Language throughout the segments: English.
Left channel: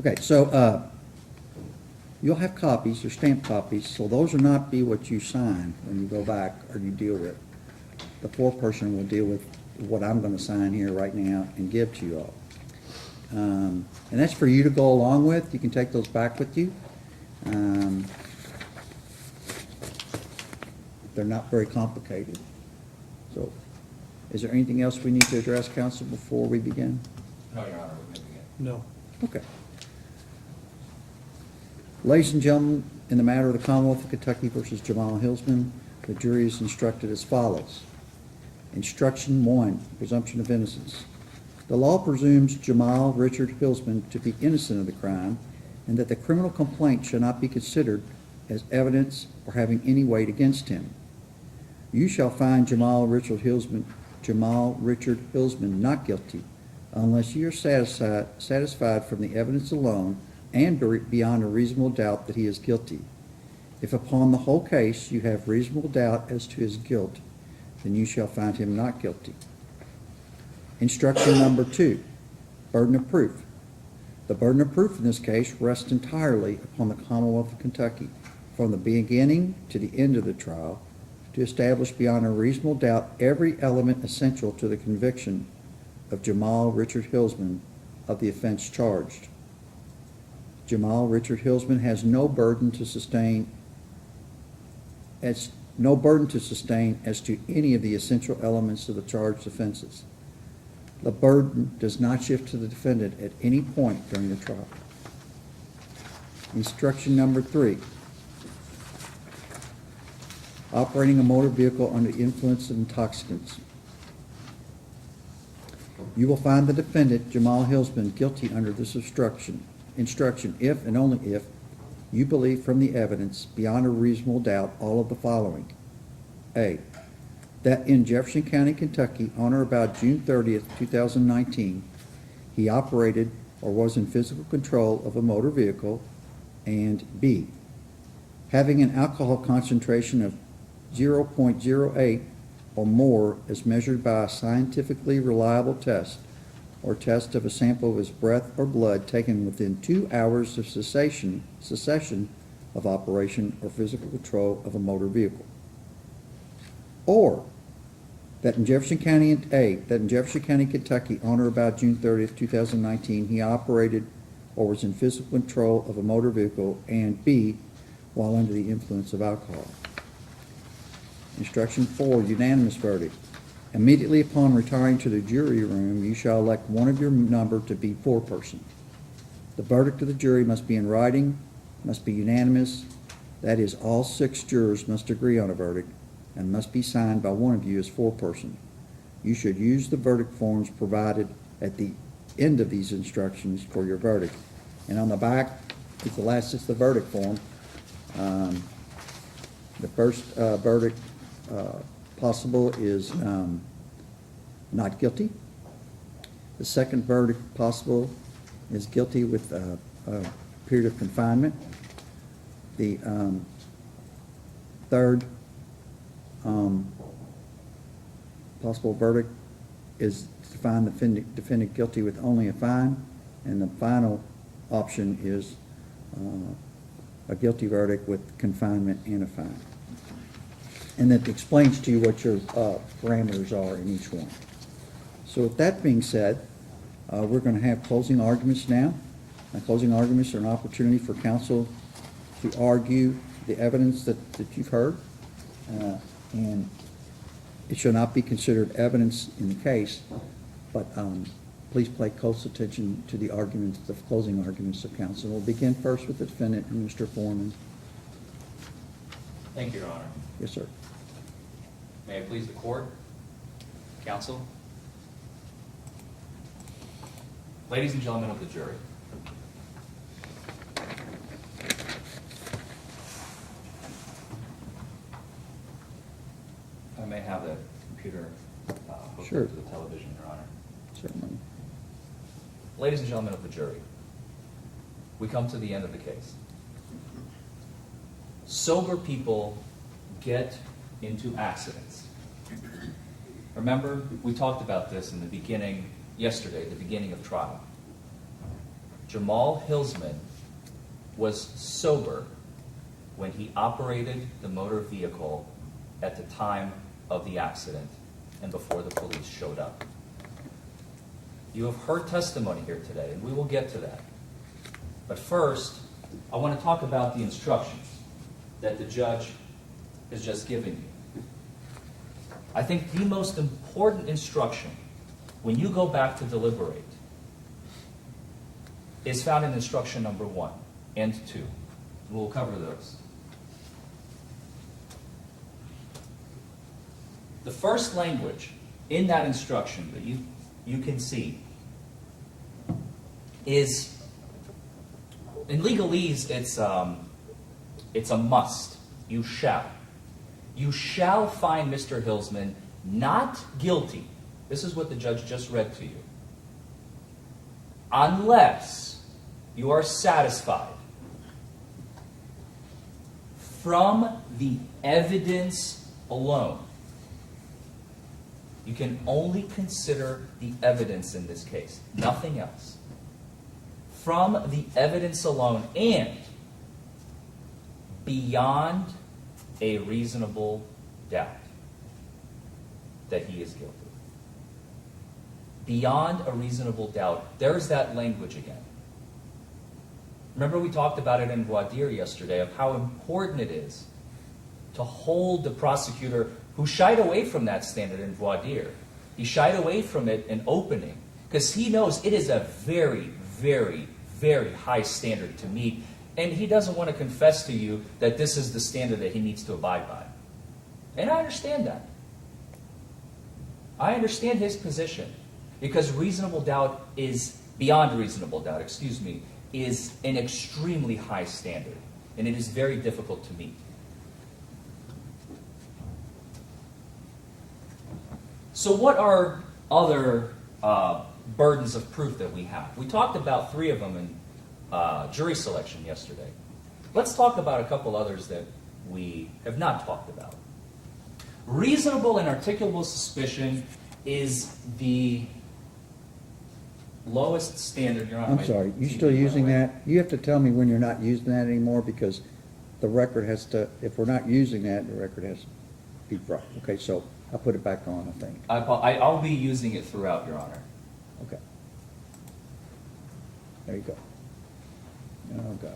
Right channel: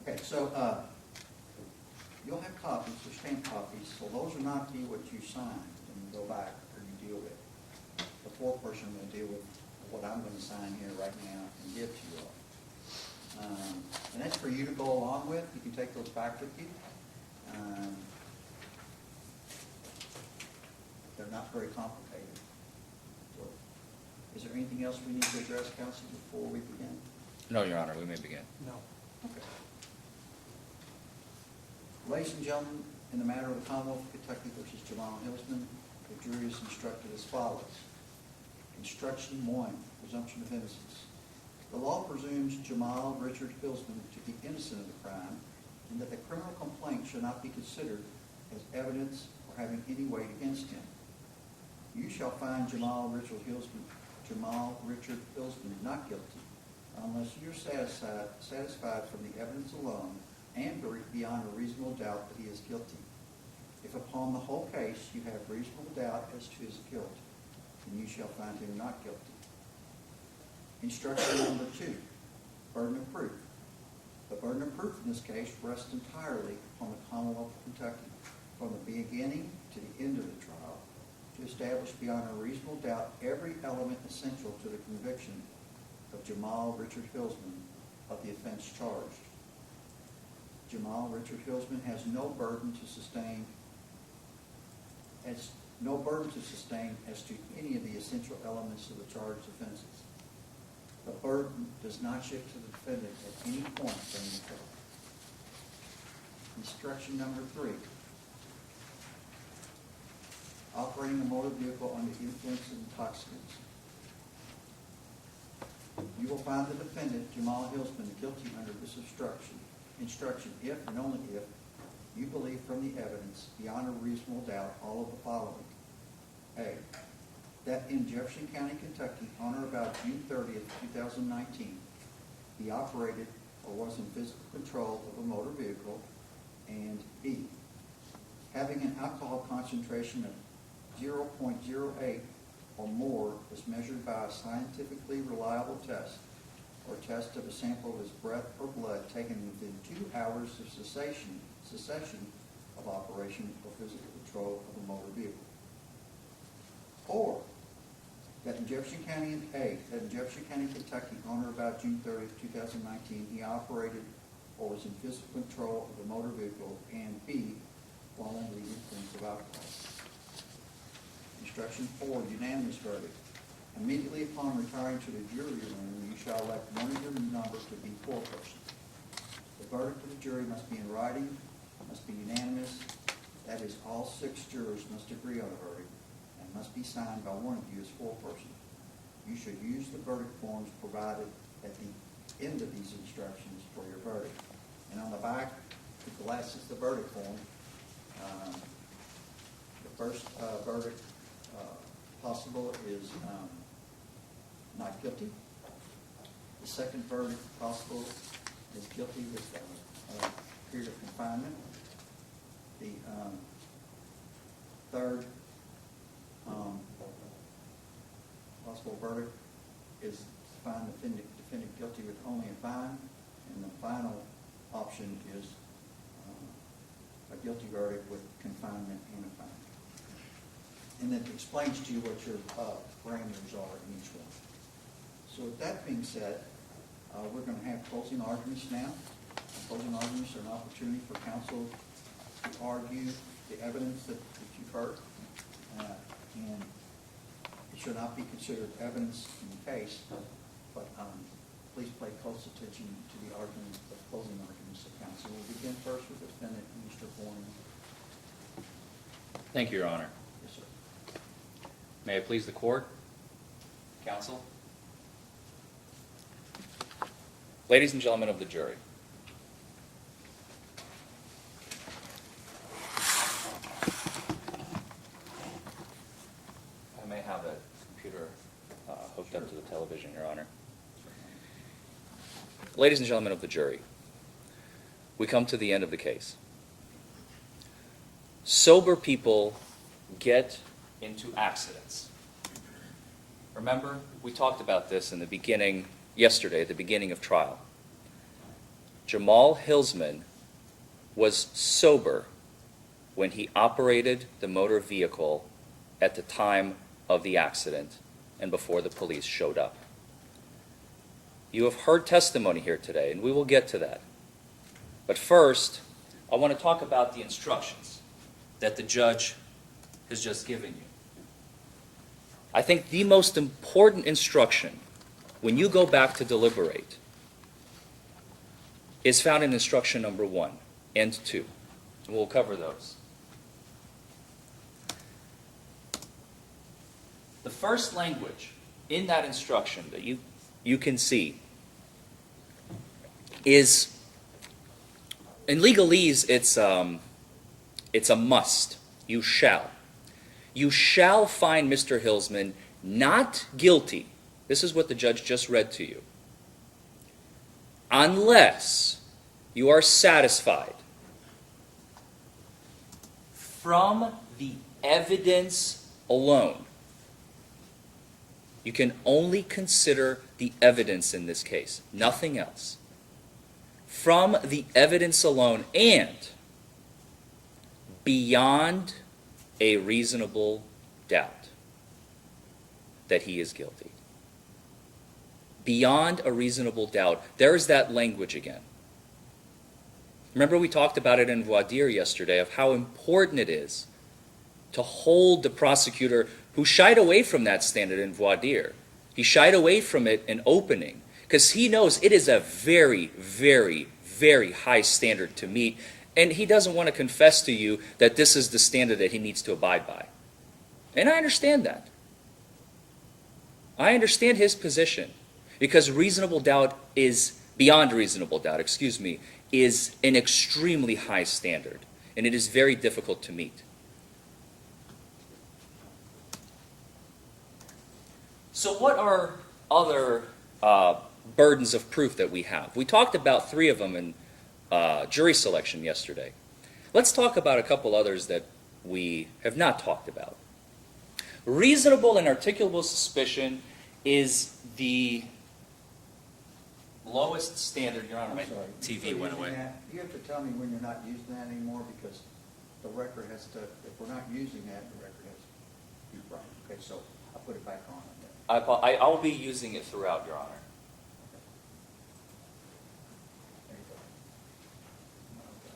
Okay, so you'll have copies, they're stamped copies, so those will not be what you sign when you go back or you deal with. The foreperson will deal with what I'm gonna sign here right now and give to you all. And that's for you to go along with. You can take those back with you. They're not very complicated. So, is there anything else we need to address, counsel, before we begin? No, Your Honor, we may begin. No. Okay. Ladies and gentlemen, in the matter of the Commonwealth of Kentucky versus Jamal Hillsman, the jury is instructed as follows. Instruction 1, presumption of innocence. The law presumes Jamal Richard Hillsman to be innocent of the crime and that the criminal complaint shall not be considered as evidence or having any weight against him. You shall find Jamal Richard Hillsman not guilty unless you are satisfied from the evidence alone and beyond a reasonable doubt that he is guilty. If upon the whole case you have reasonable doubt as to his guilt, then you shall find him not guilty. Instruction number 2, burden of proof. The burden of proof in this case rests entirely upon the Commonwealth of Kentucky from the beginning to the end of the trial to establish beyond a reasonable doubt every element essential to the conviction of Jamal Richard Hillsman of the offense charged. Jamal Richard Hillsman has no burden to sustain as to any of the essential elements of the charged offenses. The burden does not shift to the defendant at any point during the trial. Instruction number 3. Operating a motor vehicle under the influence of intoxicants. You will find the defendant, Jamal Hillsman, guilty under this instruction if and only if you believe from the evidence beyond a reasonable doubt all of the following. A, that in Jefferson County, Kentucky, on or about June 30th, 2019, he operated or was in physical control of a motor vehicle, and B, having an alcohol concentration of 0.08 or more as measured by a scientifically reliable test or test of a sample of his breath or blood taken within 2 hours of cessation of operation or physical control of a motor vehicle. Or that in Jefferson County, Kentucky, on or about June 30th, 2019, he operated or was in physical control of a motor vehicle, and B, while under the influence of alcohol. Instruction 4, unanimous verdict. Immediately upon retiring to the jury room, you shall elect one of your number to be foreperson. The verdict of the jury must be in writing, must be unanimous. That is, all 6 jurors must agree on a verdict and must be signed by one of you as foreperson. You should use the verdict forms provided at the end of these instructions for your verdict. And on the back, it's the verdict form. The first verdict possible is not guilty. The second verdict possible is guilty with a period of confinement. The third possible verdict is to find the defendant guilty with only a fine, and the final option is a guilty verdict with confinement and a fine. And that explains to you what your parameters are in each one. So with that being said, we're going to have closing arguments now. And closing arguments are an opportunity for counsel to argue the evidence that you've heard. And it should not be considered evidence in the case, but please pay close attention to the arguments, the closing arguments of counsel. We'll begin first with the defendant, Mr. Forman. Thank you, Your Honor. Yes, sir. May it please the court, counsel. Ladies and gentlemen of the jury. I may have the computer hooked Sure. up to the television, Your Honor. Certainly. Ladies and gentlemen of the jury, we come to the end of the case. Sober people get into accidents. Remember, we talked about this in the beginning, yesterday, at the beginning of trial. Jamal Hillsman was sober when he operated the motor vehicle at the time of the accident and before the police showed up. You have heard testimony here today, and we will get to that. But first, I want to talk about the instructions that the judge has just given you. I think the most important instruction when you go back to deliberate is found in instruction number 1 and 2. And we'll cover those. The first language in that instruction that you can see is, in legalese, it's a must. You shall. You shall find Mr. Hillsman not guilty. This is what the judge just read to you. Unless you are satisfied from the evidence alone. You can only consider the evidence in this case, nothing else. From the evidence alone and beyond a reasonable doubt that he is guilty. Beyond a reasonable doubt. There's that language again. Remember we talked about it in voir dire yesterday of how important it is to hold the prosecutor who shied away from that standard in voir dire. He shied away from it in opening because he knows it is a very, very, very high standard to meet, and he doesn't want to confess to you that this is the standard that he needs to abide by. And I understand that. I understand his position because reasonable doubt is, beyond reasonable doubt, is an extremely high standard, and it is very difficult to meet. So what are other burdens of proof that we have? We talked about 3 of them in jury selection yesterday. Let's talk about a couple others that we have not talked about. Reasonable and articulable suspicion is the lowest standard. You're on I'm my sorry, you TV still went using away. that? You have to tell me when you're not using that anymore because the record has to, if we're not using that, the record has to be brought. Okay, so I'll put it back on, I think. I'll be using it throughout, Your Honor. Okay. There you go. Oh, God.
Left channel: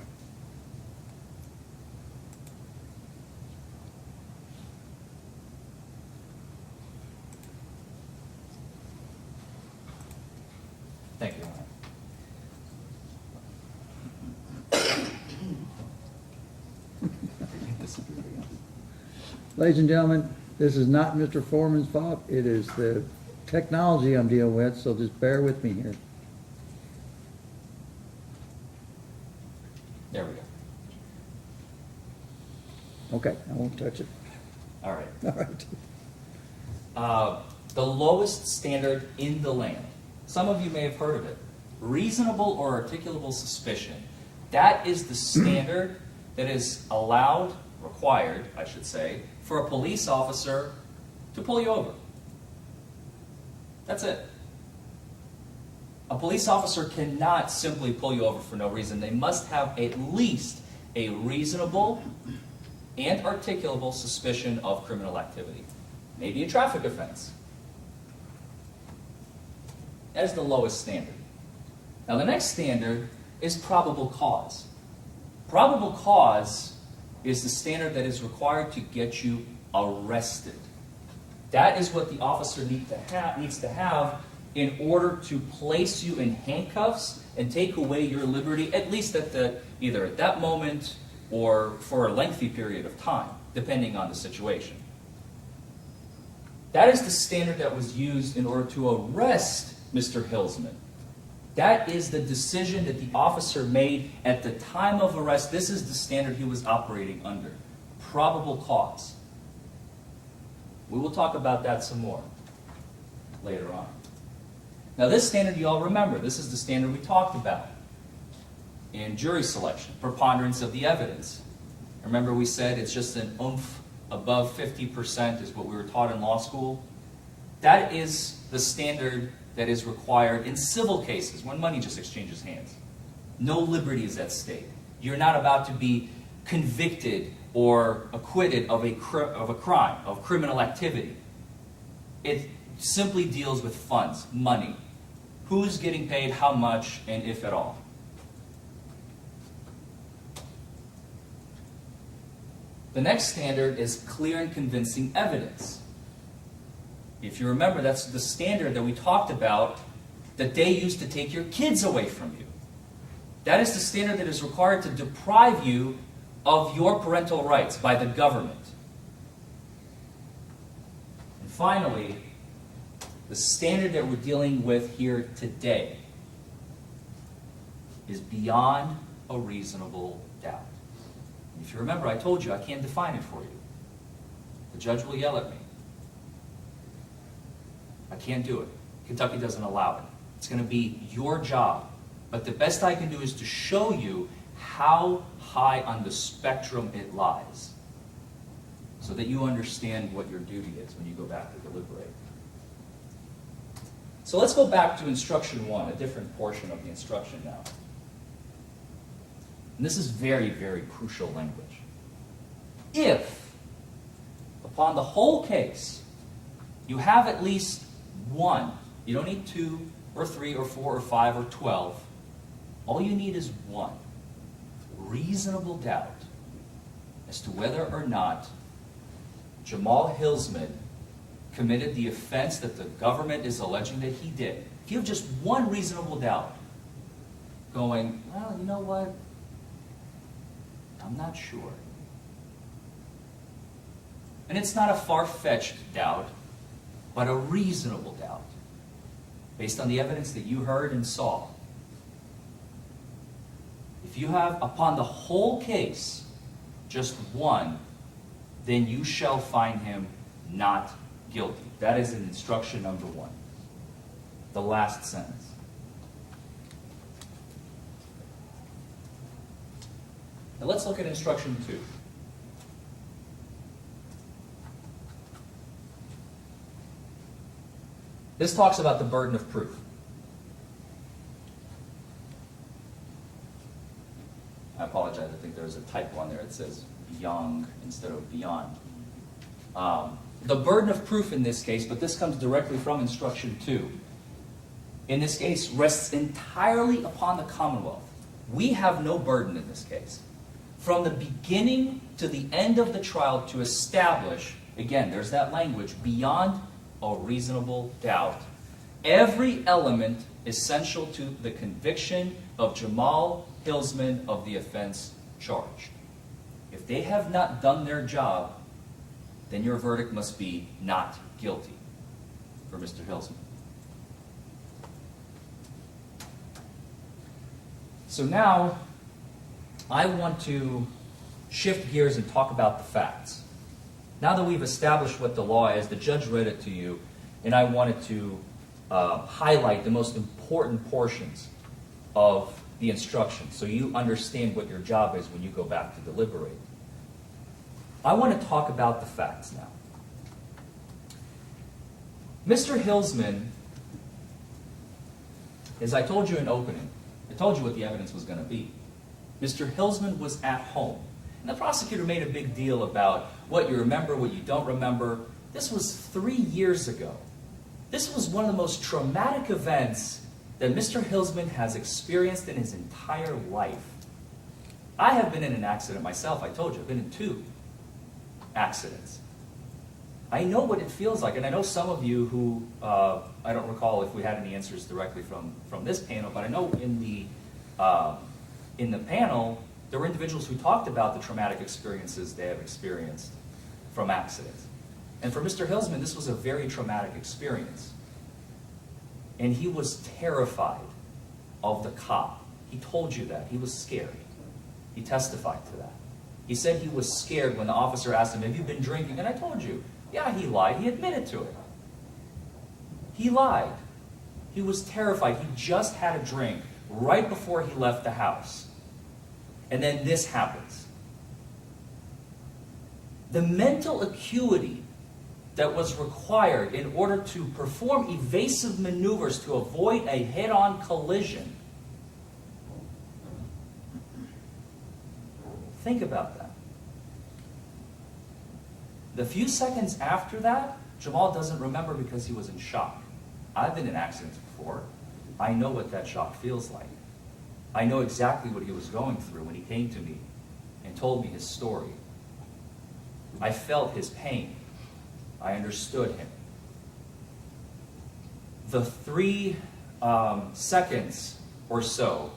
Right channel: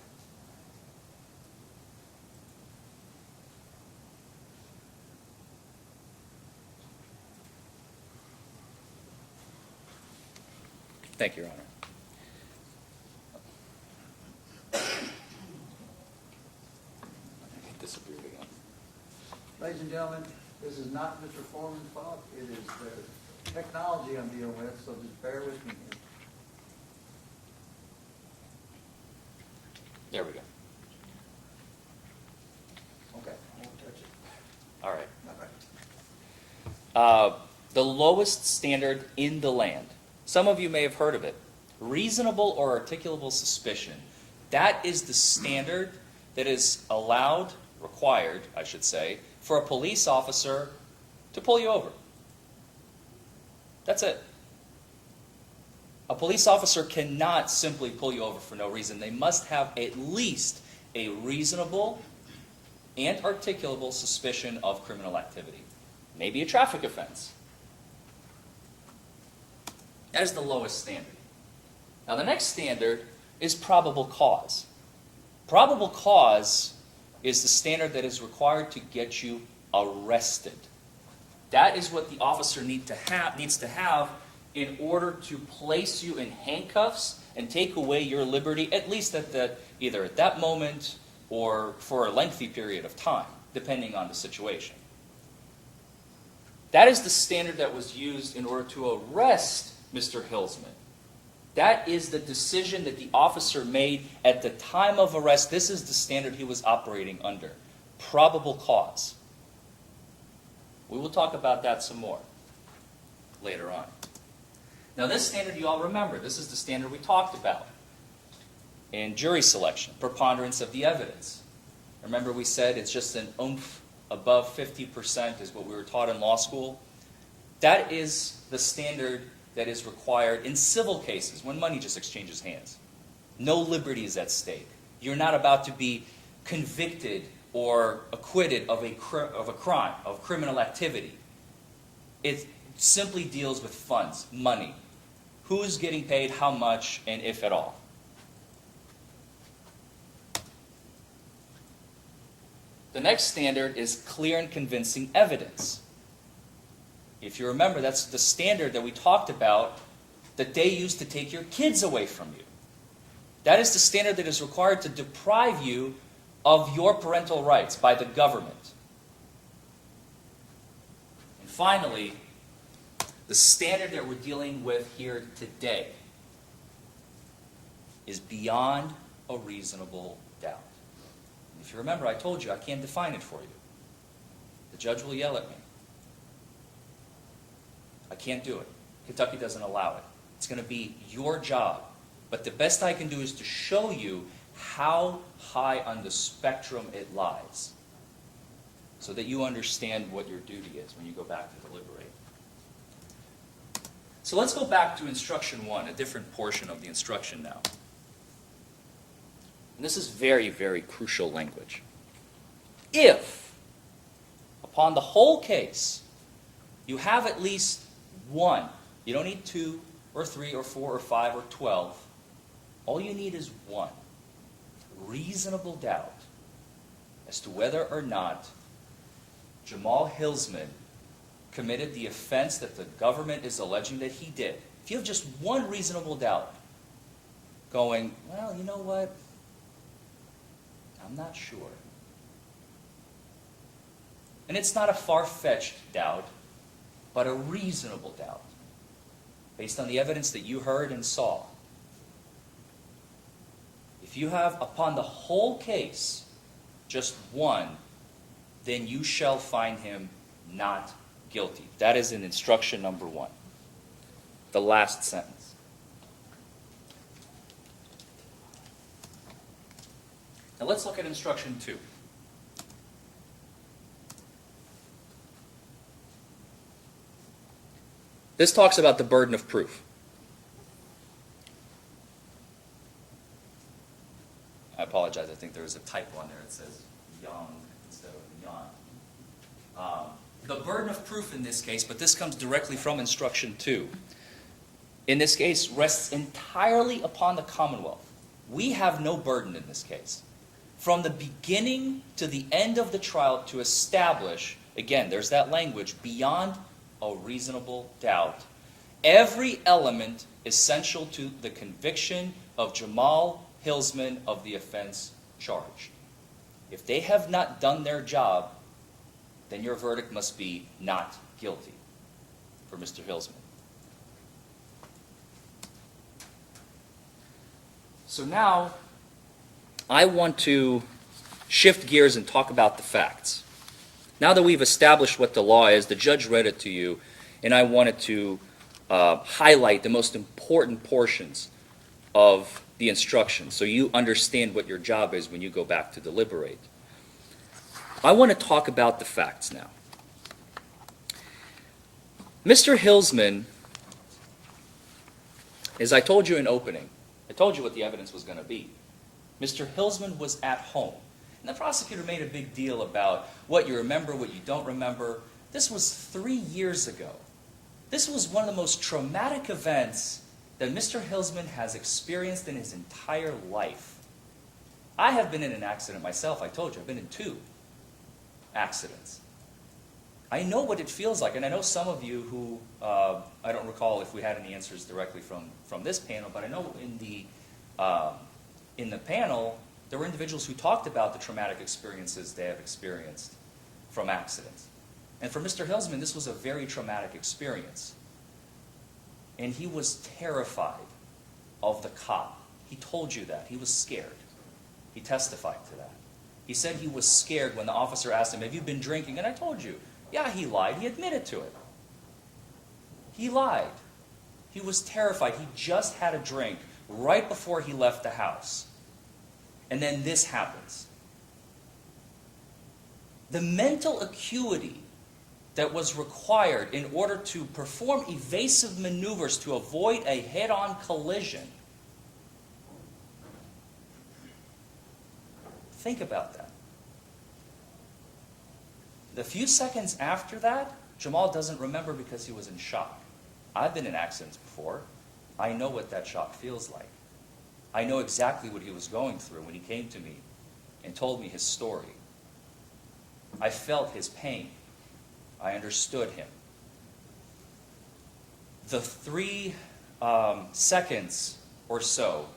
Thank you, Your Honor. It disappeared again. Ladies and gentlemen, this is not Mr. Foreman's fault. It is the technology I'm dealing with, so just bear with me here. There we go. Okay, I won't touch it. All right. All right. The lowest standard in the land. Some of you may have heard of it. Reasonable or articulable suspicion. That is the standard that is allowed, required, I should say, for a police officer to pull you over. That's it. A police officer cannot simply pull you over for no reason. They must have at least a reasonable and articulable suspicion of criminal activity. Maybe a traffic offense. That is the lowest standard. Now the next standard is probable cause. Probable cause is the standard that is required to get you arrested. That is what the officer needs to have in order to place you in handcuffs and take away your liberty, at least either at that moment or for a lengthy period of time, depending on the situation. That is the standard that was used in order to arrest Mr. Hillsman. That is the decision that the officer made at the time of arrest. This is the standard he was operating under. Probable cause. We will talk about that some more later on. Now this standard you all remember. This is the standard we talked about in jury selection. Preponderance of the evidence. Remember we said it's just an oomph above 50% is what we were taught in law school. That is the standard that is required in civil cases when money just exchanges hands. No liberty is at stake. You're not about to be convicted or acquitted of a crime, of criminal activity. It simply deals with funds, money. Who's getting paid, how much, and if at all. The next standard is clear and convincing evidence. If you remember, that's the standard that we talked about that they used to take your kids away from you. That is the standard that is required to deprive you of your parental rights by the government. And finally, the standard that we're dealing with here today is beyond a reasonable doubt. If you remember, I told you I can't define it for you. The judge will yell at me. I can't do it. Kentucky doesn't allow it. It's going to be your job. But the best I can do is to show you how high on the spectrum it lies, so that you understand what your duty is when you go back to deliberate. So let's go back to instruction 1, a different portion of the instruction now. And this is very, very crucial language. If, upon the whole case, you have at least one, you don't need 2 or 3 or 4 or 5 or 12, all you need is one reasonable doubt as to whether or not Jamal Hillsman committed the offense that the government is alleging that he did. If you have just one reasonable doubt, going, well, you know what? I'm not sure. And it's not a far-fetched doubt, but a reasonable doubt, based on the evidence that you heard and saw. If you have, upon the whole case, just one, then you shall find him not guilty. That is in instruction number 1, the last sentence. Now let's look at instruction 2. This talks about the burden of proof. I apologize, I think there was a typo on there. It says young instead of beyond. The burden of proof in this case, but this comes directly from instruction 2, in this case rests entirely upon the Commonwealth. We have no burden in this case. From the beginning to the end of the trial to establish, again, there's that language, beyond a reasonable doubt, every element essential to the conviction of Jamal Hillsman of the offense charged. If they have not done their job, then your verdict must be not guilty for Mr. Hillsman. So now, I want to shift gears and talk about the facts. Now that we've established what the law is, the judge read it to you, and I wanted to highlight the most important portions of the instruction so you understand what your job is when you go back to deliberate. I want to talk about the facts now. Mr. Hillsman, as I told you in opening, I told you what the evidence was going to be. Mr. Hillsman was at home. And the prosecutor made a big deal about what you remember, what you don't remember. This was 3 years ago. This was one of the most traumatic events that Mr. Hillsman has experienced in his entire life. I have been in an accident myself, I told you. I've been in 2 accidents. I know what it feels like, and I know some of you who, I don't recall if we had any answers directly from this panel, but I know in the panel, there were individuals who talked about the traumatic experiences they have experienced from accidents. And for Mr. Hillsman, this was a very traumatic experience. And he was terrified of the cop. He told you that. He was scared. He testified to that. He said he was scared when the officer asked him, have you been drinking? And I told you, yeah, he lied. He admitted to it. He lied. He was terrified. He just had a drink right before he left the house. And then this happens. The mental acuity that was required in order to perform evasive maneuvers to avoid a head-on collision Think about that. The few seconds after that, Jamal doesn't remember because he was in shock. I've been in accidents before. I know what that shock feels like. I know exactly what he was going through when he came to me and told me his story. I felt his pain. I understood him. The 3 seconds or so,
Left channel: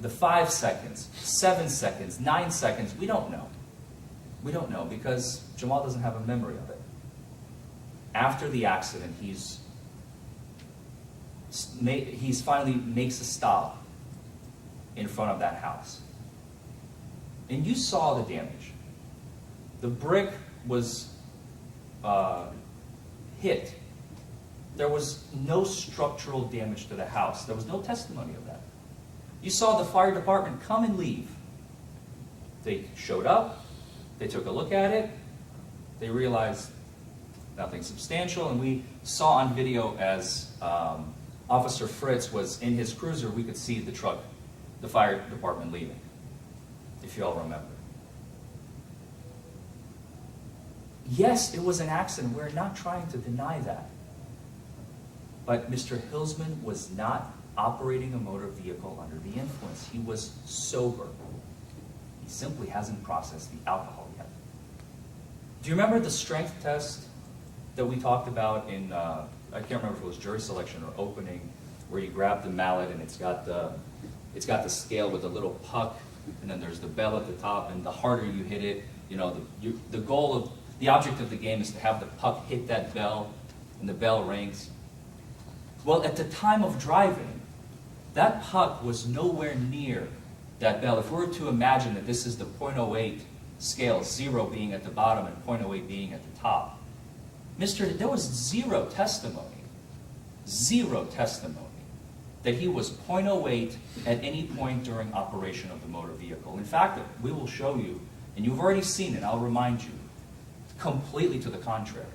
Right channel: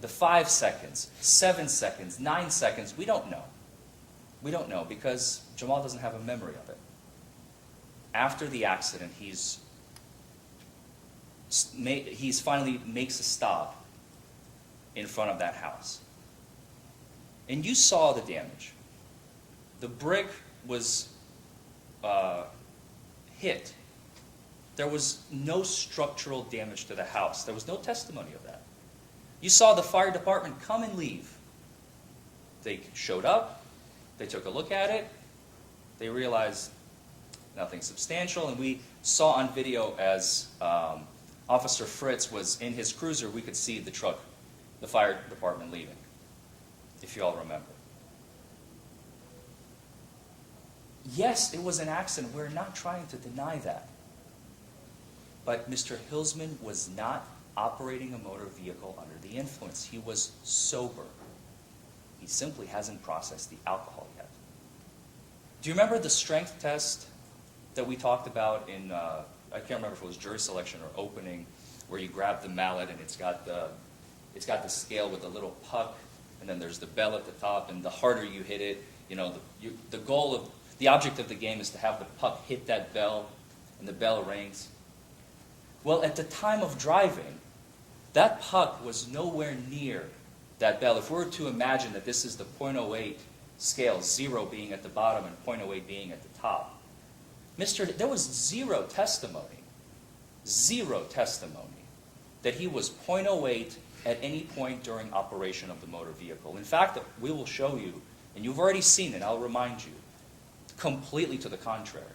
the 5 seconds, 7 seconds, 9 seconds, we don't know. We don't know because Jamal doesn't have a memory of it. After the accident, he's finally makes a stop in front of that house. And you saw the damage. The brick was hit. There was no structural damage to the house. There was no testimony of that. You saw the fire department come and leave. They showed up, they took a look at it, they realized nothing substantial, and we saw on video as Officer Fritz was in his cruiser, we could see the truck, the fire department leaving, if you all remember. Yes, it was an accident. We're not trying to deny that. But Mr. Hilsman was not operating a motor vehicle under the influence. He was sober. He simply hasn't processed the alcohol yet. Do you remember the strength test that we talked about in, I can't remember if it was jury selection or opening, where you grab the mallet and it's got the scale with the little puck, and then there's the bell at the top, and the harder you hit it, you know, the object of the game is to have the puck hit that bell, and the bell rings. Well, at the time of driving, that puck was nowhere near that bell. If we were to imagine that this is the .08 scale, 0 being at the bottom and .08 being at the top, there was zero testimony that he was .08 at any point during operation of the motor vehicle. In fact, we will show you, and you've already seen it, I'll remind you, completely to the contrary.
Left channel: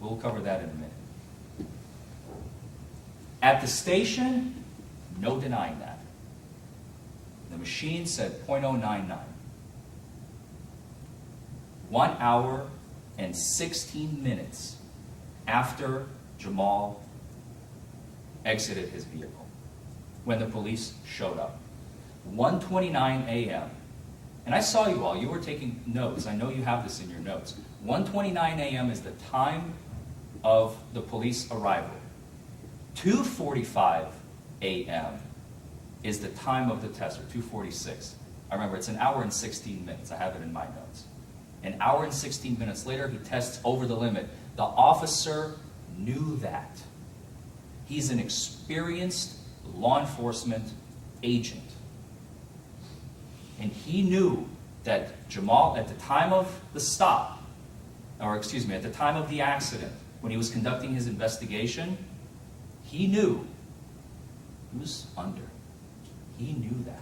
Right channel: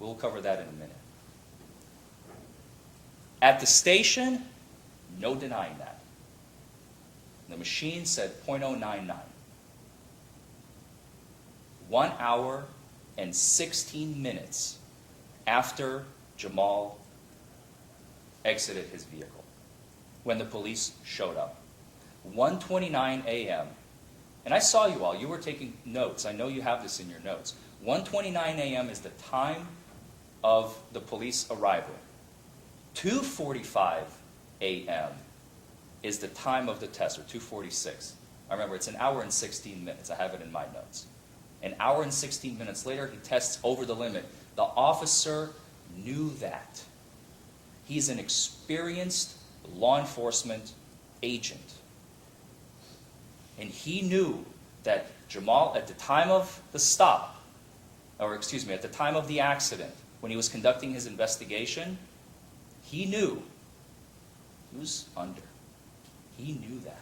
We'll cover that in a minute. At the station, no denying that. The machine said .099. 1 hour and 16 minutes after Jamal exited his vehicle, when the police showed up. 1:29 a.m. And I saw you all, you were taking notes. I know you have this in your notes. 1:29 a.m. is the time of the police arrival. 2:45 a.m. is the time of the test, or 2:46. I remember it's 1 hour and 16 minutes. I have it in my notes. 1 hour and 16 minutes later, he tests over the limit. The officer knew that. He's an experienced law enforcement agent. And he knew that Jamal, at the time of the stop, or excuse me, at the time of the accident, when he was conducting his investigation, he knew he was under. He knew that.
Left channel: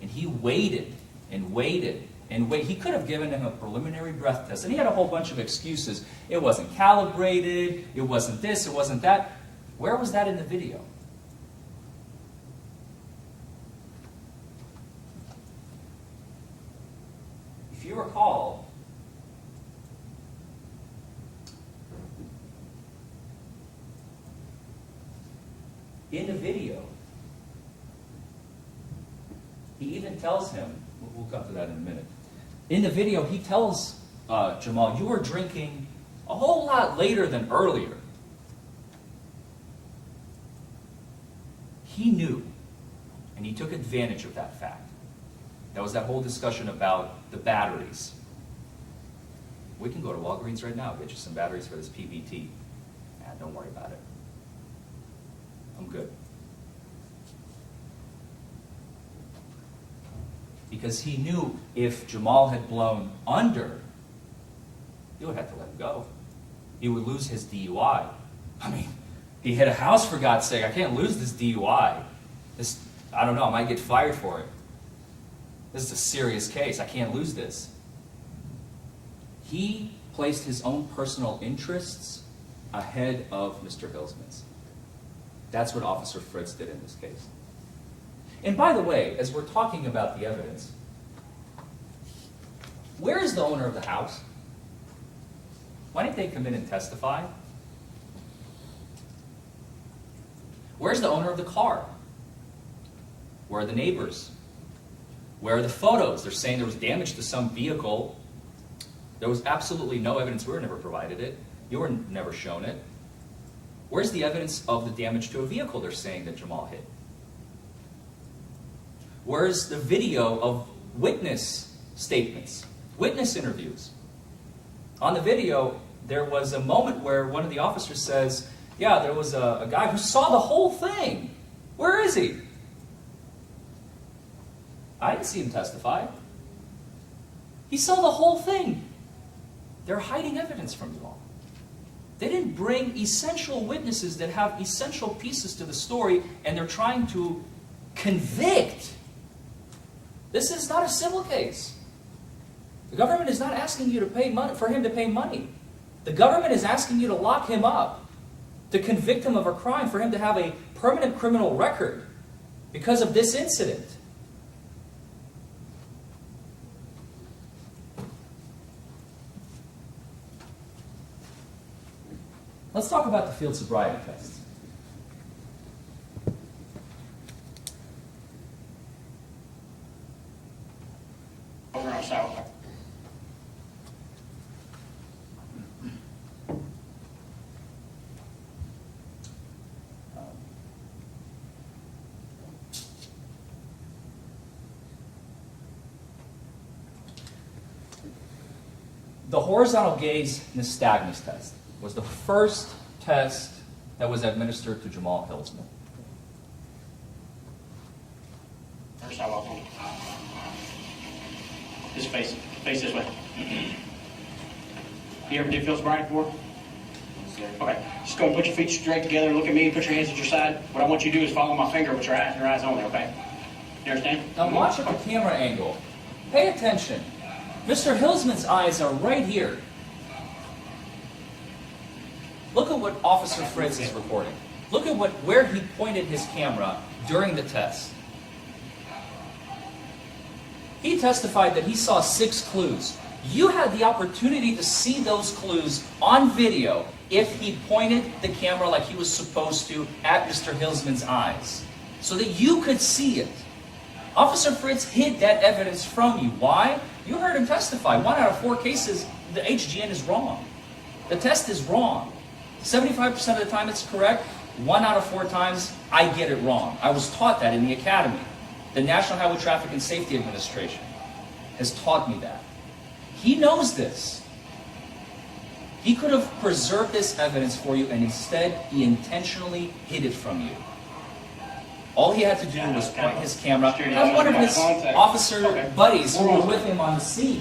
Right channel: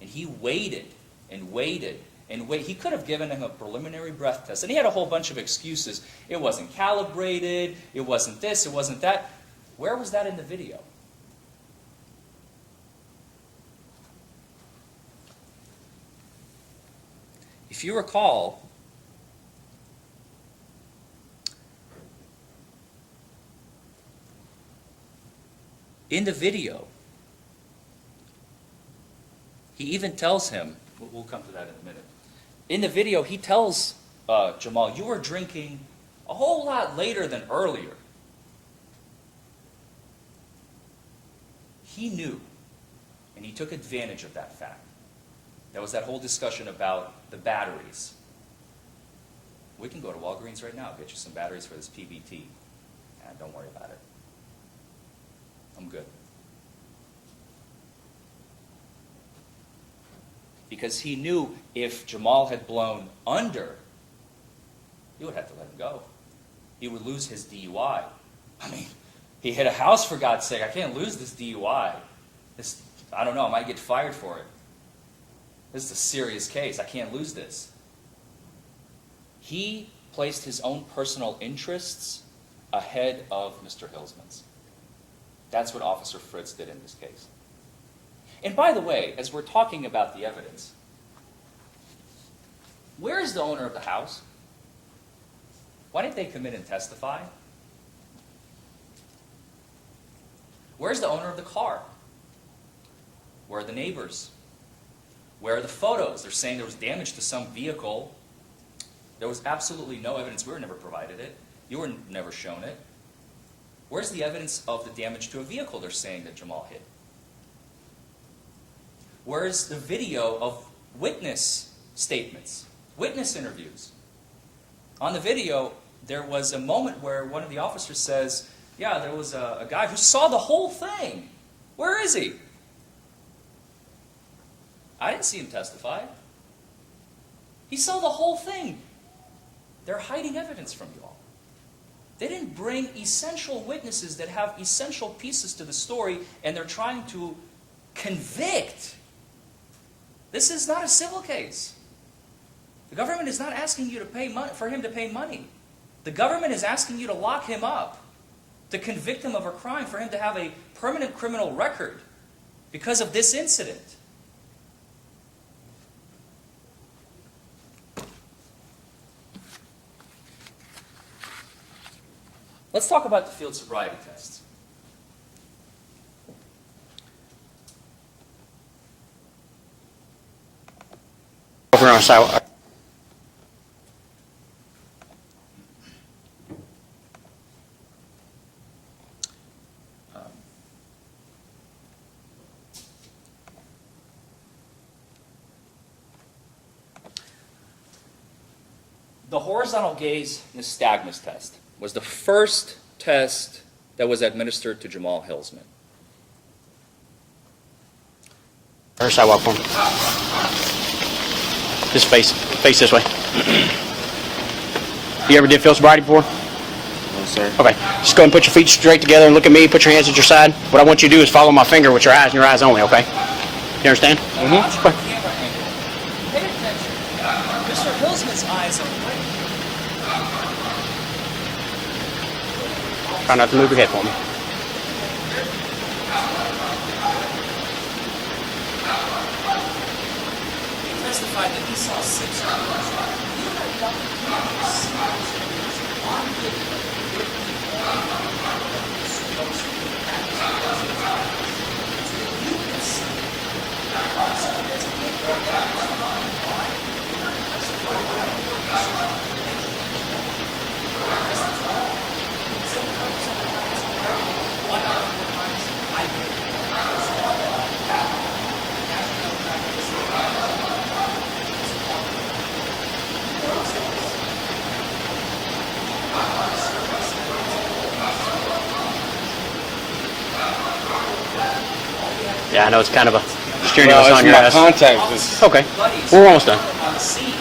And he waited and waited and waited. He could have given him a preliminary breath test, and he had a whole bunch of excuses. It wasn't calibrated, it wasn't this, it wasn't that. Where was that in the video? If you recall, in the video, he even tells him, we'll come to that in a minute. In the video, he tells Jamal, you were drinking a whole lot later than earlier. He knew, and he took advantage of that fact. There was that whole discussion about the batteries. We can go to Walgreens right now, get you some batteries for this PBT. Don't worry about it. I'm good. Because he knew if Jamal had blown under, he would have to let him go. He would lose his DUI. I mean, he hit a house, for God's sake. I can't lose this DUI. I don't know, I might get fired for it. This is a serious case. I can't lose this. He placed his own personal interests ahead of Mr. Hilsman's. That's what Officer Fritz did in this case. And by the way, as we're talking about the evidence, Where is the owner of the house? Why didn't they come in and testify? Where's the owner of the car? Where are the neighbors? Where are the photos? They're saying there was damage to some vehicle. There was absolutely no evidence. We were never provided it. You were never shown it. Where's the evidence of the damage to a vehicle they're saying that Jamal hit? Where's the video of witness statements, witness interviews? On the video, there was a moment where one of the officers says, yeah, there was a guy who saw the whole thing. Where is he? I didn't see him testify. He saw the whole thing. They're hiding evidence from you all. They didn't bring essential witnesses that have essential pieces to the story, and they're trying to convict. This is not a civil case. The government is not asking you to pay money for him to pay money. The government is asking you to lock him up, to convict him of a crime, for him to have a permanent criminal record because of this incident. Let's talk about the field sobriety tests. Over on sidewalk. The horizontal gaze nystagmus test was the first test that was administered to Jamal Hillsman. Or sidewalk for me. Just face this way. You ever did field sobriety before? No, sir. Okay. Just go and put your feet straight together and look at me. Put your hands at your side. What I want you to do is follow my finger with your eyes and your eyes only, okay? You understand? Now watch the camera angle. Pay attention. Mr. Hillsman's eyes are right here. Look at what Officer Try not to move your head Fritz for me. reported. Look at where he pointed his camera during the test. He testified that he saw 6 clues. You had the opportunity to see those clues on video if he pointed the camera like he was supposed to at Mr. Hillsman's eyes, so that you could see it. Officer Fritz hid that evidence from you. Why? You heard him testify. 1 out of 4 cases, the HGN is wrong. The test is wrong. 75% of the time it's correct. 1 out of 4 times, I get it wrong. I was taught that in the academy. The National Highway Traffic and Safety Administration has taught me that. He knows this. He could have preserved this evidence for you, and instead he intentionally hid it from you. All he had to do. Yeah, I know it's kind of a camera. steering wheel on your my eyes. contact. Officer Okay. buddies We're almost with done. him on the scene.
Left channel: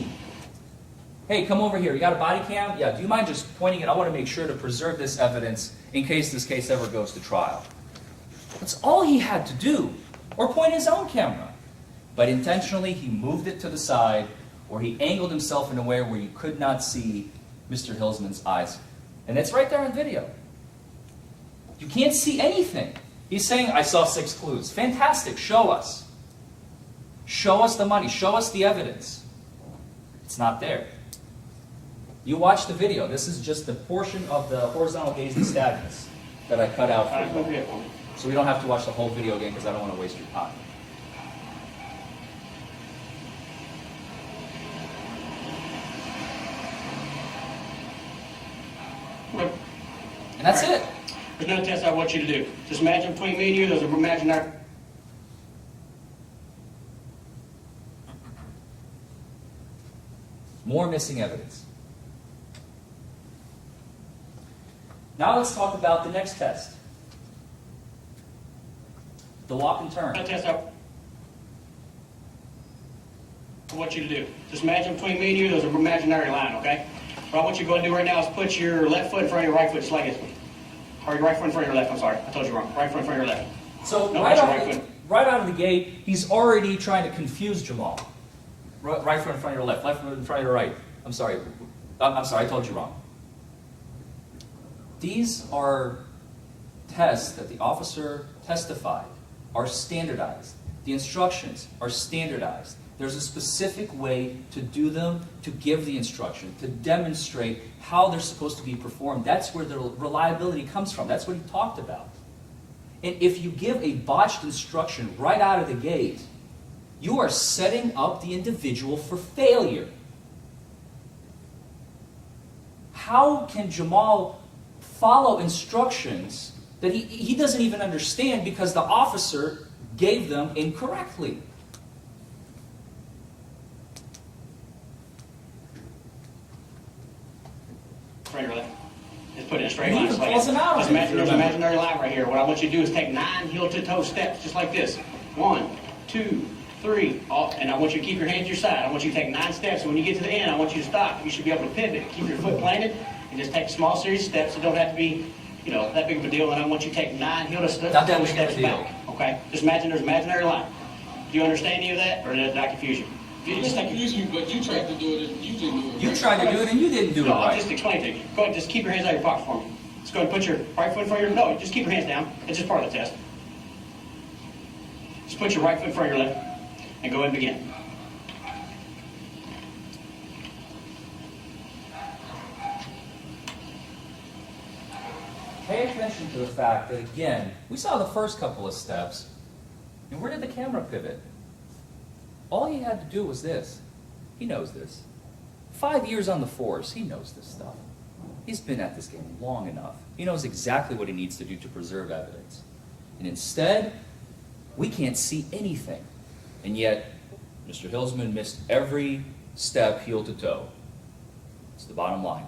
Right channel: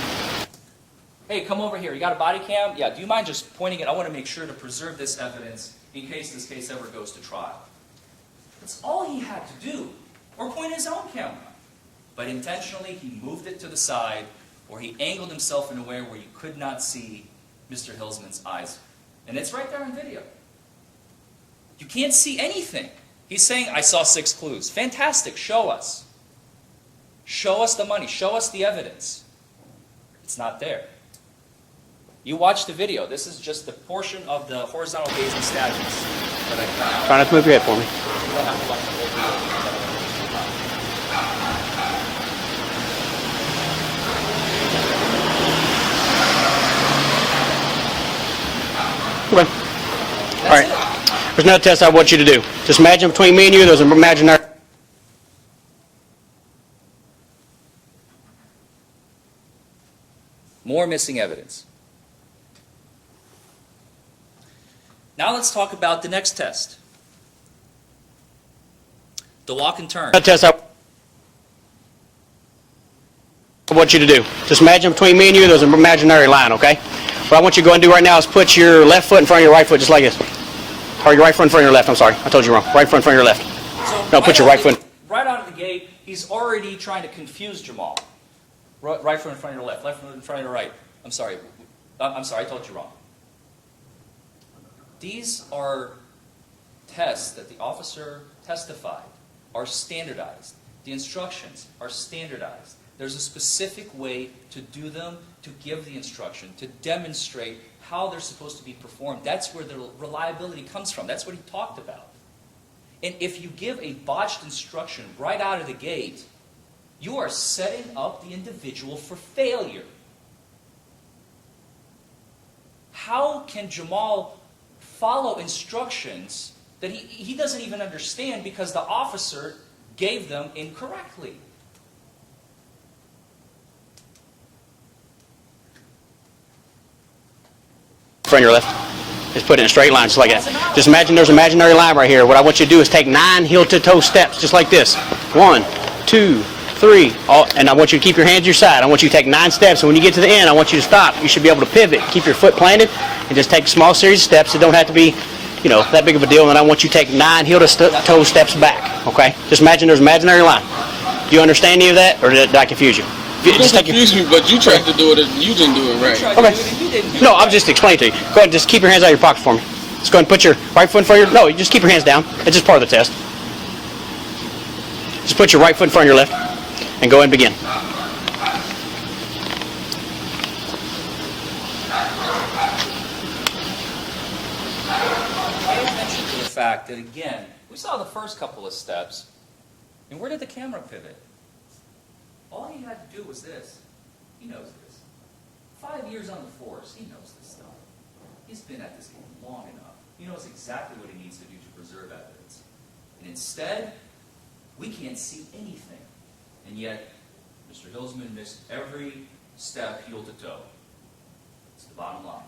Hey, come over here. You got a body cam? Yeah, do you mind just pointing it? I want to make sure to preserve this evidence in case this case ever goes to trial. That's all he had to do. Or point his own camera. But intentionally, he moved it to the side, or he angled himself in a way where you could not see Mr. Hillsman's eyes. And it's right there on video. You can't see anything. He's saying, I saw 6 clues. Fantastic. Show us. Show us the money. Show us the evidence. It's not there. You watch the video. This is just the portion of the horizontal gaze nystagmus that I cut out. Try not to move your head for me. So you don't have to watch the whole video again because I don't want to waste your time. Okay. That's All right. it. There's another test I want you to do. Just imagine between me and you, there's an imaginary... More missing evidence. Now let's talk about the next test. The walk and turn. Another test I want you to do. Just imagine between me and you, there's an imaginary line, okay? What I want you to go and do right now is put your left foot in front of your right foot, just like this. Or your right foot in front of your left, I'm sorry. I told you wrong. Right foot in front of your left. So No, put your right foot. Right out of the gate, he's already trying to confuse Jamal. Right foot in front of your left foot in front of your right. I'm sorry, I told you wrong. These are tests that the officer testified are standardized. The instructions are standardized. There's a specific way to do them, to give the instruction, to demonstrate how they're supposed to be performed. That's where the reliability comes from. That's what he talked about. And if you give a botched instruction right out of the gate, you are setting up the individual for failure. How can Jamal follow instructions that he doesn't even understand because the officer gave them incorrectly? Front your left. Just put it in a straight line, just like that. Just imagine there's an imaginary line right here. What I want you to do is take 9 heel-to-toe steps, just like this. 1, 2, 3. And I want you to keep your hands to your side. I want you to take 9 steps, and when you get to the end, I want you to stop. You should be able to pivot, keep your foot planted, and just take a small series of steps. It don't have to be, that big of a deal. And I want you to take 9 heel-to-toe steps back. Okay? Just imagine there's an imaginary line. Do you understand any of that, or did I confuse you? Just confuse me, but you tried to do it. You didn't do it right. Okay. No, I'm just explaining to you. Go ahead, just keep your hands out of your pocket for me. Just go ahead and put your right foot in front of your... No, you just keep your hands down. It's just part of the test. Just put your right foot in front of your left and go ahead and begin. Pay attention to the fact that, again, we saw the first couple of steps, and where did the camera pivot? All he had to do was this. He knows this. 5 years on the force, he knows this stuff. He's been at this game long enough. He knows exactly what he needs to do to preserve evidence. And instead, we can't see anything. And yet, Mr. Hilsman missed every step heel to toe. It's the bottom line.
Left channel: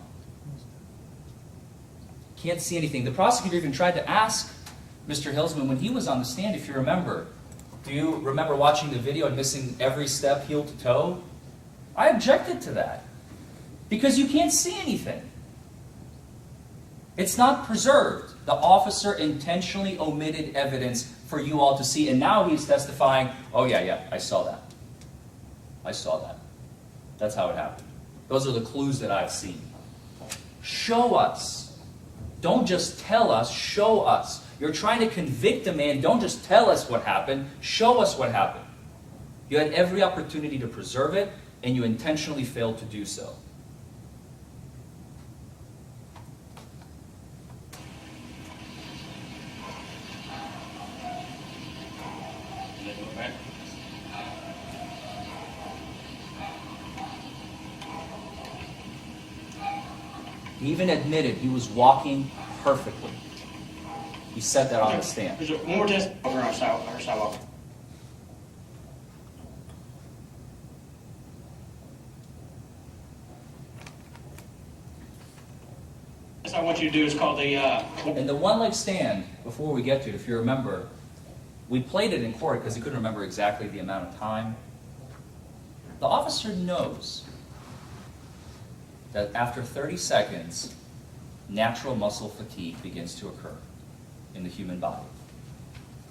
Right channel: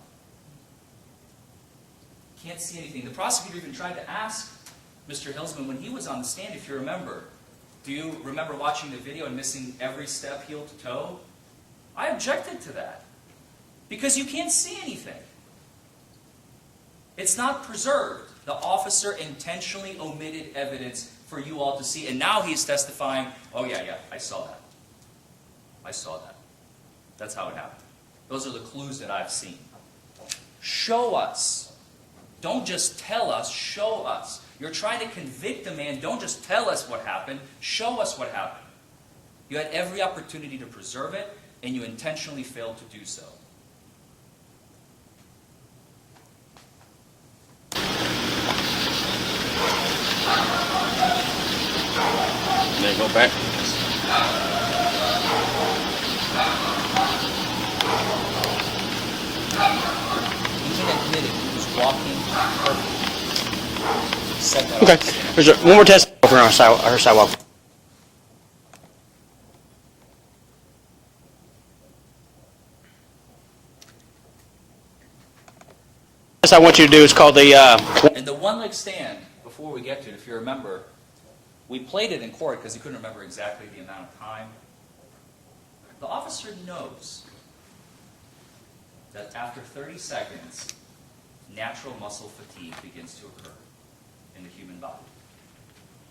Can't see anything. The prosecutor even tried to ask Mr. Hilsman when he was on the stand, if you remember. Do you remember watching the video and missing every step heel to toe? I objected to that because you can't see anything. It's not preserved. The officer intentionally omitted evidence for you all to see, and now he's testifying, oh yeah, I saw that. I saw that. That's how it happened. Those are the clues that I've seen. Show us. Don't just tell us, show us. You're trying to convict a man. Don't just tell us what happened. Show us what happened. You had every opportunity to preserve it, and you intentionally failed to do so. Then go back. Even admitted he was walking perfectly. He said that Okay. on the stand. There's one more test over on our sidewalk. This I want you to do is called the... And the one-leg stand, before we get to it, if you remember, we played it in court because he couldn't remember exactly the amount of time. The officer knows that after 30 seconds, natural muscle fatigue begins to occur in the human body.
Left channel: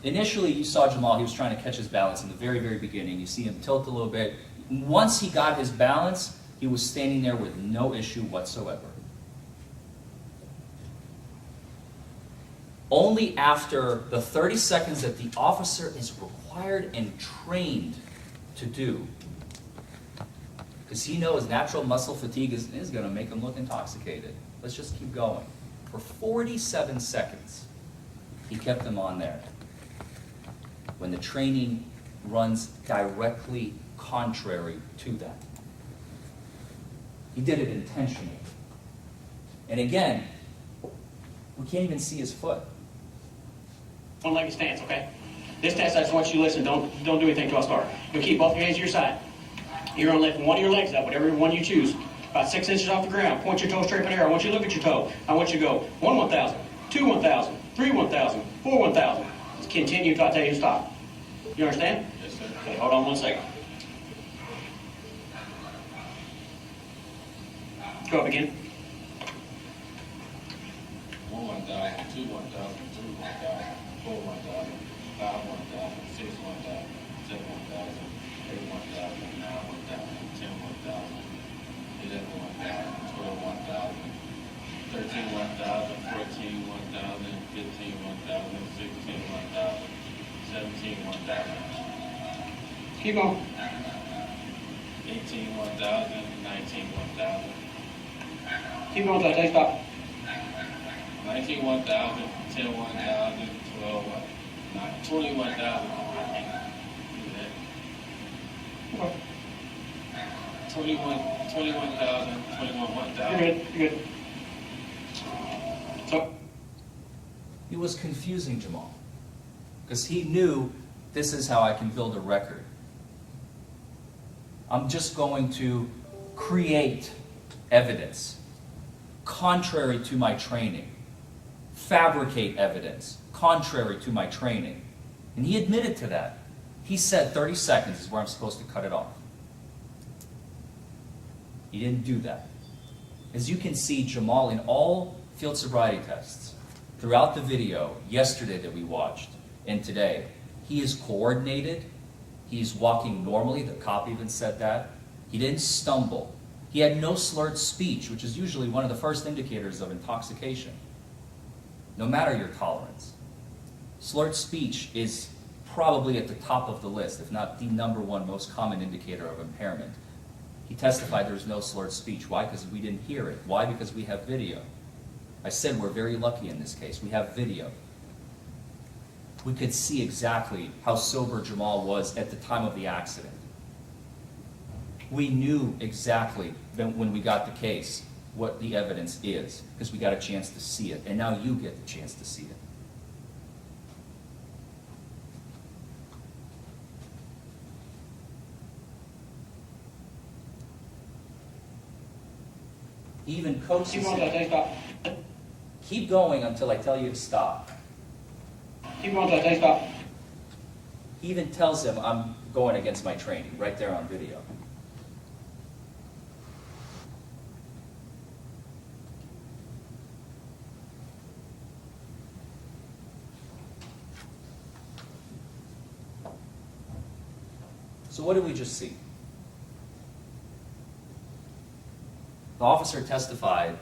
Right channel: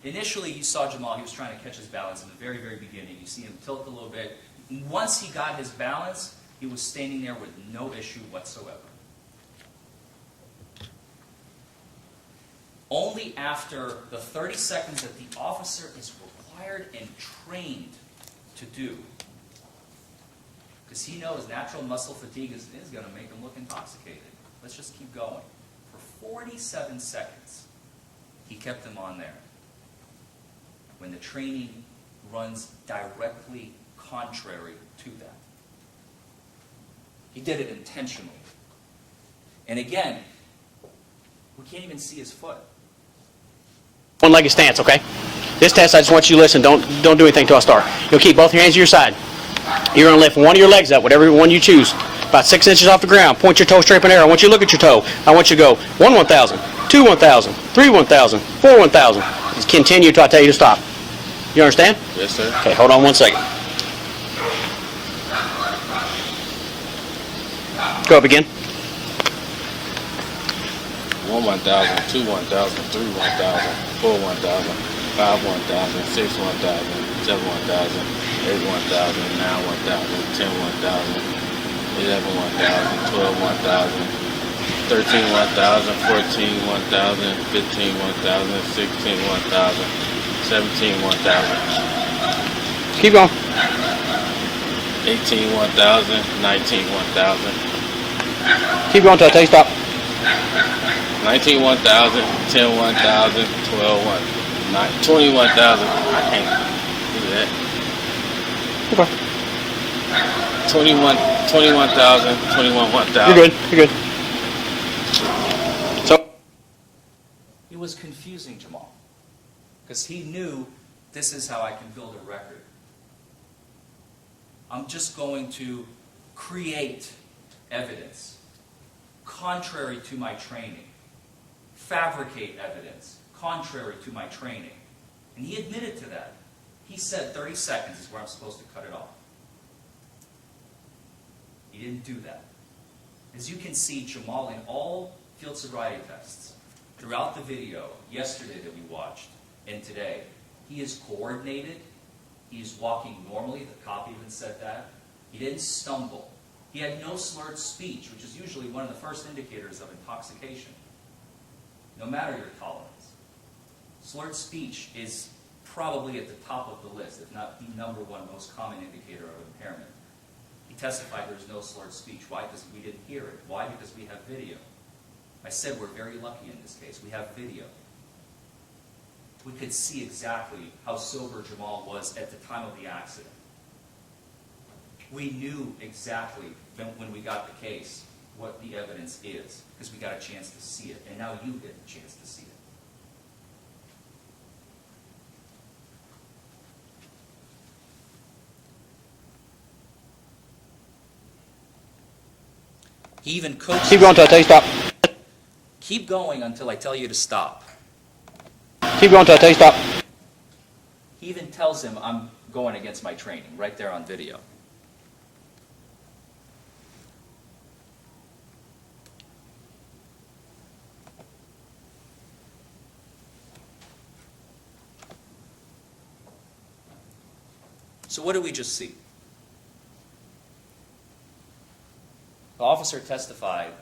Initially, you saw Jamal, he was trying to catch his balance in the very, very beginning. You see him tilt a little bit. Once he got his balance, he was standing there with no issue whatsoever. Only after the 30 seconds that the officer is required and trained to do, because he knows natural muscle fatigue is going to make him look intoxicated. Let's just keep going. For 47 seconds, he kept him on there. When the training runs directly contrary to that. He did it intentionally. And again, we can't even see his foot. One-legged stance, okay? This test, I just want you to listen. Don't do anything until I start. You'll keep both your hands to your side. You're going to lift one of your legs up, whatever one you choose, about 6 inches off the ground. Point your toe straight up in the air. I want you to look at your toe. I want you to go 1 1,000, 2 1,000, 3 1,000, 4 1,000. Just continue until I tell you to stop. You understand? Yes, sir. Okay, hold on 1 second. Go up again. 1 1,000, 2 1,000, 3 1,000, 4 1,000, 5 1,000, 6 1,000, 7 1,000, 8 1,000, 9 1,000, 10 1,000, 11 1,000, 12 1,000, 13 1,000, 14 1,000, 15 1,000, 16 1,000, 17 1,000. Keep going. 18, 1,000, 19, 1,000, Keep going till I tell you stop. 19, 1,000, 10, 1,000, 12, 1, 21,000. I can't do that. Okay. 21,000, 21, 1,000. You're good. You're good. So, It was confusing Jamal, because he knew this is how I can build a record. I'm just going to create evidence contrary to my training, fabricate evidence contrary to my training. And he admitted to that. He said 30 seconds is where I'm supposed to cut it off. He didn't do that. As you can see, Jamal, in all field sobriety tests, throughout the video, yesterday that we watched, and today, he is coordinated, he's walking normally, the cop even said that. He didn't stumble. He had no slurred speech, which is usually one of the first indicators of intoxication, no matter your tolerance. Slurred speech is probably at the top of the list, if not the #1 most common indicator of impairment. He testified there was no slurred speech. Why? Because we didn't hear it. Why? Because we have video. I said we're very lucky in this case. We have video. We could see exactly how sober Jamal was at the time of the accident. We knew exactly when we got the case what the evidence is, because we got a chance to see it, and now you get the chance to see it. He even coaches. keep going till I tell you stop. Keep going until I tell you to stop. Keep going till I tell you stop. He even tells him I'm going against my training, right there on video. So what did we just see? The officer testified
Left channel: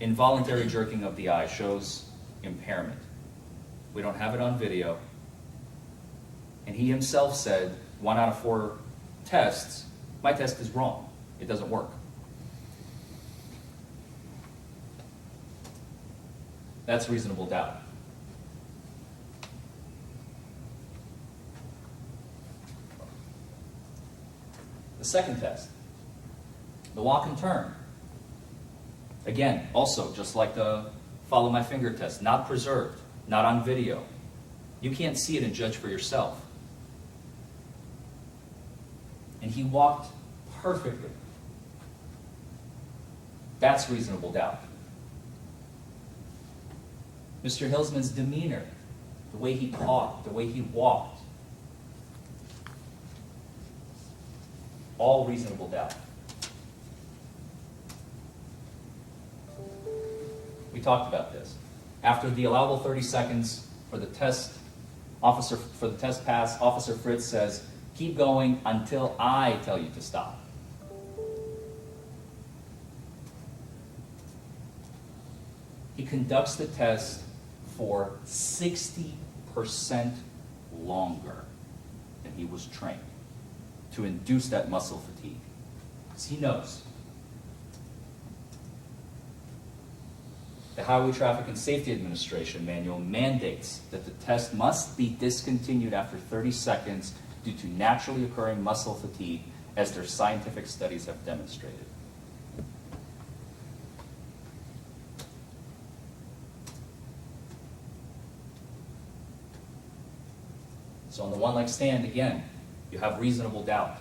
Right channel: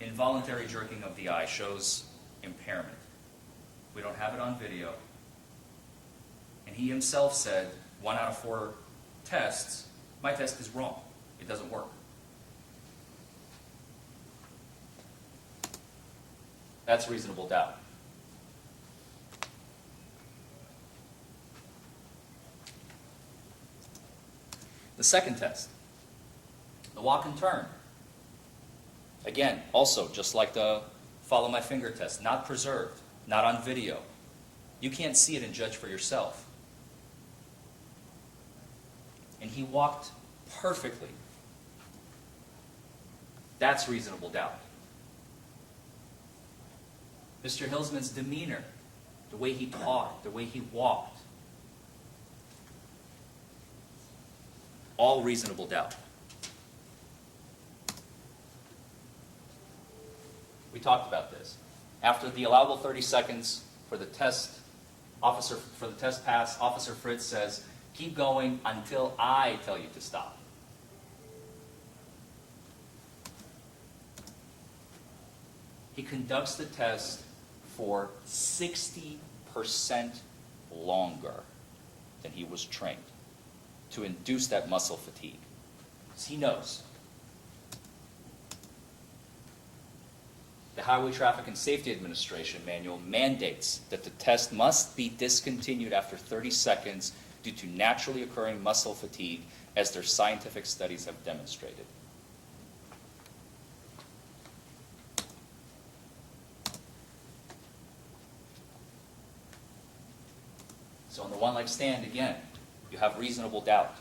involuntary jerking of the eye shows impairment. We don't have it on video. And he himself said 1 out of 4 tests, my test is wrong. It doesn't work. That's reasonable doubt. The second test, the walk and turn. Again, also, just like the follow my finger test, not preserved, not on video. You can't see it and judge for yourself. And he walked perfectly. That's reasonable doubt. Mr. Hillsman's demeanor, the way he talked, the way he walked, all reasonable doubt. We talked about this. After the allowable 30 seconds for the test pass, Officer Fritz says, keep going until I tell you to stop. He conducts the test for 60% longer than he was trained to induce that muscle fatigue. Because he knows. The Highway Traffic and Safety Administration manual mandates that the test must be discontinued after 30 seconds due to naturally occurring muscle fatigue, as their scientific studies have demonstrated. So on the one leg stand, again, you have reasonable doubt.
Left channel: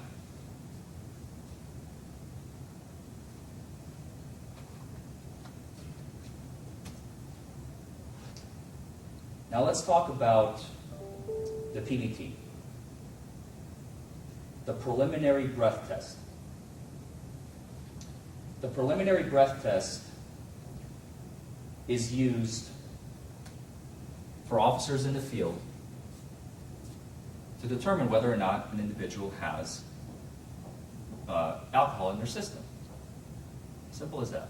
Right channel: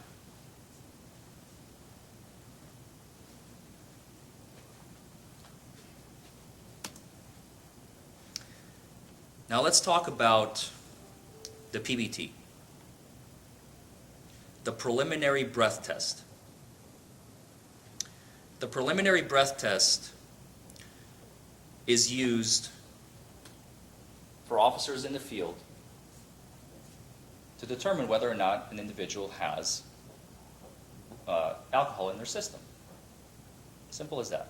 Now let's talk about the PBT, the preliminary breath test. The preliminary breath test is used for officers in the field to determine whether or not an individual has alcohol in their system. Simple as that.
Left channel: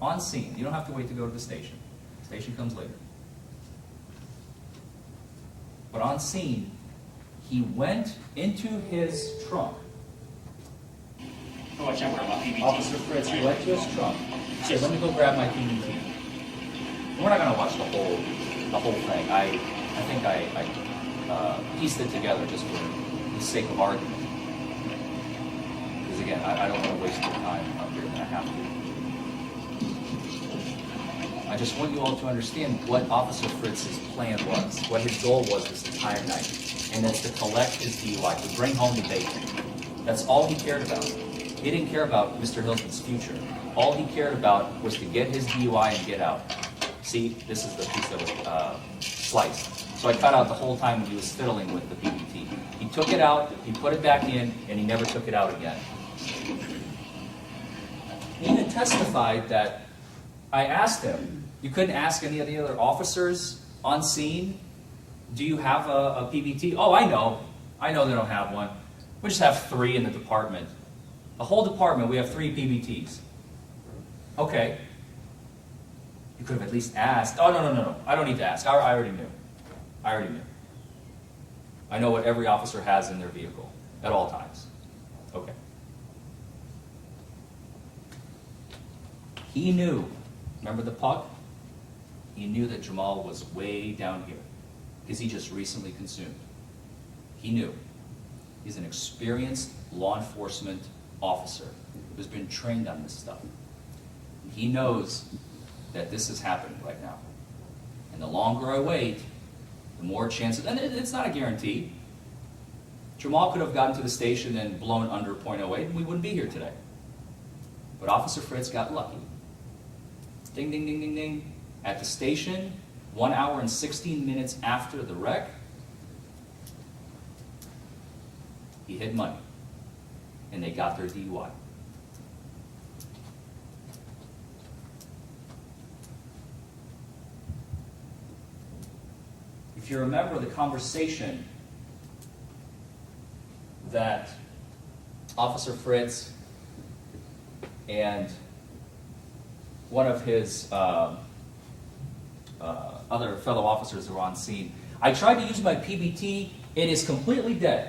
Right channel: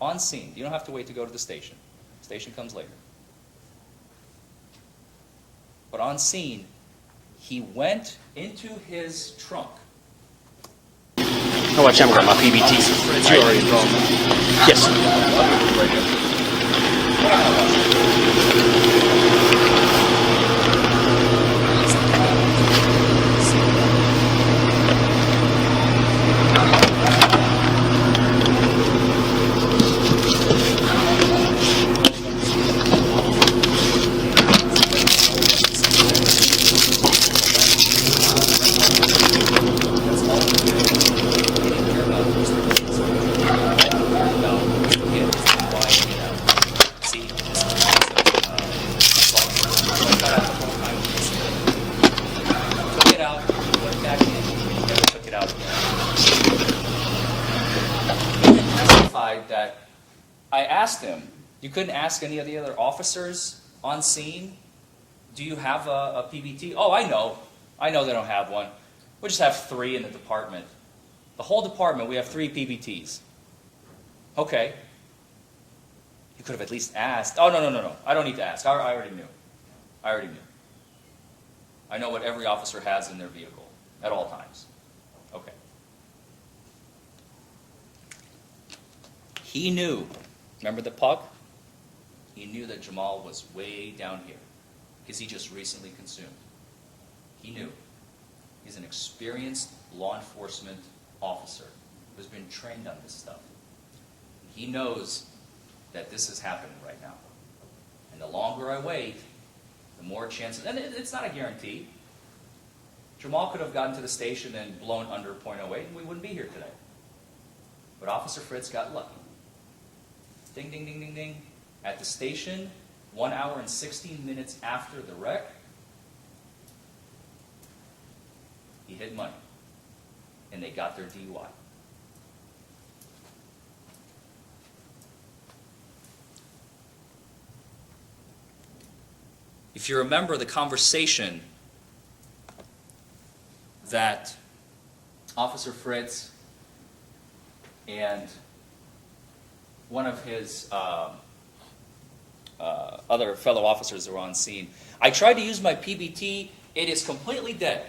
On scene. You don't have to wait to go to the station. The station comes later. But on scene, he went into his trunk Oh, watch, I'm gonna grab my PBTs. You already drawn. Yes. That's all we cared about. They didn't care about Mr. Hilton's future. All we cared about was to get his DUI and get out. See, this is a slice. So I cut out the whole time with this film. Took it out, put it back in, and he never took it out again. He testified that I asked him, you couldn't ask any of the other officers on scene, do you have a PBT? Oh, I know. I know they don't have one. We just have 3 in the department. The whole department, we have 3 PBTs. Okay. You could have at least asked. Oh, no. I don't need to ask. I already knew. I already knew. I know what every officer has in their vehicle at all times. Okay. He knew. Remember the puck? He knew that Jamal was way down here because he just recently consumed. He knew. He's an experienced law enforcement officer who's been trained on this stuff. He knows that this is happening right now. And the longer I wait, the more chances, and it's not a guarantee. Jamal could have gotten to the station and blown under .08 and we wouldn't be here today. But Officer Fritz got lucky. Ding, ding, ding, ding, ding. At the station, 1 hour and 16 minutes after the wreck, he hid money, and they got their DUI. If you remember the conversation that Officer Fritz and one of his other fellow officers that were on scene, I tried to use my PBT, it is completely dead.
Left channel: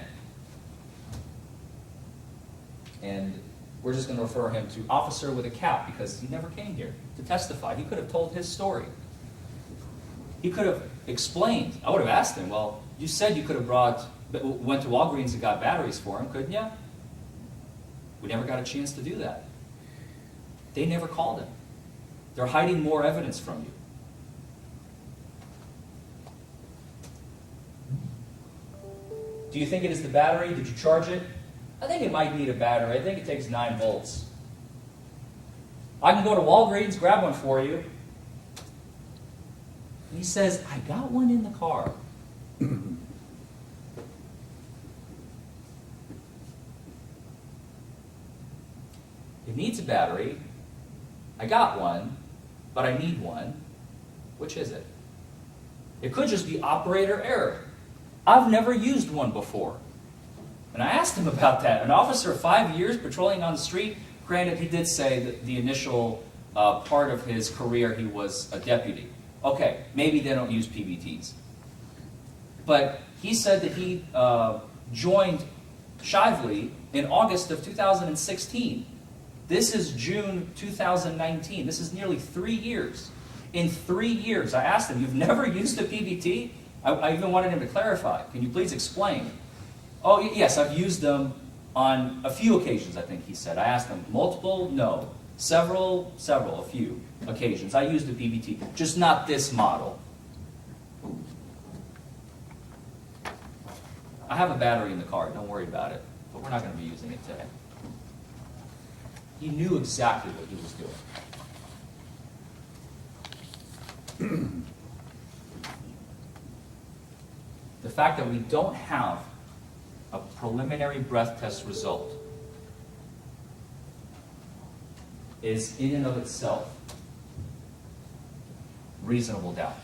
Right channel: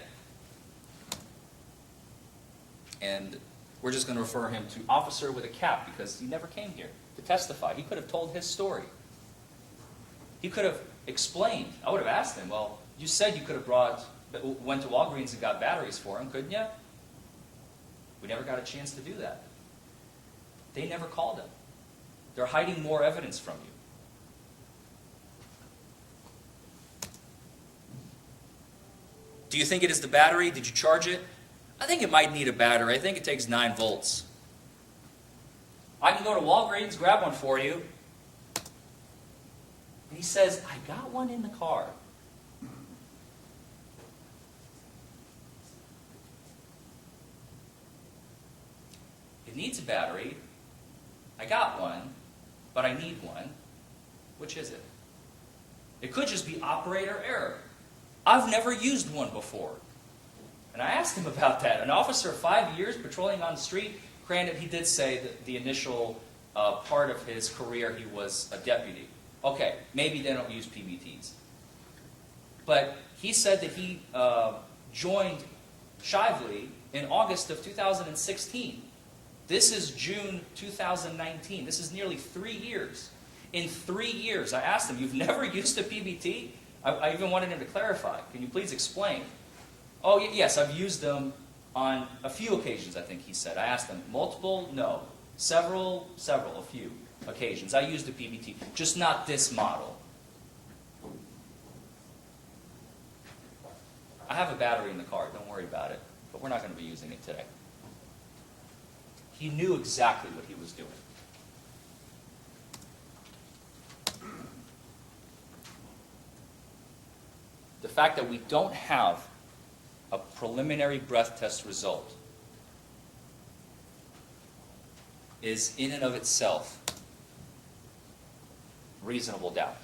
And we're just going to refer him to officer with a cap because he never came here to testify. He could have told his story. He could have explained. I would have asked him, well, you said you could have went to Walgreens and got batteries for him, couldn't you? We never got a chance to do that. They never called him. They're hiding more evidence from you. Do you think it is the battery? Did you charge it? I think it might need a battery. I think it takes 9 volts. I can go to Walgreens, grab one for you. And he says, I got one in the car. It needs a battery. I got one, but I need one. Which is it? It could just be operator error. I've never used one before. And I asked him about that. An officer, 5 years patrolling on the street, granted he did say that the initial part of his career he was a deputy. Okay, maybe they don't use PBTs. But he said that he joined Shively in August of 2016. This is June 2019. This is nearly 3 years. In 3 years, I asked him, you've never used a PBT? I even wanted him to clarify. Can you please explain? Oh, yes, I've used them on a few occasions, I think he said. I asked him, multiple? No. Several, a few occasions. I used the PBT, just not this model. I have a battery in the car, don't worry about it. But we're not going to be using it today. He knew exactly what he was doing. The fact that we don't have a preliminary breath test result is in and of itself reasonable doubt.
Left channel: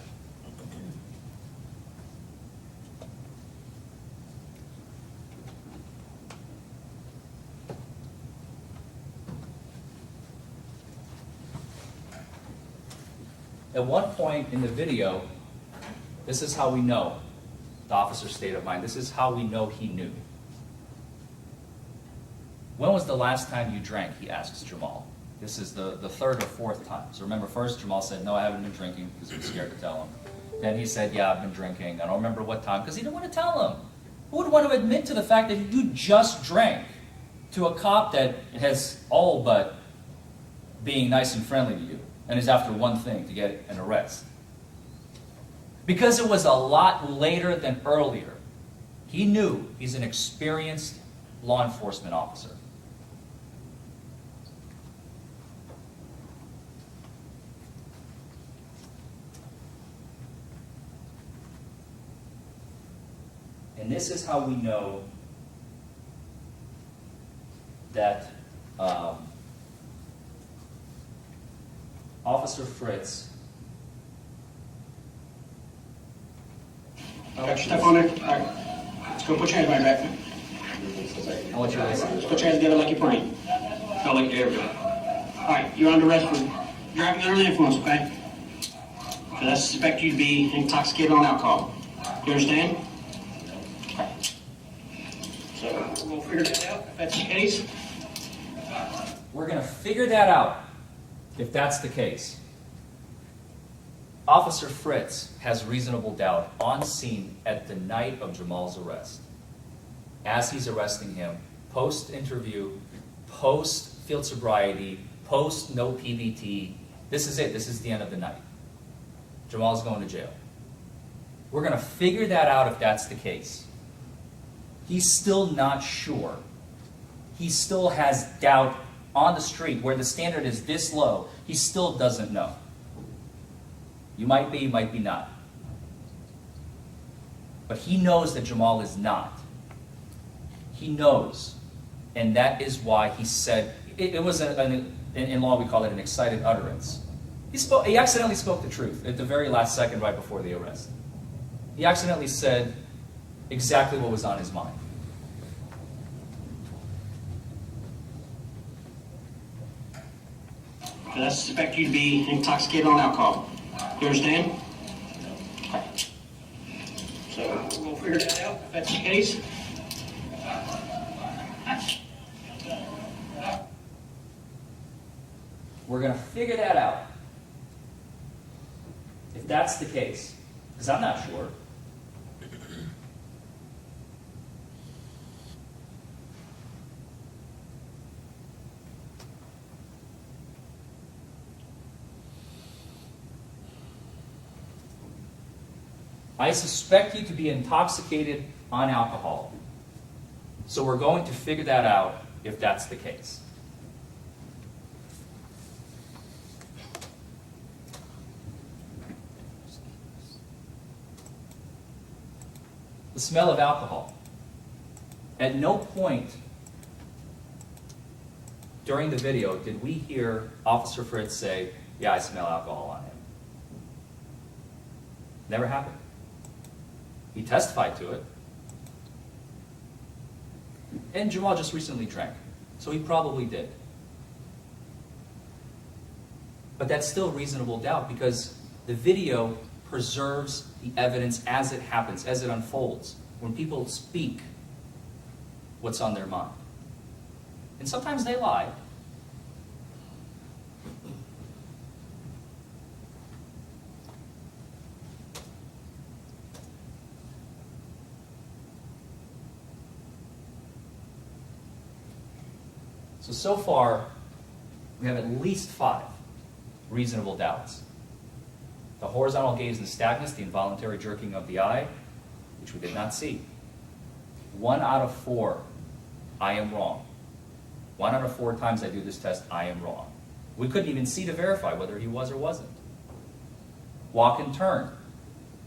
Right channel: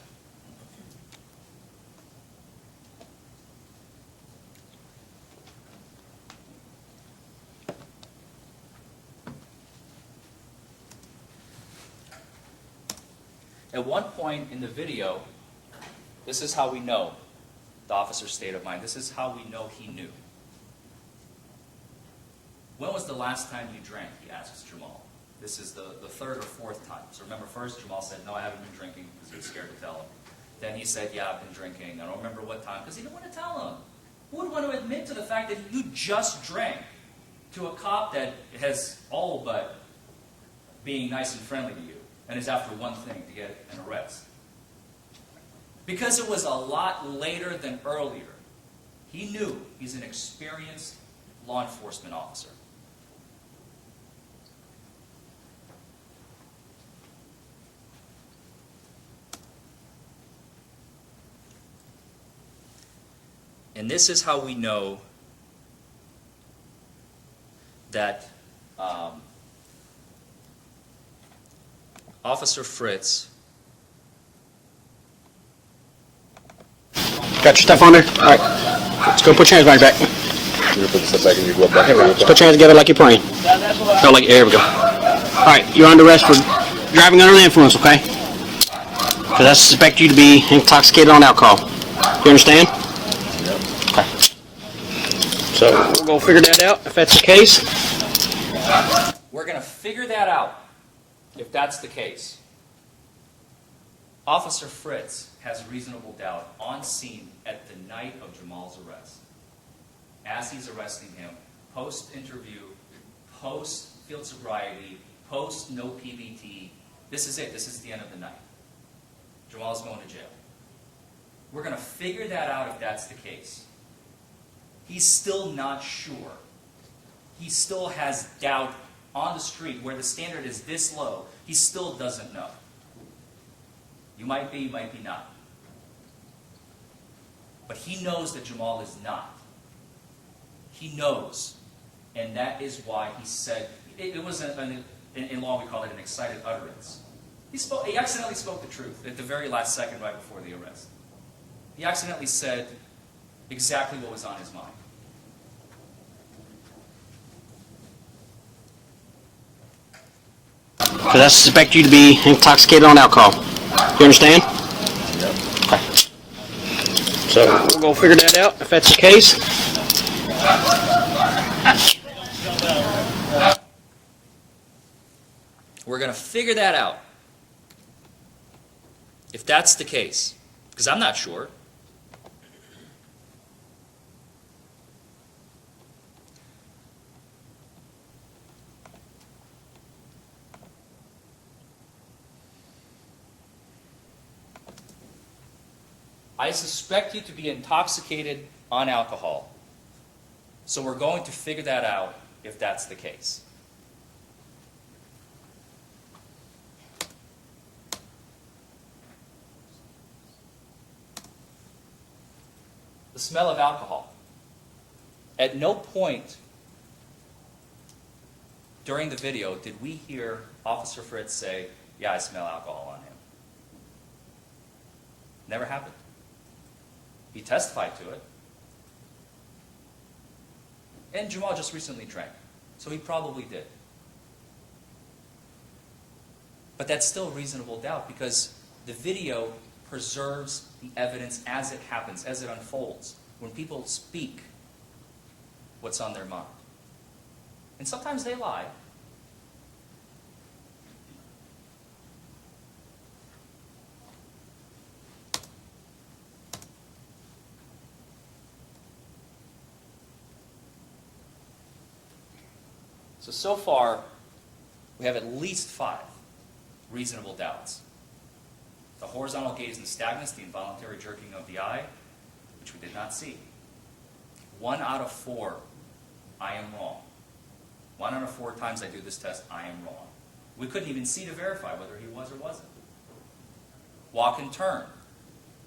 At one point in the video, this is how we know the officer's state of mind. This is how we know he knew. When was the last time you drank? He asks Jamal. This is the third or fourth time. So remember, first Jamal said, no, I haven't been drinking, because he was scared to tell him. Then he said, yeah, I've been drinking. I don't remember what time, because he didn't want to tell him. Who would want to admit to the fact that you just drank to a cop that has all but being nice and friendly to you, and is after one thing, to get an arrest? Because it was a lot later than earlier, he knew he's an experienced law enforcement officer. And this is how we know that Officer Fritz. Got your stuff on there? All right. Let's go put your hands behind your back. You put the stuff back and you go back. Let's put your hands together like you're praying. No, like, there we go. All right, you're under arrest for driving under the influence, okay? Because I suspect you to be intoxicated on alcohol. You understand? Okay. So we'll go figure that out if that's the case. We're going to figure that out if that's the case. Officer Fritz has reasonable doubt on scene at the night of Jamal's arrest. As he's arresting him, post-interview, post-field sobriety, post-no PBT, this is it. This is the end of the night. Jamal's going to jail. We're going to figure that out if that's the case. He's still not sure. He still has doubt on the street where the standard is this low. He still doesn't know. You might be not. But he knows that Jamal is not. He knows. And that is why he said, it was, in law we call it an excited utterance. He accidentally spoke the truth at the very last second right before the arrest. He accidentally said exactly what was on his mind. Because I suspect you to be intoxicated on alcohol. You understand? Yep. Okay. So we'll go figure that out if that's the case. We're going to figure that out if that's the case, because I'm not sure. I suspect you to be intoxicated on alcohol. So we're going to figure that out if that's the case. The smell of alcohol. At no point during the video did we hear Officer Fritz say, yeah, I smell alcohol on him. Never happened. He testified to it. And Jamal just recently drank, so he probably did. But that's still reasonable doubt because the video preserves the evidence as it happens, as it unfolds, when people speak what's on their mind. And sometimes they lie. So far, we have at least 5 reasonable doubts. The horizontal gaze nystagmus, the involuntary jerking of the eye, which we did not see. 1 out of 4, I am wrong. 1 out of 4 times I do this test, I am wrong. We couldn't even see to verify whether he was or wasn't. Walk and turn.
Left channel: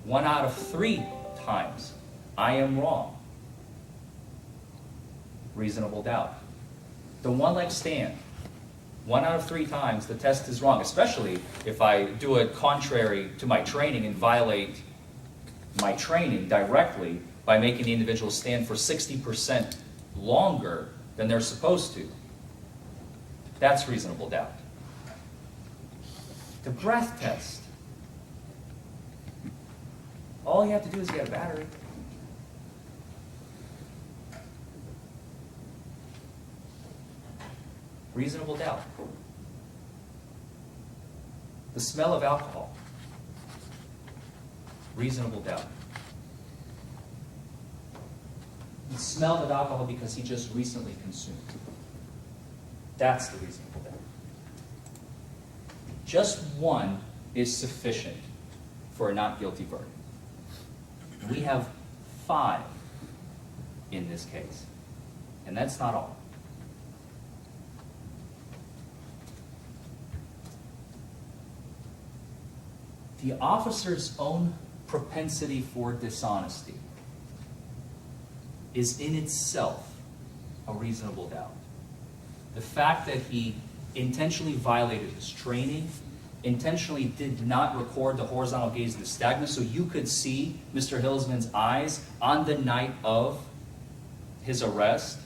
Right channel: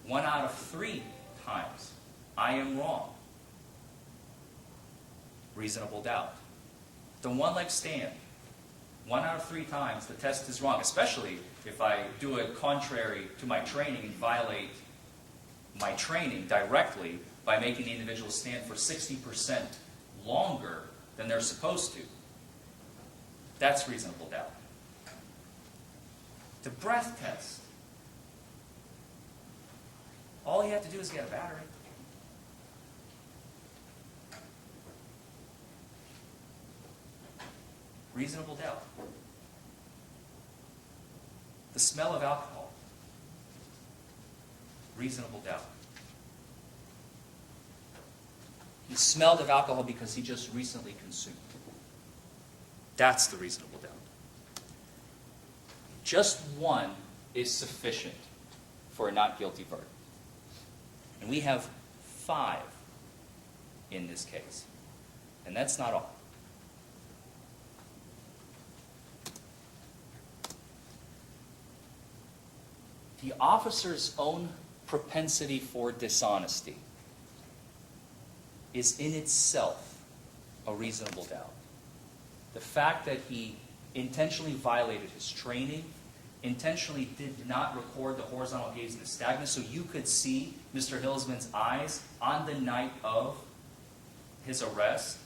1 out of 3 times, I am wrong. Reasonable doubt. The one-leg stand, 1 out of 3 times the test is wrong, especially if I do it contrary to my training and violate my training directly by making the individual stand for 60% longer than they're supposed to. That's reasonable doubt. The breath test. All you have to do is get a battery. Reasonable doubt. The smell of alcohol. Reasonable doubt. He smelled of alcohol because he just recently consumed. That's the reasonable doubt. Just one is sufficient for a not guilty verdict. We have 5 in this case, and that's not all. The officer's own propensity for dishonesty is in itself a reasonable doubt. The fact that he intentionally violated his training, intentionally did not record the horizontal gaze of the nystagmus so you could see Mr. Hilsman's eyes on the night of his arrest,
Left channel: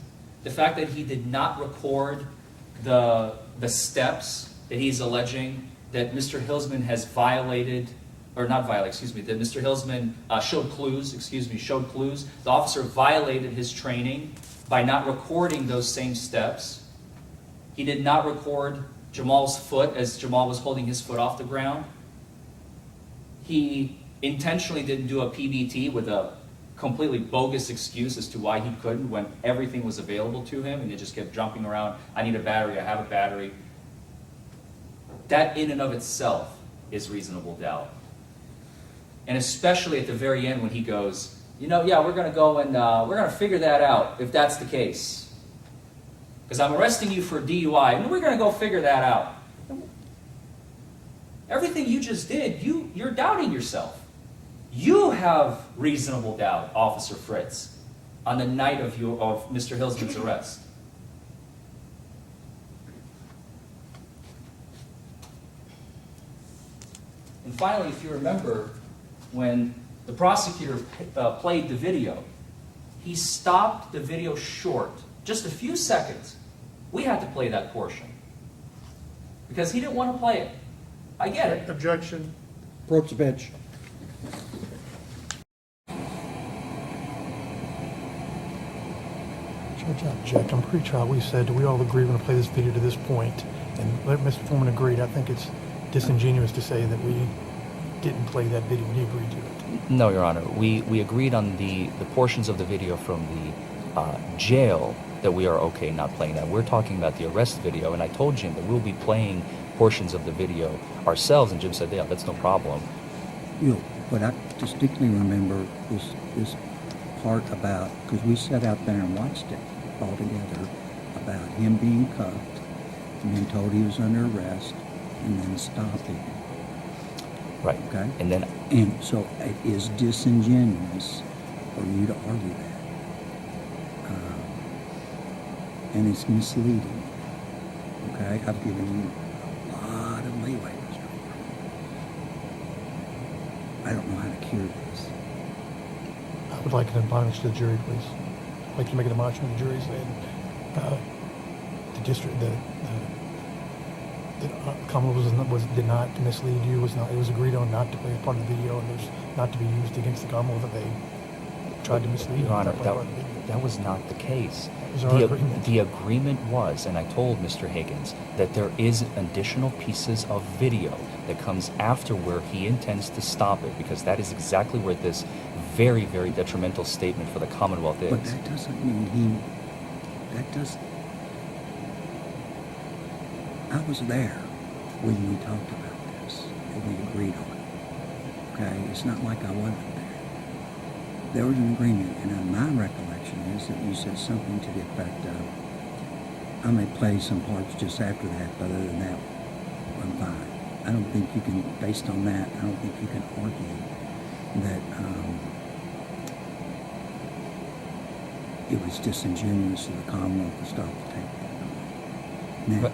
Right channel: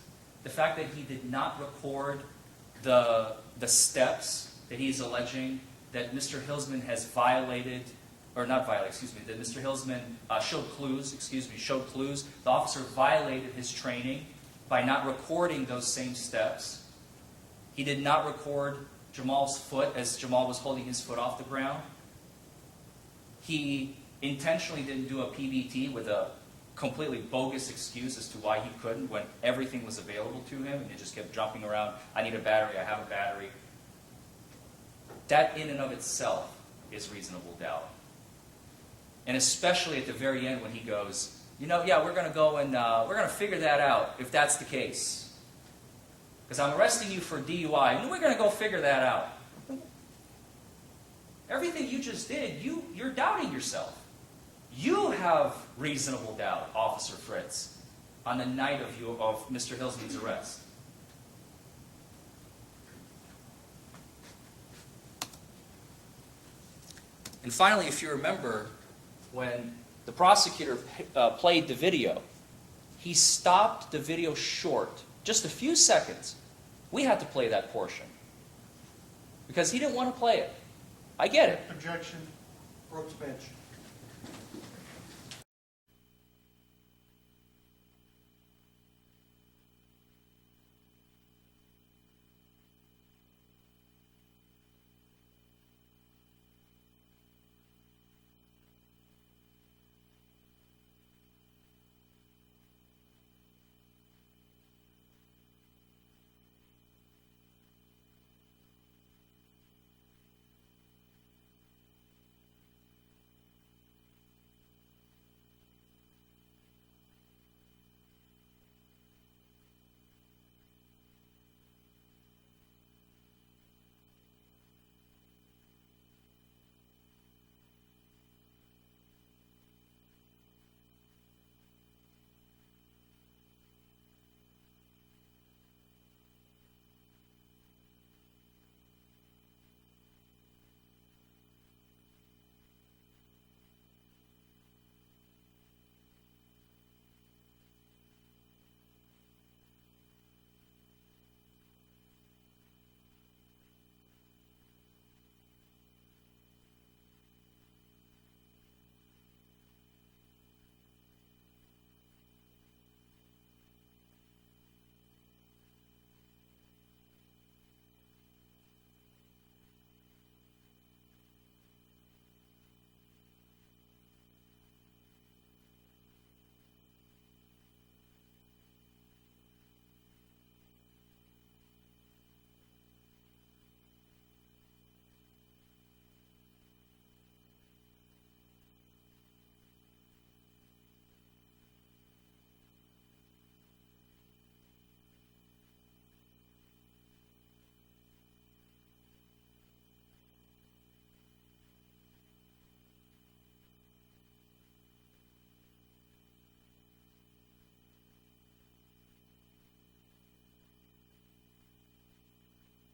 the fact that he did not record the steps that he's alleging that Mr. Hilsman has violated, or not violated, excuse me, that Mr. Hilsman showed clues. The officer violated his training by not recording those same steps. He did not record Jamal's foot as Jamal was holding his foot off the ground. He intentionally didn't do a PBT with a completely bogus excuse as to why he couldn't when everything was available to him, and he just kept jumping around. I need a battery, I have a battery. That in and of itself is reasonable doubt. And especially at the very end when he goes, you know, yeah, we're going to go and we're going to figure that out if that's the case. Because I'm arresting you for DUI, and we're going to go figure that out. Everything you just did, you're doubting yourself. You have reasonable doubt, Officer Fritz, on the night of Mr. Hilsman's arrest. And finally, if you remember, when the prosecutor played the video, he stopped the video short, just a few seconds. We had to play that portion because he didn't want to play it. I get it. Objection. Approach the bench. Judge, I object. I'm pretty sure we said, do we all agree we're going to play this video to this point? And let Mr. Foreman agreed. I think it's disingenuous to say that we didn't play that video when he agreed to it. No, Your Honor. We agreed on the portions of the video from the jail that we are okay not playing that. We're talking about the arrest video, and I told Jim that we'll be playing portions of the video ourselves, and Jim said, yeah, that's no problem. What I distinctly remember is this part about, because we sat out there and watched it all together, about him being cuffed and then told he was under arrest and then stopping. Right. Okay? And so it is disingenuous for you to argue that. And it's misleading. Okay? I've given you a lot of leeway, Mr. Foreman. I don't know how to cure this. I would like an admonish to the jury, please. I'd like to make an admonishment to the jury saying the district, the Commonwealth did not mislead you. It was agreed on not to play part of the video, and it was not to be used against the Commonwealth that they tried to mislead you. Your Honor, that was not the case. The agreement was, and I told Mr. Higgins, that there is additional pieces of video that comes after where he intends to stop it, because that is exactly where this very, very detrimental statement for the Commonwealth is. But that doesn't mean I was there when we talked about this and we agreed on it. Okay? It's not like I wasn't there. There was an agreement, and my recollection is that you said something to the effect of, I may play some parts just after that, but other than that, I'm fine. I don't think you can, based on that, I don't think you can argue that it was disingenuous of the Commonwealth to stop the tape. Now, But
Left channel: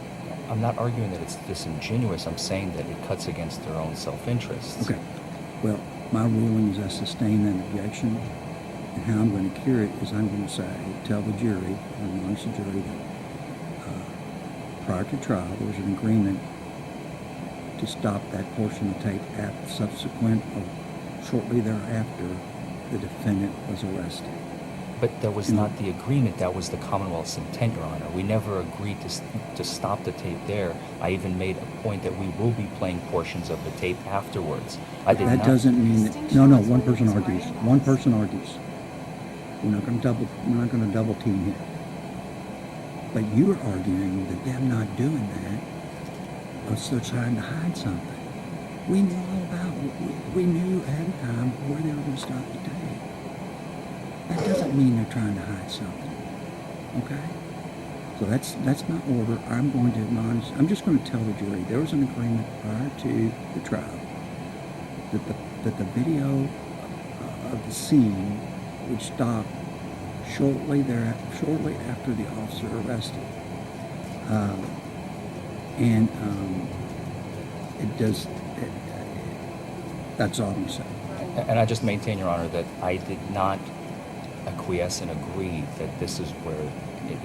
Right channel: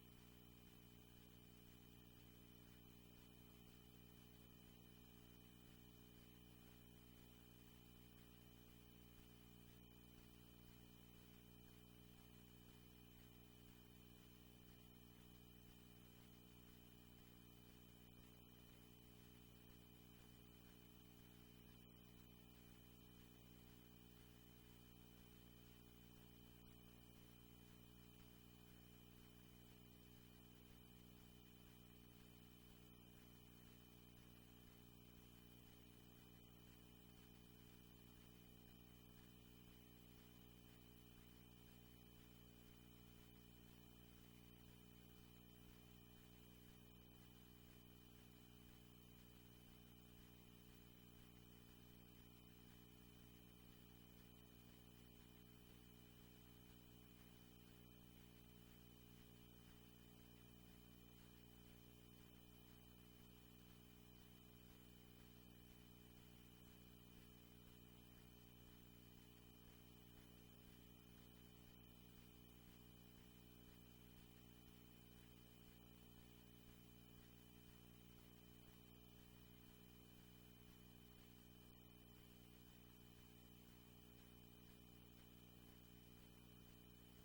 I'm not arguing that it's disingenuous. I'm saying that it cuts against their own self-interests. okay. Well, my ruling is I sustain that objection, and how I'm going to cure it is I'm going to say, tell the jury, and amongst the jury, that prior to trial there was an agreement to stop that portion of tape at subsequent or shortly thereafter the defendant was arrested. But that was not the agreement, that was the Commonwealth's intent, Your Honor. We never agreed to stop the tape there. I even made a point that we will be playing portions of the tape afterwards. I did That not. doesn't mean that, no, one person argues. One person argues. We're not gonna double team here. But you're arguing that them not doing that was still trying to hide something. We knew all about it. We knew ahead of time where they were gonna stop the tape. That doesn't mean they're trying to hide something. Okay? So that's my order. I'm going to admonish, I'm just going to tell the jury there was an agreement prior to the trial that the video of the scene would stop shortly after the officer arrested. That's all I'm saying. And I just maintain, Your Honor, that I did not acquiesce and agree that this is where it.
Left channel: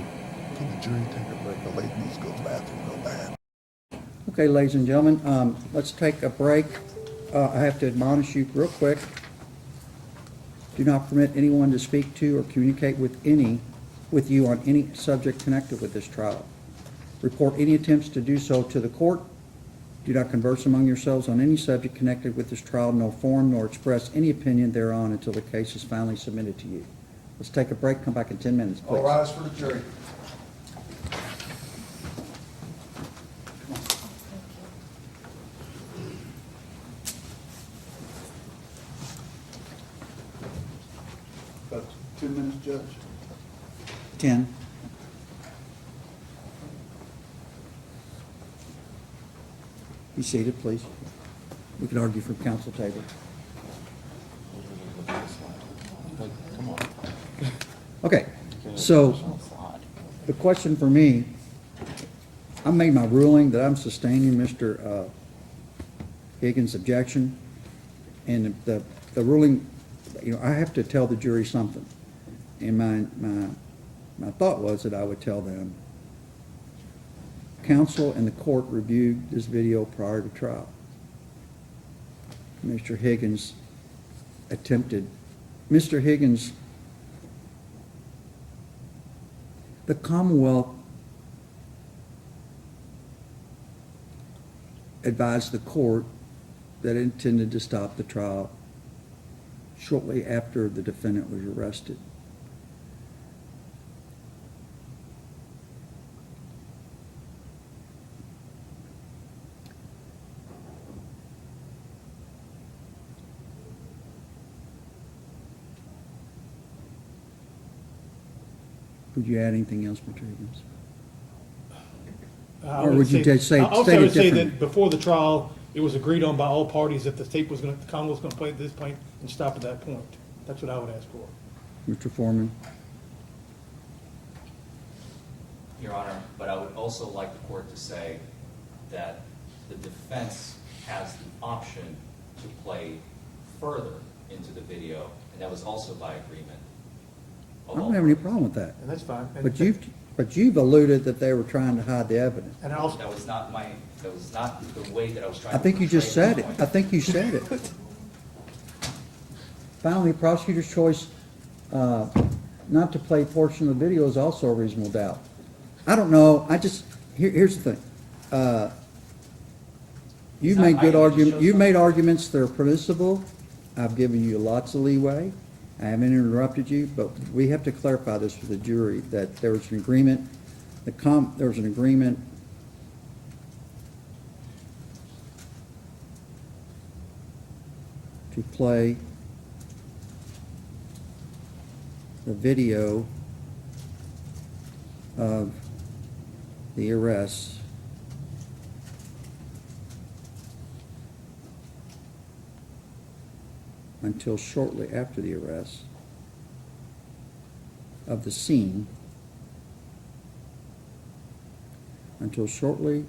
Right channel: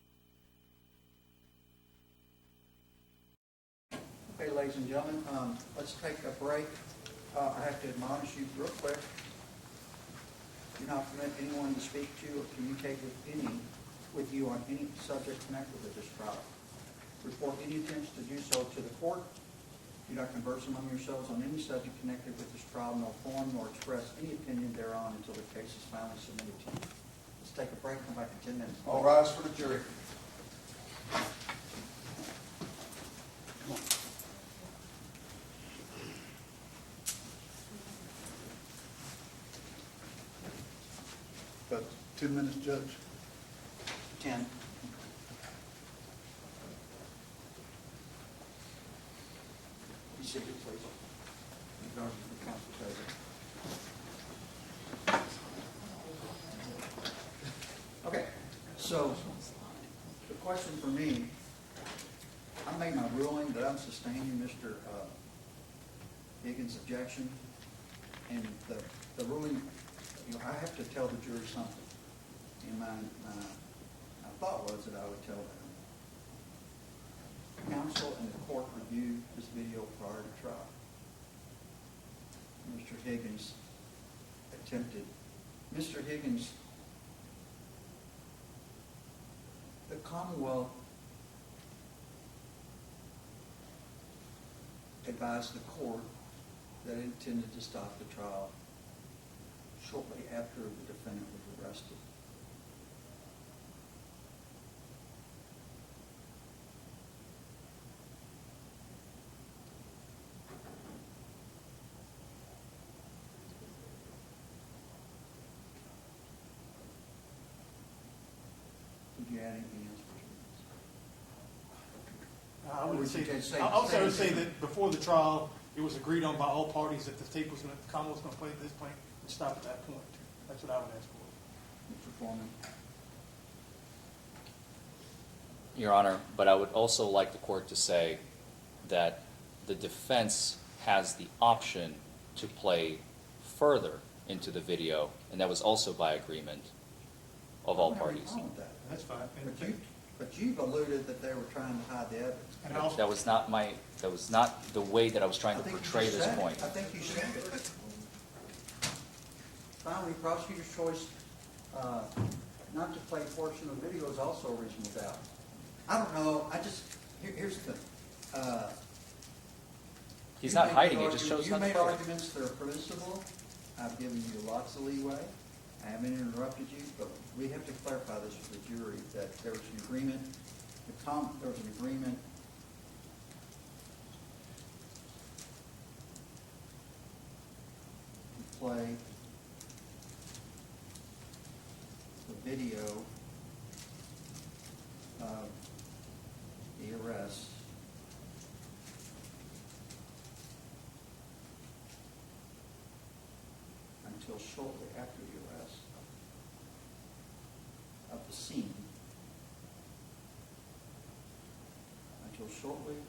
Can the jury take a break? The lady needs to go to the bathroom real bad. Okay, ladies and gentlemen, let's take a break. I have to admonish you real quick. Do not permit anyone to speak to or communicate with you on any subject connected with this trial. Report any attempts to do so to the court. Do not converse among yourselves on any subject connected with this trial, nor form nor express any opinion thereon until the case is finally submitted to you. Let's take a break, come back in 10 minutes, please. All rise for the jury. About 2 minutes, Judge. 10. Be seated, please. We can argue from council table. Okay, so the question for me, I made my ruling that I'm sustaining Mr. Higgins' objection, and the ruling, I have to tell the jury something. And my thought was that I would tell them, counsel and the court reviewed this video prior to trial. Mr. Higgins, the Commonwealth advised the court that it intended to stop the trial shortly after the defendant was arrested. Would you add anything else, Mr. Higgins? Or would you just say, I also state it would say differently? that before the trial, it was agreed on by all parties that the tape was the Commonwealth was gonna play at this point and stop at that point. That's what I would ask for. Mr. Foreman? Your Honor, but I would also like the court to say that the defense has the option to play further into the video, and that was also by agreement I of all don't have any parties. problem with that. And that's fine. And- But you've alluded that they were trying to hide the evidence. And I also, That was not the way that I was trying I to think you portray just this said it. point. I think you said it. Finally, prosecutor's choice not to play portion of the video is also a reasonable doubt. I don't know, here's the thing. He's You've not made hiding, good he just arguments, shows you've made something. arguments that are permissible. I've given you lots of leeway. I haven't interrupted you, but we have to clarify this with the jury, that there was an agreement, there was an agreement to play the video of the arrest until shortly after the arrest of the scene, until shortly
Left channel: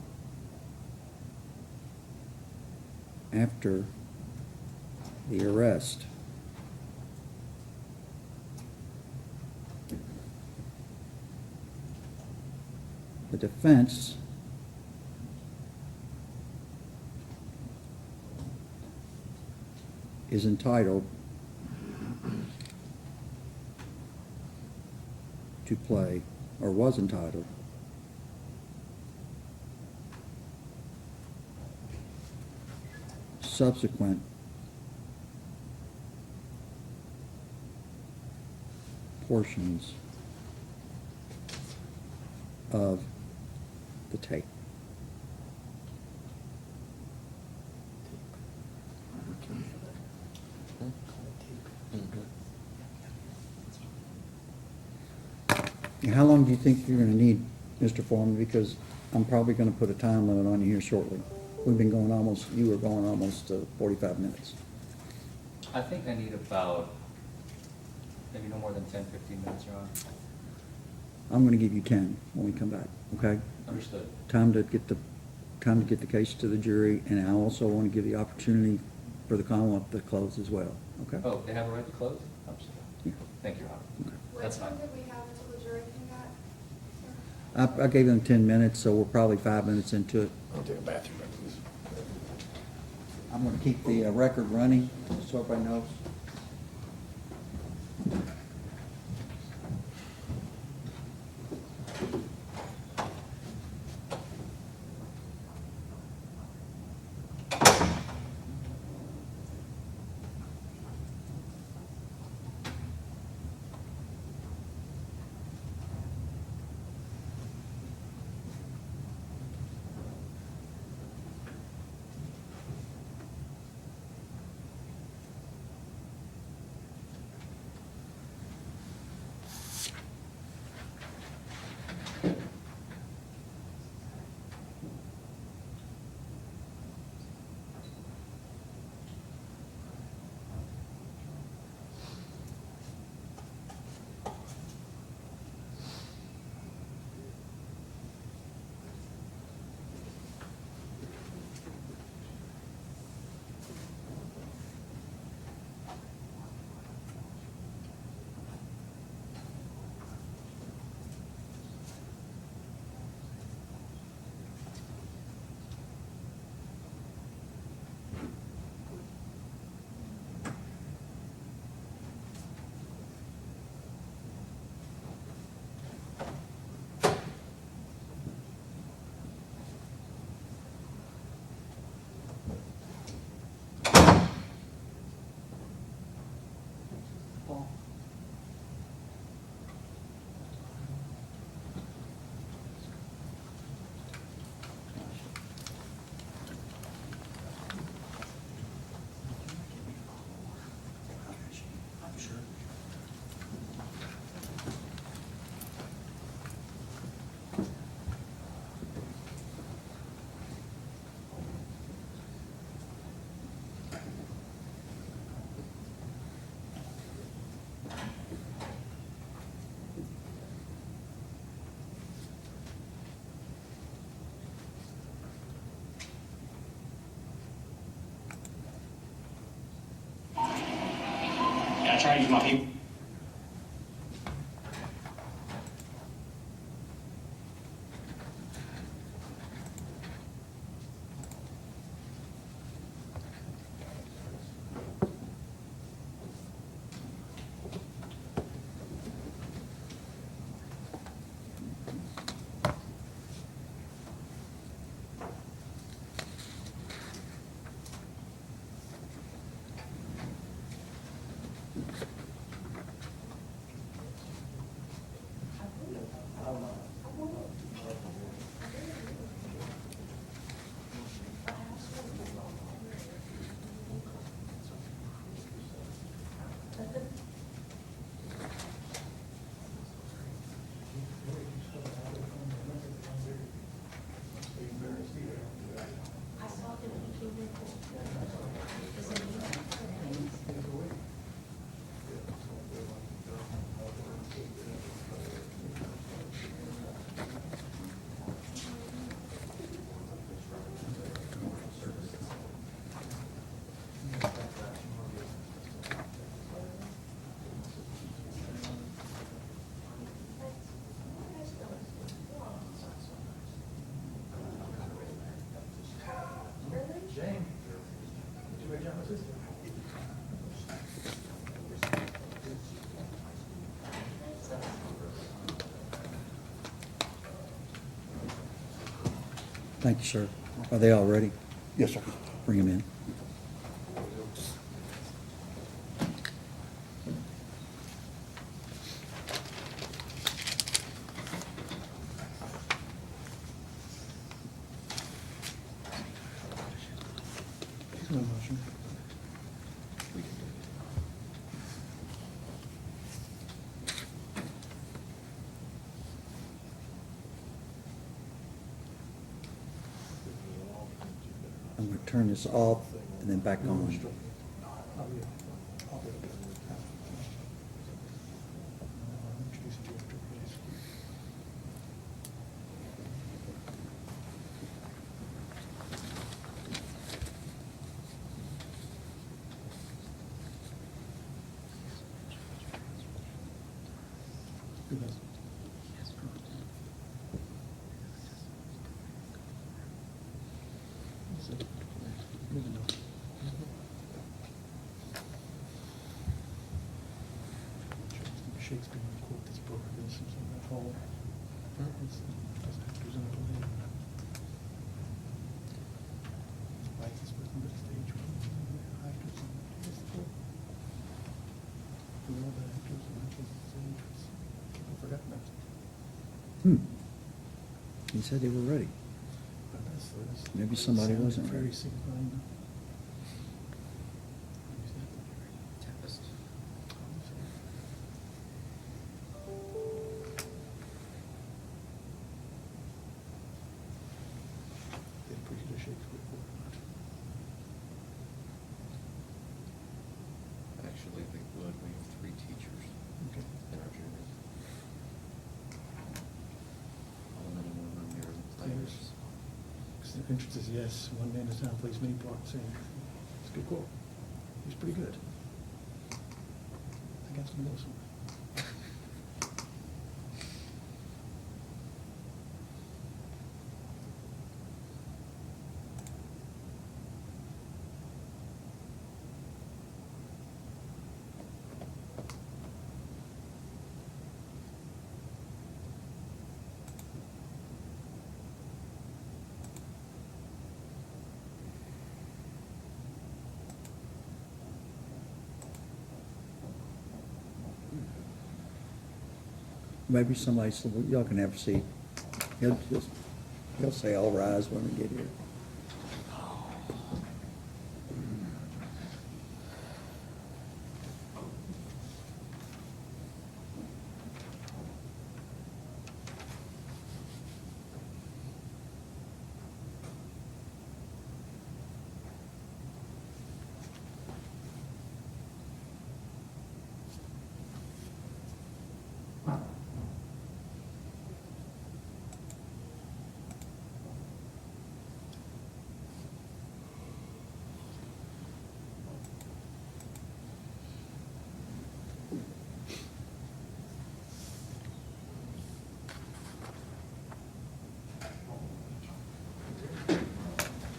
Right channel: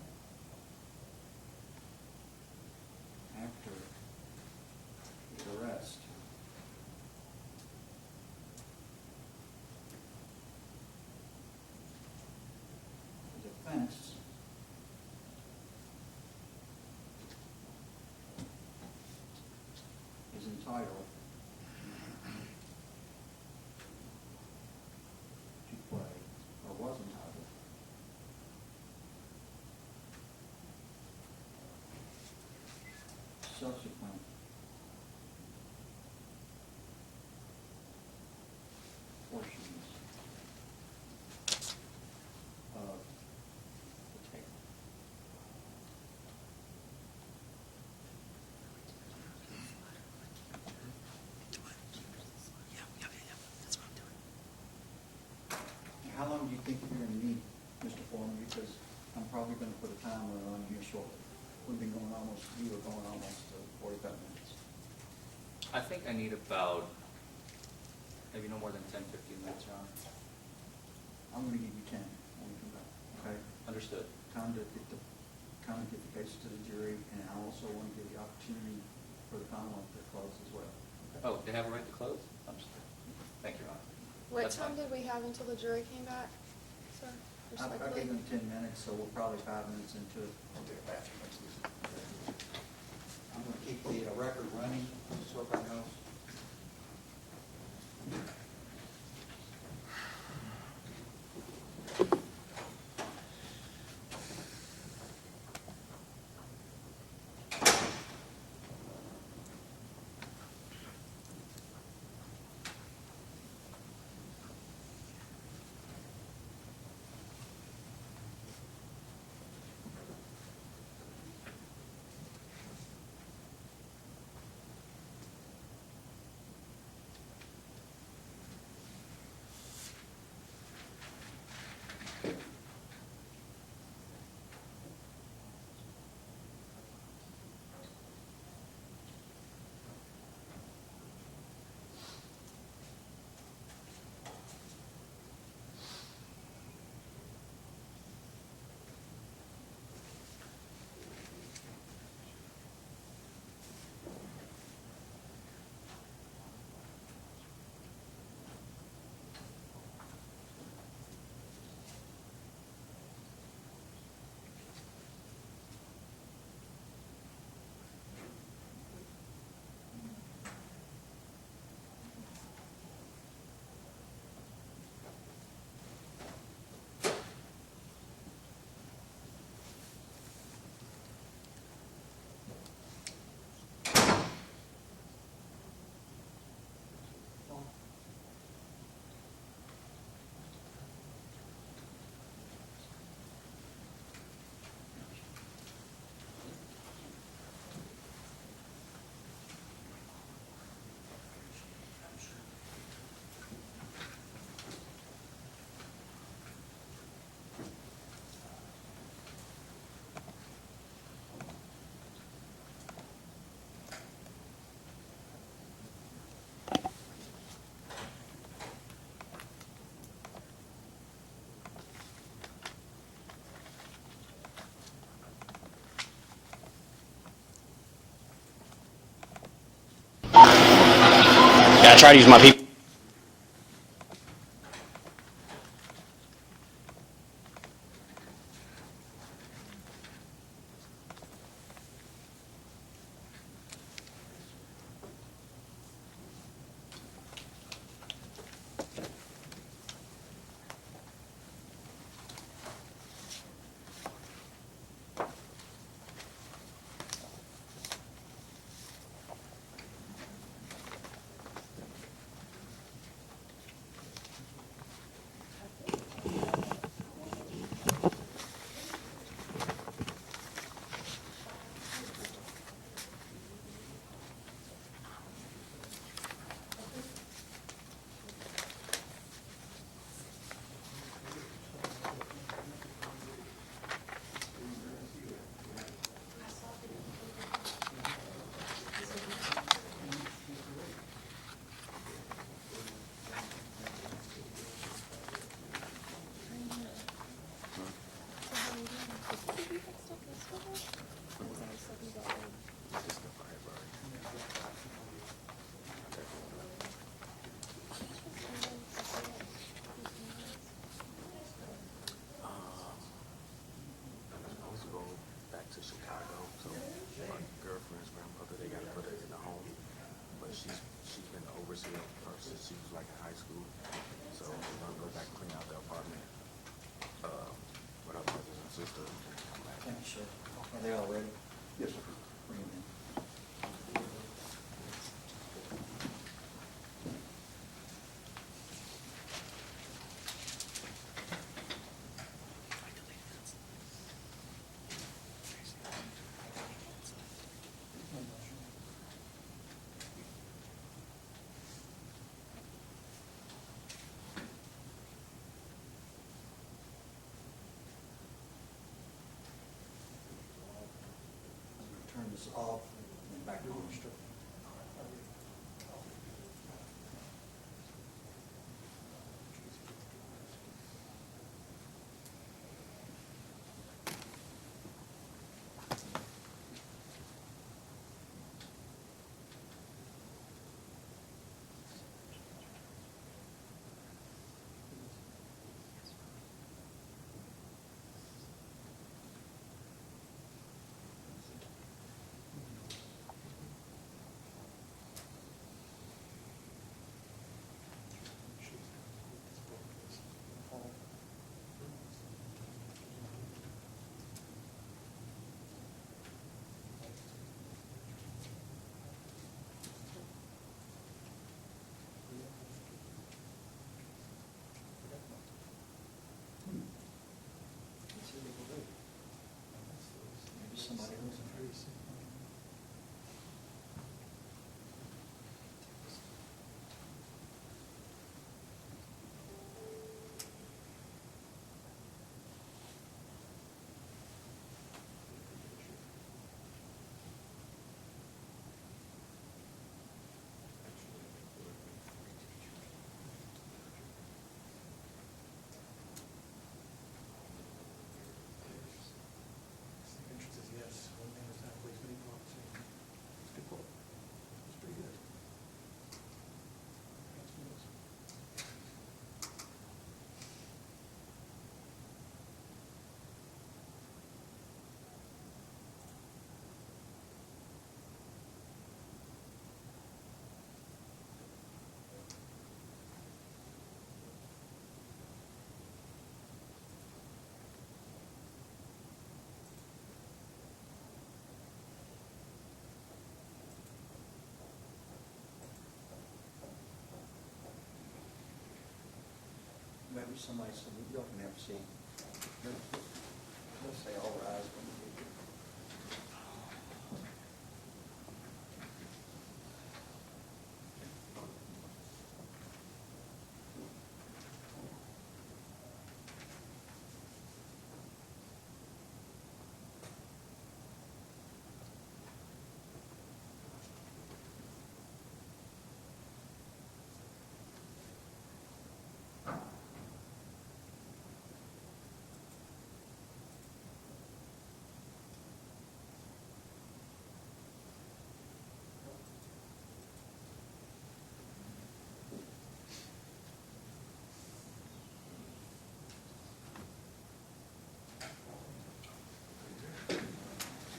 after the arrest the defense is entitled to play, or was entitled, subsequent portions of the tape. And how long do you think you're gonna need, Mr. Foreman? Because I'm probably gonna put a time limit on here shortly. We've been going almost, you were going almost 45 minutes. I think I need about, maybe no more than 10, 15 minutes, Your Honor. I'm gonna give you 10 when we come back, okay? Understood. Time to get the case to the jury, and I also want to give the opportunity for the Commonwealth to close as well, okay? Oh, they have a right to close? Understood. Thank you, Your Honor. What That's time fine. did we have until the jury came back, sir? I gave them 10 minutes, so we're probably 5 minutes into it. I'll take a bathroom. I'm gonna keep the record running, so everybody knows. Yeah, I try to use my people. Thank you, sir. Are they all ready? Yes, sir. Bring them in. I'm going to turn this off and then back on. He said they were ready. Maybe somebody wasn't ready. Actually, they would. We have 3 teachers in our junior. How many more than your players? The entrance is yes, one man is now plays many parts, and it's a good quote. He's pretty good. I got some awesome. Maybe somebody said, well, y'all can have a seat. He'll say, all rise when we get here.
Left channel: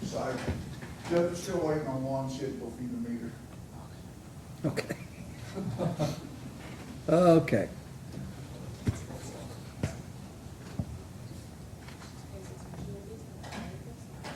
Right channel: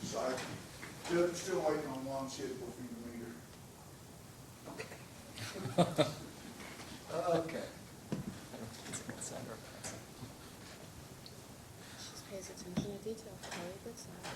Sorry. Judge, still waiting on one shit will feed the meter. Okay. Okay. Pays attention to detail. Very good stuff.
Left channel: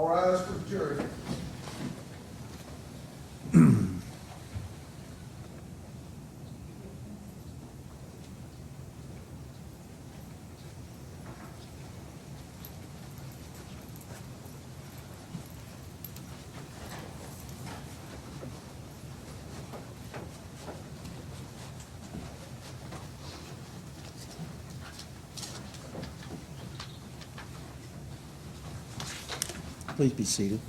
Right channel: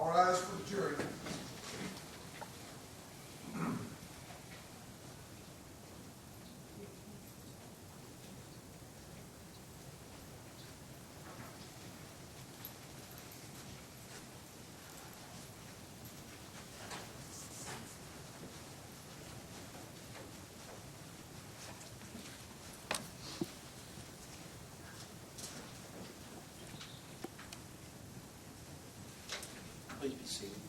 All rise for the jury. Please be seated.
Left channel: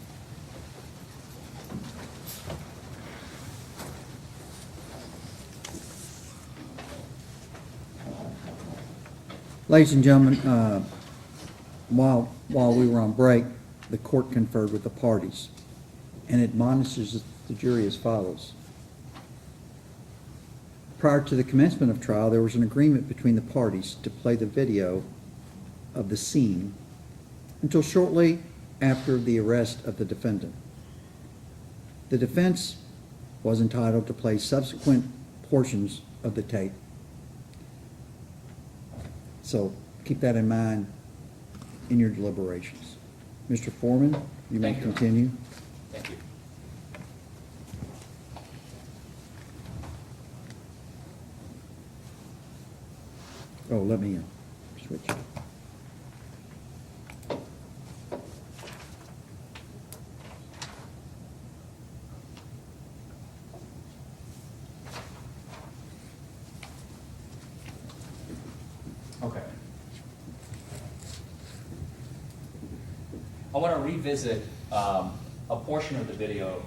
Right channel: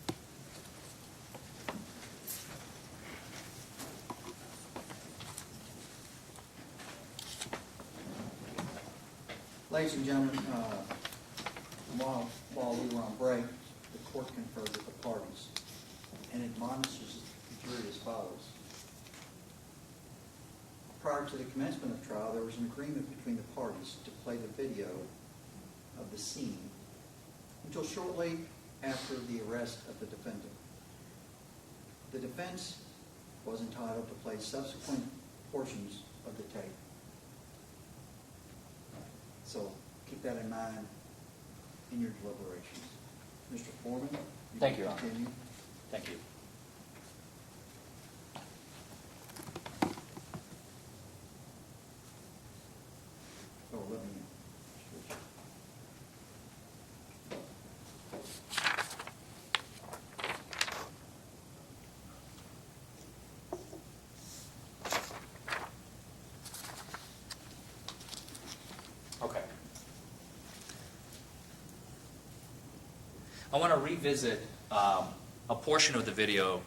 Ladies and gentlemen, while we were on break, the court conferred with the parties and admonishes the jury as follows. Prior to the commencement of trial, there was an agreement between the parties to play the video of the scene until shortly after the arrest of the defendant. The defense was entitled to play subsequent portions of the tape. So keep that in mind in your deliberations. Mr. Foreman, you may Thank you, Your Honor. continue. Thank you. Oh, let me switch. Okay. I want to revisit a portion of the video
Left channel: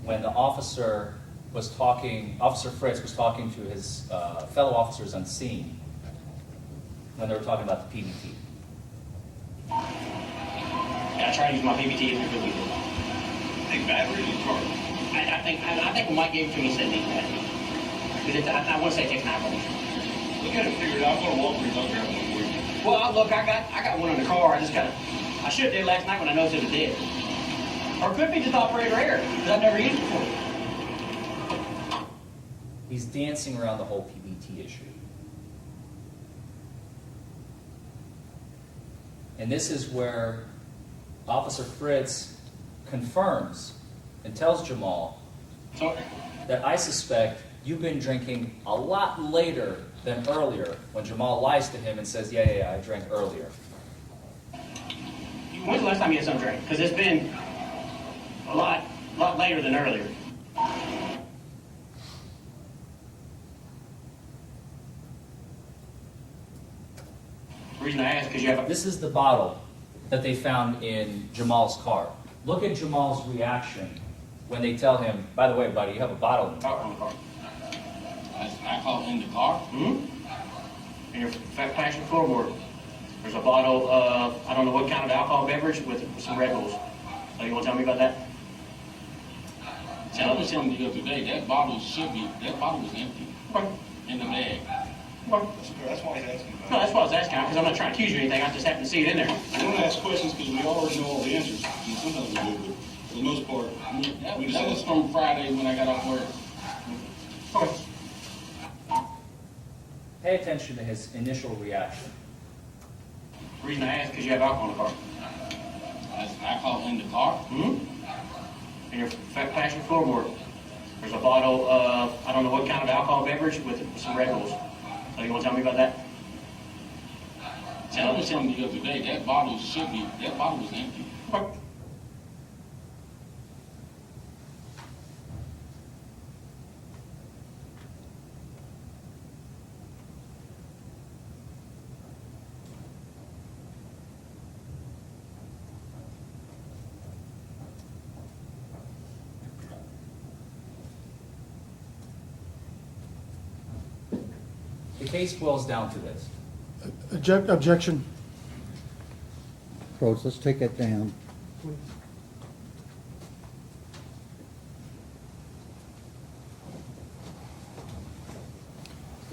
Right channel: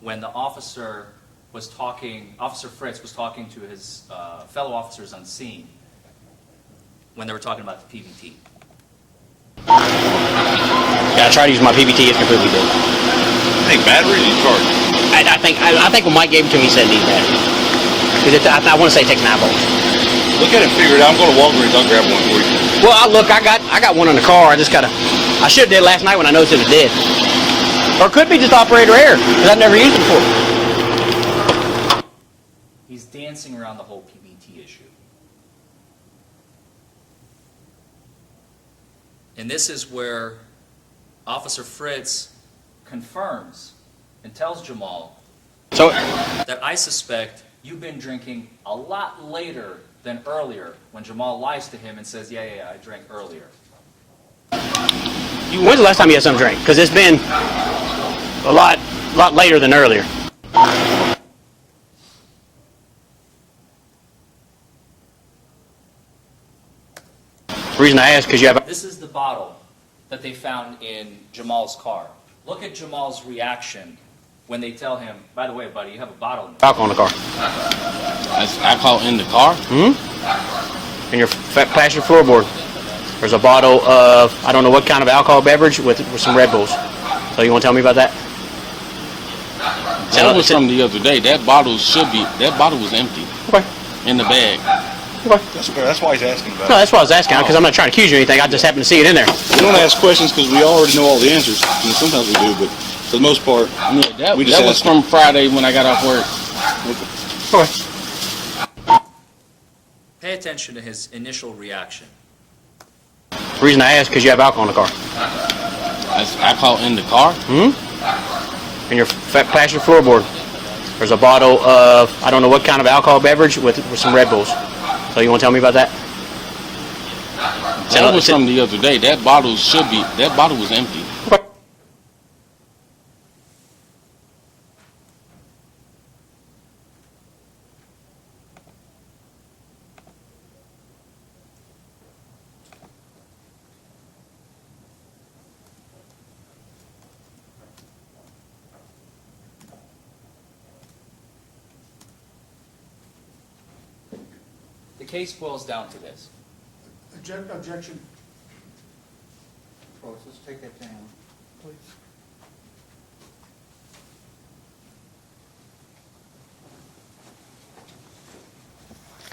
when the officer was talking, Officer Fritz was talking to his fellow officers on scene when they were talking about the PBT. Yeah, I tried to use my PBT, it's completely dead. Hey, batteries you charge? I think when Mike gave it to me, he said it needed batteries. Because I want to say it takes 9 volts. Look at it and figure it out. I'm going to Walgreens. I'll grab one for you. Well, I got one in the car. I should have did last night when I noticed it was dead. Or it could be just operator error, because I've never used it before. He's dancing around the whole PBT issue. And this is where Officer Fritz confirms and tells Jamal So, that I suspect you've been drinking a lot later than earlier, when Jamal lies to him and says, yeah, I drank earlier. when's the last time you had some drink? Because it's been a lot later than earlier. The reason I ask, because you have... This is the bottle that they found in Jamal's car. Look at Jamal's reaction when they tell him, by the way, buddy, you have a bottle in alcohol in the car. That's alcohol in the car? In your passenger floorboard. There's a bottle of, I don't know what kind of alcohol beverage with some Red Bulls. So you want to tell me about that? That was from the other day. That bottle was empty. Okay. In the bag. Okay. That's why he's asking about No, it. that's what I was asking, because I'm not trying to accuse you of anything. I just happened to see it in there. We don't ask questions because we already know all the answers. I mean, sometimes we do, but for the most part, That we just was ask. from Friday when I got off work. Okay. Pay attention to his initial reaction. The reason I ask, because you have alcohol in the car. That's alcohol in the car? In your passenger floorboard. There's a bottle of, I don't know what kind of alcohol beverage with some Red Bulls. So you want to tell me about that? That was from the other day. That bottle was empty. Okay. The case boils down to this. Objection. Folks, let's take that down. Please.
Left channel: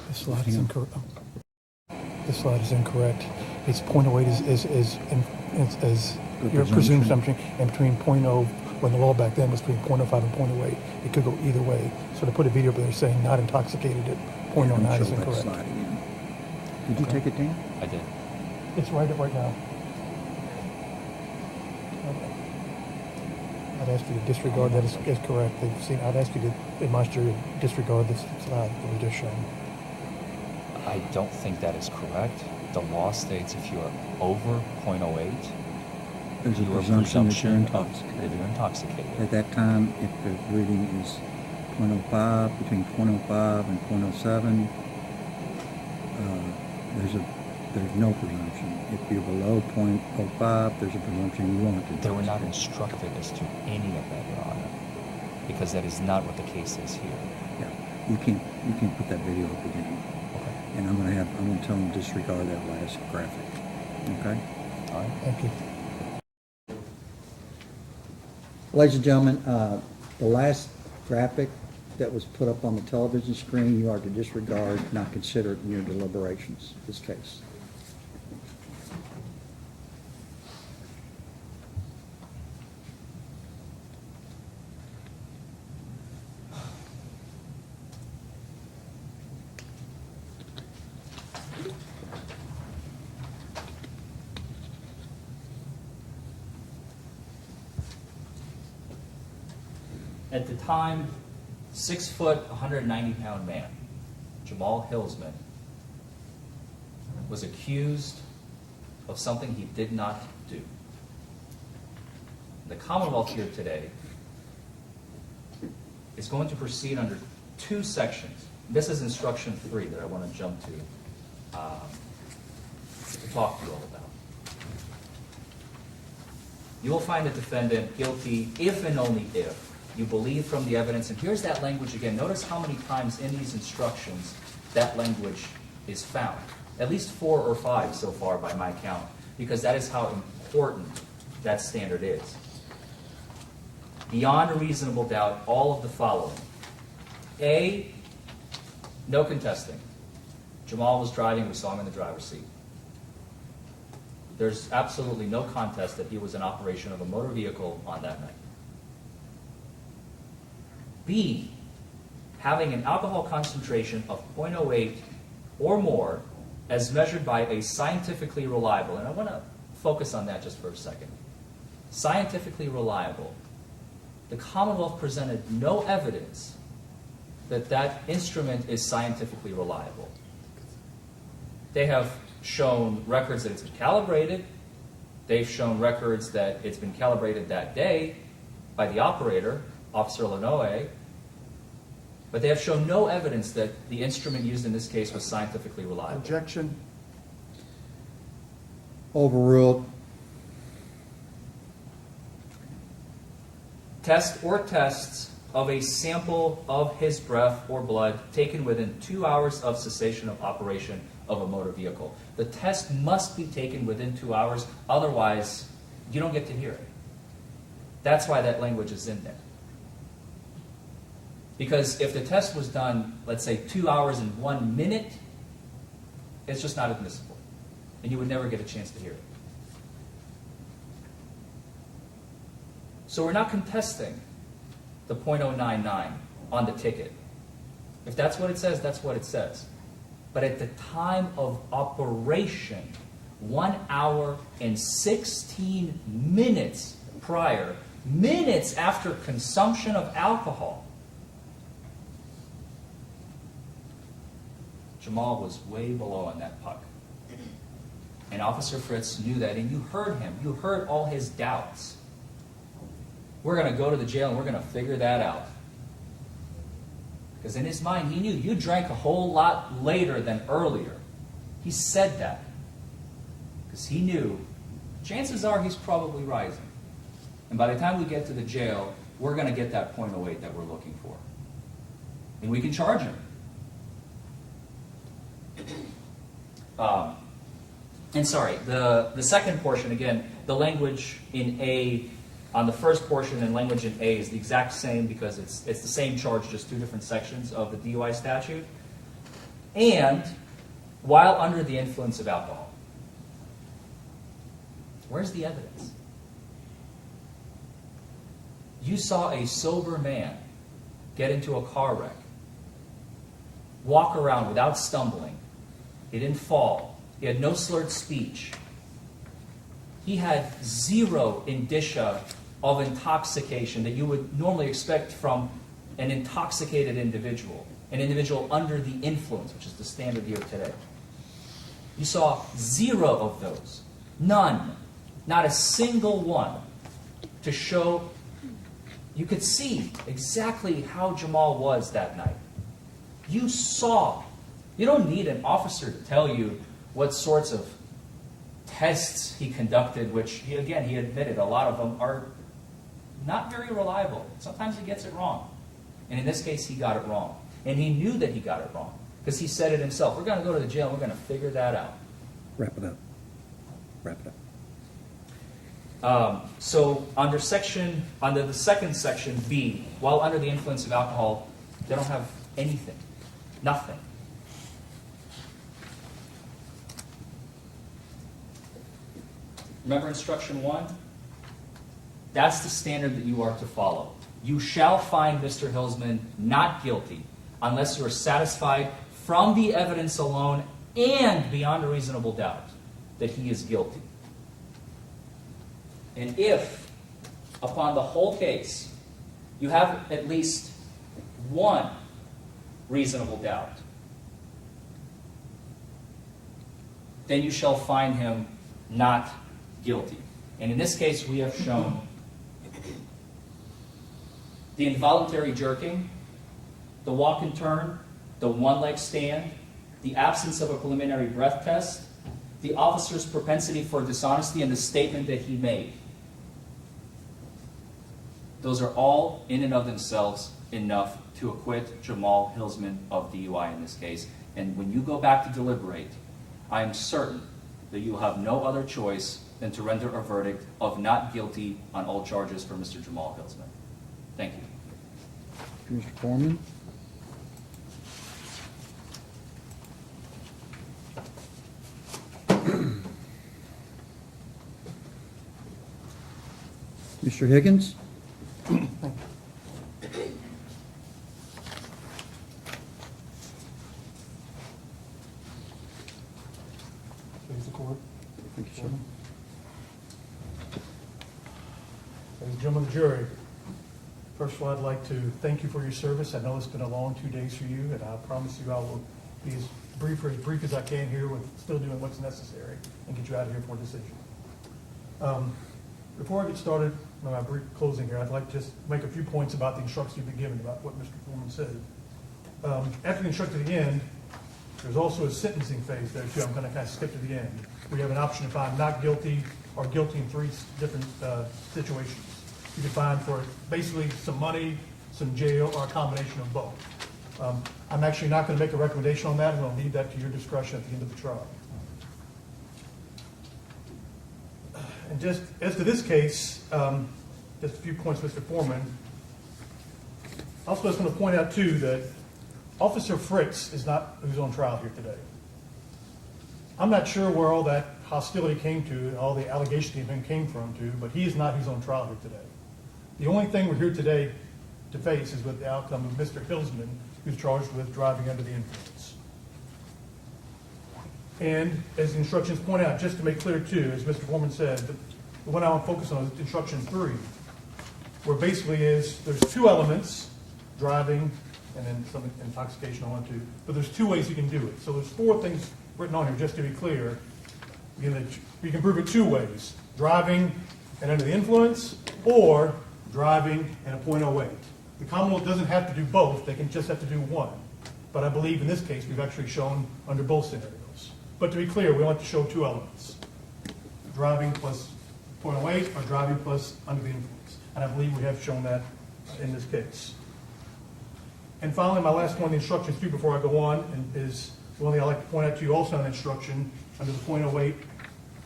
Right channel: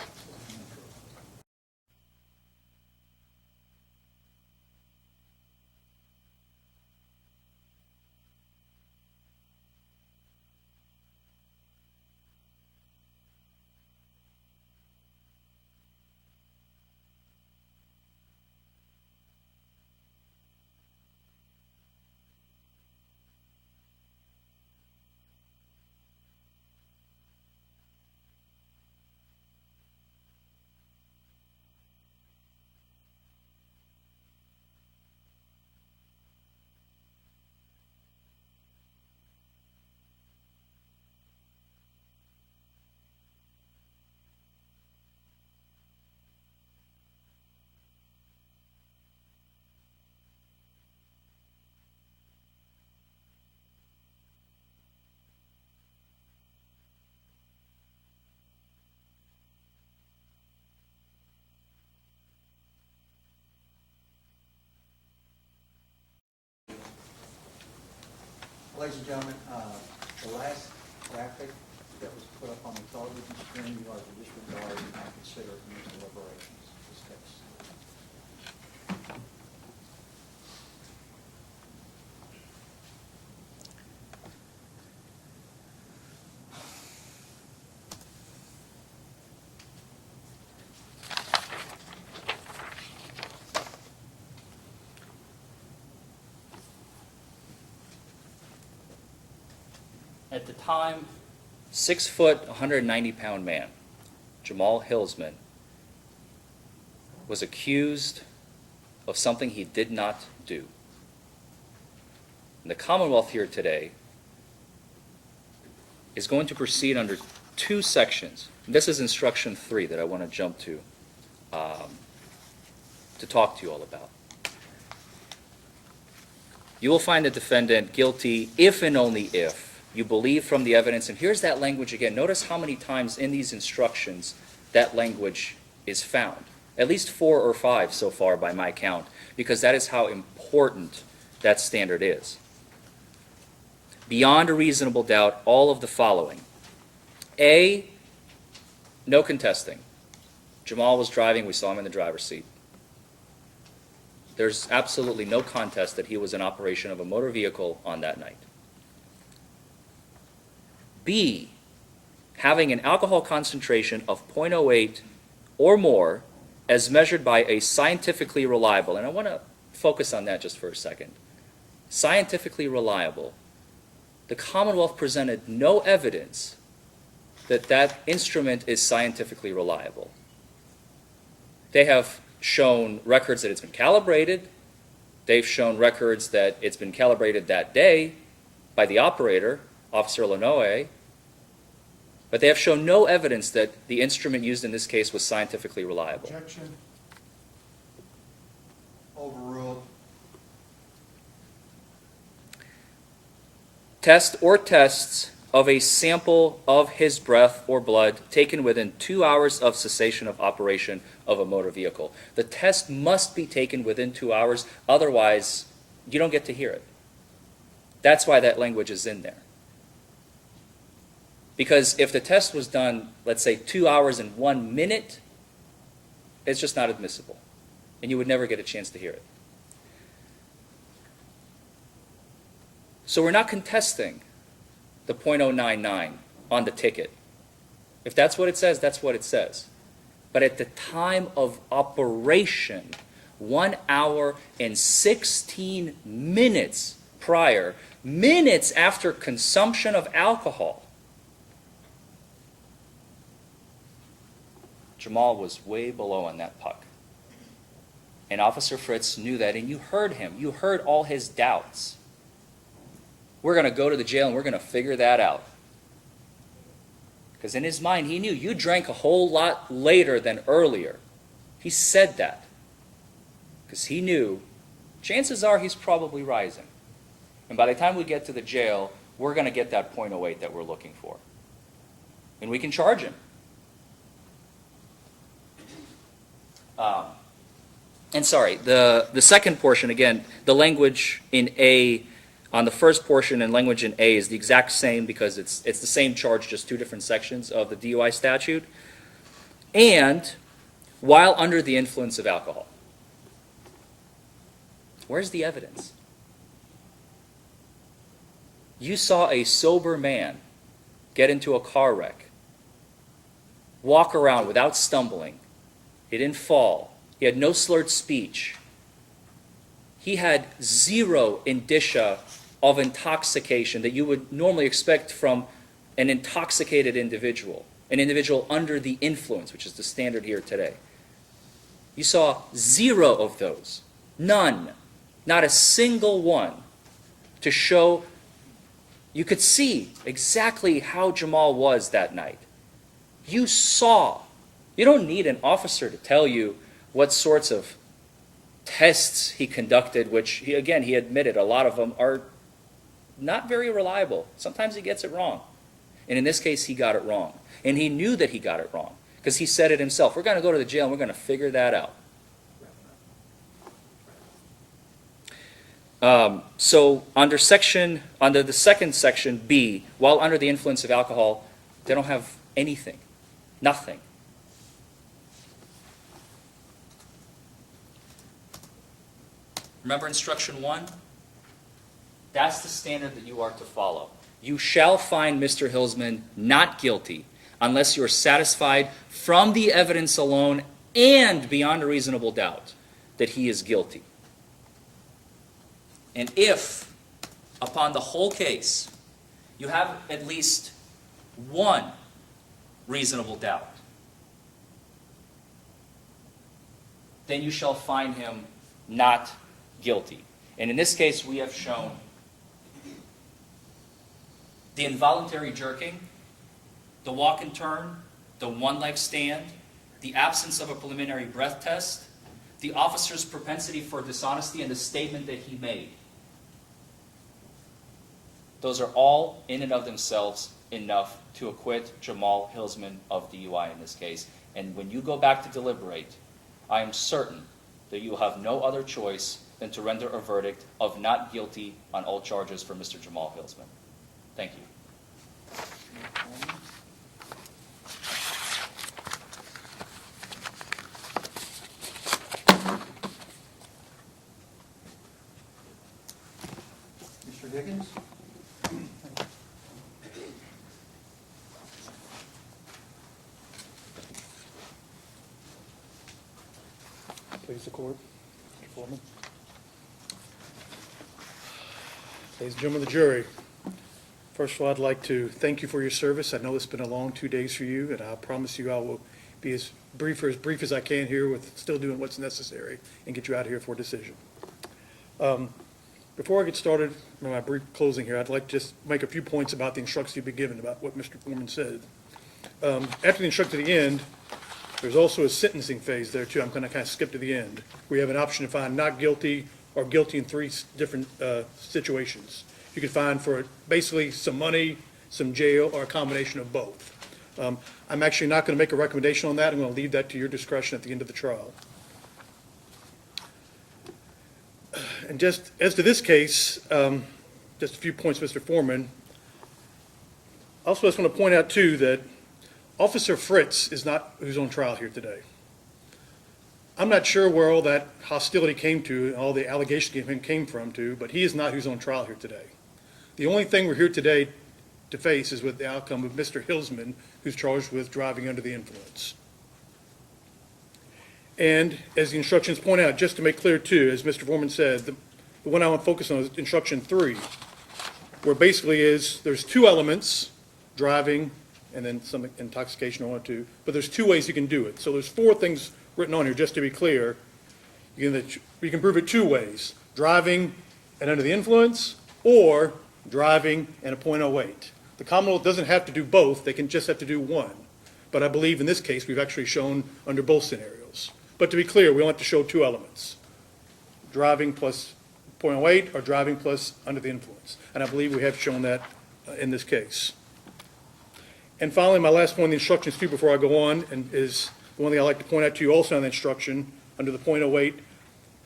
This slide is incorrect. This slide is incorrect. It's .08 is your presumed assumption, and between .0, when the law back then was between .05 and .08, it could go either way. So to put a video up there saying not intoxicated at .09 is incorrect. Did you take it down? I did. It's right now. I'd ask you to disregard that as correct. I'd ask you to, in my jury, disregard this slide that was just shown. I don't think that is correct. The law states if you are over .08, There's a you are presumption that you're that intoxicated. you're intoxicated. At that time, if the reading is .05, between .05 and .07, there's no presumption. If you're below .05, there's a presumption you won't They were not intoxicate. instructed as to any of that, Your Honor, because that is not what the case is here. Yeah, you can't put that video up again. Okay. And I'm gonna tell them to disregard that last graphic. Okay? All right. Thank you. Ladies and gentlemen, the last graphic that was put up on the television screen, you are to disregard, not consider it in your deliberations, this case. At the time, 6 foot, 190-pound man, Jamal Hillsman, was accused of something he did not do. The Commonwealth here today is going to proceed under 2 sections. This is instruction 3 that I want to jump to talk to you all about. You will find the defendant guilty if and only if you believe from the evidence, and here's that language again. Notice how many times in these instructions that language is found. At least 4 or 5 so far by my count, because that is how important that standard is. Beyond a reasonable doubt, all of the following. A, no contesting. Jamal was driving, we saw him in the driver's seat. There's absolutely no contest that he was in operation of a motor vehicle on that night. B, having an alcohol concentration of 0.08 or more as measured by a scientifically reliable, and I want to focus on that just for a second. Scientifically reliable. The Commonwealth presented no evidence that that instrument is scientifically reliable. They have shown records that it's been calibrated. They've shown records that it's been calibrated that day by the operator, Officer Lanoe, but they have shown no evidence that the instrument used in this case was scientifically reliable. Objection. Overruled. Test or tests of a sample of his breath or blood taken within 2 hours of cessation of operation of a motor vehicle. The test must be taken within 2 hours, otherwise you don't get to hear it. That's why that language is in there. Because if the test was done, let's say 2 hours and 1 minute, it's just not admissible. And you would never get a chance to hear it. So we're not contesting the .099 on the ticket. If that's what it says, that's what it says. But at the time of operation, 1 hour and 16 minutes prior, minutes after consumption of alcohol, Jamal was way below on that puck. And Officer Fritz knew that, and you heard him. You heard all his doubts. We're going to go to the jail and we're going to figure that out. Because in his mind, he knew you drank a whole lot later than earlier. He said that. Because he knew, chances are he's probably rising. And by the time we get to the jail, we're going to get that .08 that we're looking for. And we can charge him. And sorry, the second portion, again, the language in A, on the first portion and language in A is the exact same because it's the same charge, just 2 different sections of the DUI statute. And while under the influence of alcohol. Where's the evidence? You saw a sober man get into a car wreck, walk around without stumbling. He didn't fall. He had no slurred speech. He had 0 indicia of intoxication that you would normally expect from an intoxicated individual, an individual under the influence, which is the standard here today. You saw 0 of those. None. Not a single one to show you could see exactly how Jamal was that night. You saw. You don't need an officer to tell you what sorts of tests he conducted, which, he admitted a lot of them are not very reliable. Sometimes he gets it wrong. And in this case, he got it wrong. And he knew that he got it wrong because he said it himself. We're going to go to the jail and we're going to figure that out. Wrap it up. Wrap it up. So under the second section, B, while under the influence of alcohol, they don't have anything. Nothing. Remember instruction 1? That's the standard that you are to follow. You shall find Mr. Hillsman not guilty unless you are satisfied from the evidence alone and beyond a reasonable doubt that he is guilty. And if, upon the whole case, you have at least one reasonable doubt, then you shall find him not guilty. And in this case, we have shown the involuntary jerking, the walk and turn, the one-leg stand, the absence of a preliminary breath test, the officer's propensity for dishonesty, and the statement that he made. Those are all, in and of themselves, enough to acquit Jamal Hillsman of DUI in this case. And when you go back to deliberate, I am certain that you will have no other choice than to render a verdict of not guilty on all charges for Mr. Jamal Hillsman. Thank you. Mr. Foreman? Mr. Higgins? Please, the court. Foreman. Ladies and gentlemen of the jury, first of all, I'd like to thank you for your service. I know it's been a long 2 days for you, and I promise you I will be as brief as I can here with still doing what's necessary and get you out of here for a decision. Before I get started on my brief closing here, I'd like to just make a few points about the instructions you've been given about what Mr. Foreman said. After the instruction at the end, there's also a sentencing phase there too. I'm going to kind of skip to the end. We have an option to find not guilty or guilty in 3 different situations. You can find for basically some money, some jail, or a combination of both. I'm actually not going to make a recommendation on that. I'm going to leave that to your discretion at the end of the trial. And just as to this case, just a few points, Mr. Foreman. Also, I just want to point out too that Officer Fritz is not who's on trial here today. I'm not sure where all that hostility came to, and all the allegations against him came from too, but he is not who's on trial here today. The only thing we're here today to face is with the outcome of Mr. Hillsman, who's charged with driving under the influence. And as the instructions point out, just to make clear too, as Mr. Foreman said, the one I want to focus on is instruction 3, where basically there's 2 elements, driving and then some intoxication on it too, but there's 2 ways you can do it. So there's 4 things written on here, just to be clear. You can prove it 2 ways, driving and under the influence, or driving and a .08. The Commonwealth doesn't have to do both, they can just have to do one. But I believe in this case, we've actually shown under both scenarios. But to be clear, we only have to show 2 elements, driving plus .08 or driving plus under the influence. And I believe we have shown that in this case. And finally, my last point in the instructions too, before I go on, and is the one thing I'd like to point out to you also in the instruction, under the .08,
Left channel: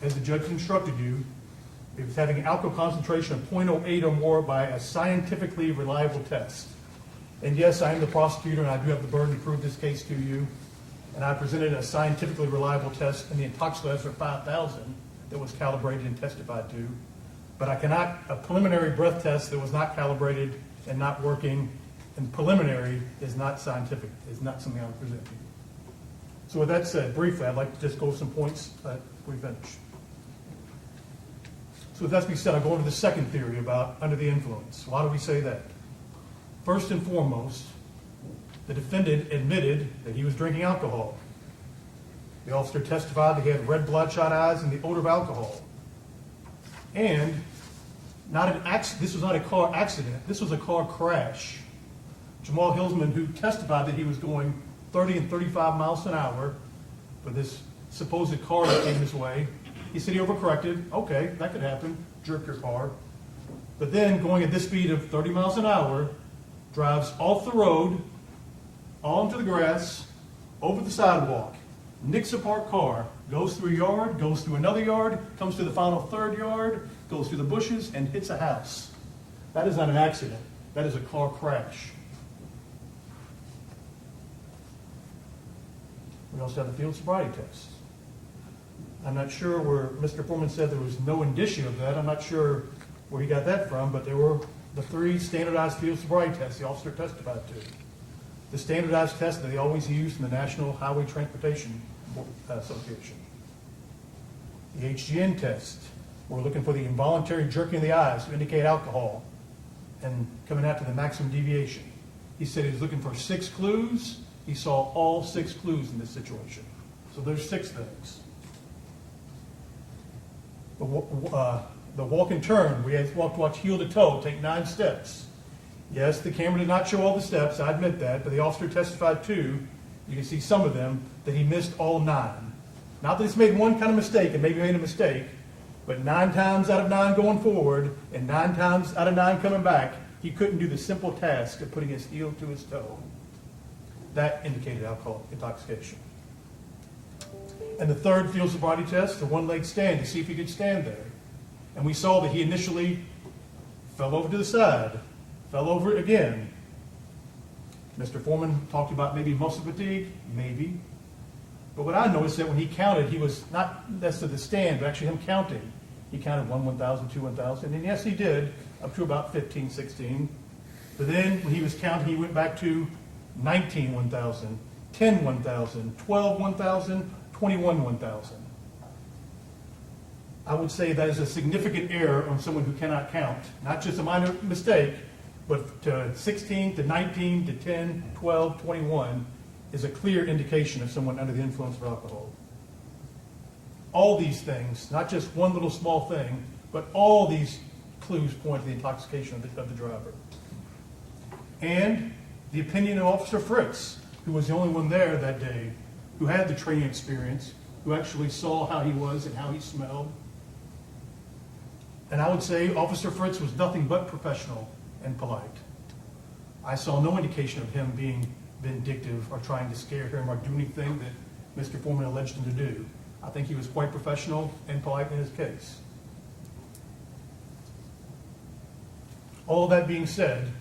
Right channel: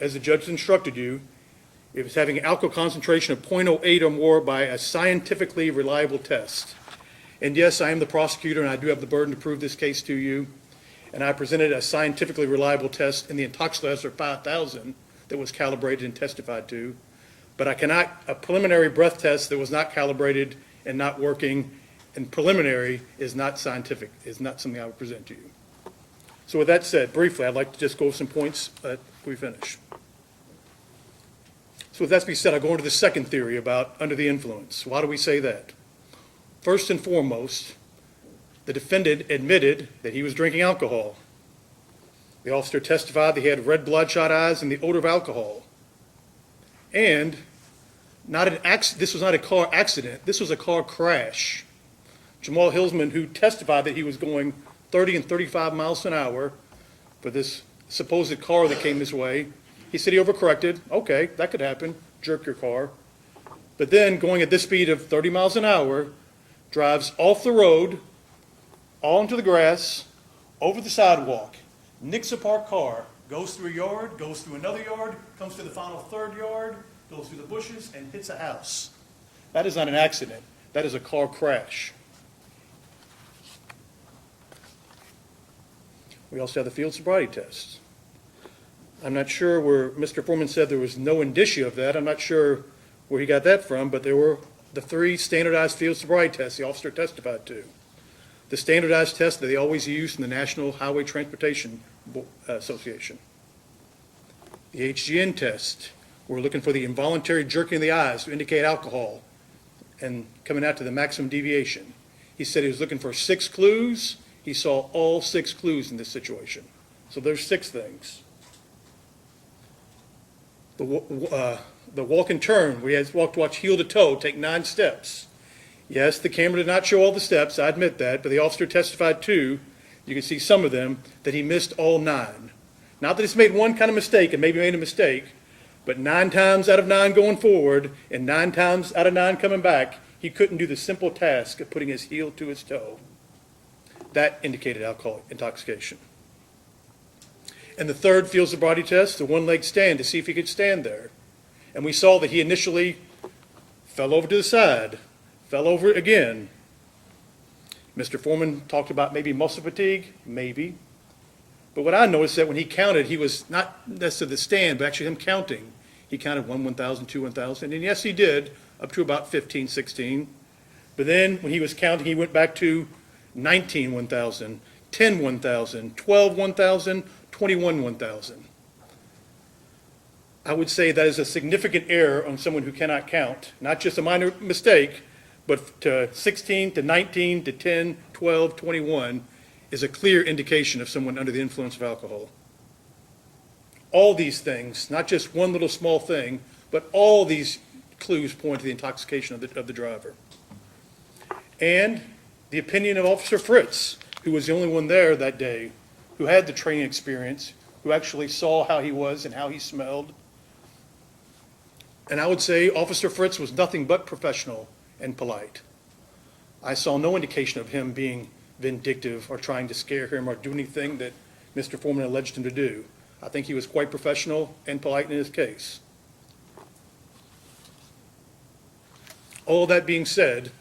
as the judge instructed you, if it's having an alcohol concentration of .08 or more by a scientifically reliable test. And yes, I am the prosecutor, and I do have the burden to prove this case to you. And I presented a scientifically reliable test in the Intoxilator 5000 that was calibrated and testified to. But I cannot, a preliminary breath test that was not calibrated and not working, and preliminary is not scientific, is not something I would present to you. So with that said, briefly, I'd like to just go over some points before we finish. So So with that being said, I'll go into the second theory about under the influence. Why do we say that? First and foremost, the defendant admitted that he was drinking alcohol. The officer testified that he had red bloodshot eyes and the odor of alcohol. And this was not a car accident, this was a car crash. Jamal Hillsman, who testified that he was going 30 and 35 miles an hour for this supposed car that came his way, he said he overcorrected. Okay, that could happen, jerk your car. But then going at this speed of 30 miles an hour, drives off the road, all into the grass, over the sidewalk, nicks a parked car, goes through a yard, goes through another yard, comes to the final third yard, goes through the bushes, and hits a house. That is not an accident. That is a car crash. We also have the field sobriety test. I'm not sure where Mr. Forman said there was no indicia of that. I'm not sure where he got that from, but there were the 3 standardized field sobriety tests the officer testified to. The standardized test that they always use in the National Highway Transportation Association. The HGN test, we're looking for the involuntary jerking of the eyes to indicate alcohol and coming out to the maximum deviation. He said he was looking for 6 clues. He saw all 6 clues in this situation. So there's 6 things. The walk and turn, we had to watch heel to toe, take 9 steps. Yes, the camera did not show all the steps, I admit that, but the officer testified too, you can see some of them, that he missed all 9. Not that he's made one kind of mistake and maybe made a mistake, but 9 times out of 9 going forward and 9 times out of 9 coming back, he couldn't do the simple task of putting his heel to his toe. That indicated alcohol intoxication. And the third field sobriety test, the one-leg stand to see if he could stand there. And we saw that he initially fell over to the side, fell over again. Mr. Forman talked about maybe muscle fatigue, maybe. But what I noticed that when he counted, he was not necessarily the stand, but actually him counting. He counted 1, 1,000, 2, 1,000, and yes, he did, up to about 15, 16. But then when he was counting, he went back to 19, 1,000, 10, 1,000, 12, 1,000, 21, 1,000. I would say that is a significant error on someone who cannot count, not just a minor mistake, but to 16 to 19 to 10, 12, 21 is a clear indication of someone under the influence of alcohol. All these things, not just one little small thing, but all these clues point to the intoxication of the driver. And the opinion of Officer Fritz, who was the only one there that day, who had the training experience, who actually saw how he was and how he smelled. And I would say Officer Fritz was nothing but professional and polite. I saw no indication of him being vindictive or trying to scare him or do anything that Mr. Forman alleged him to do. I think he was quite professional and polite in his case. All of that being said,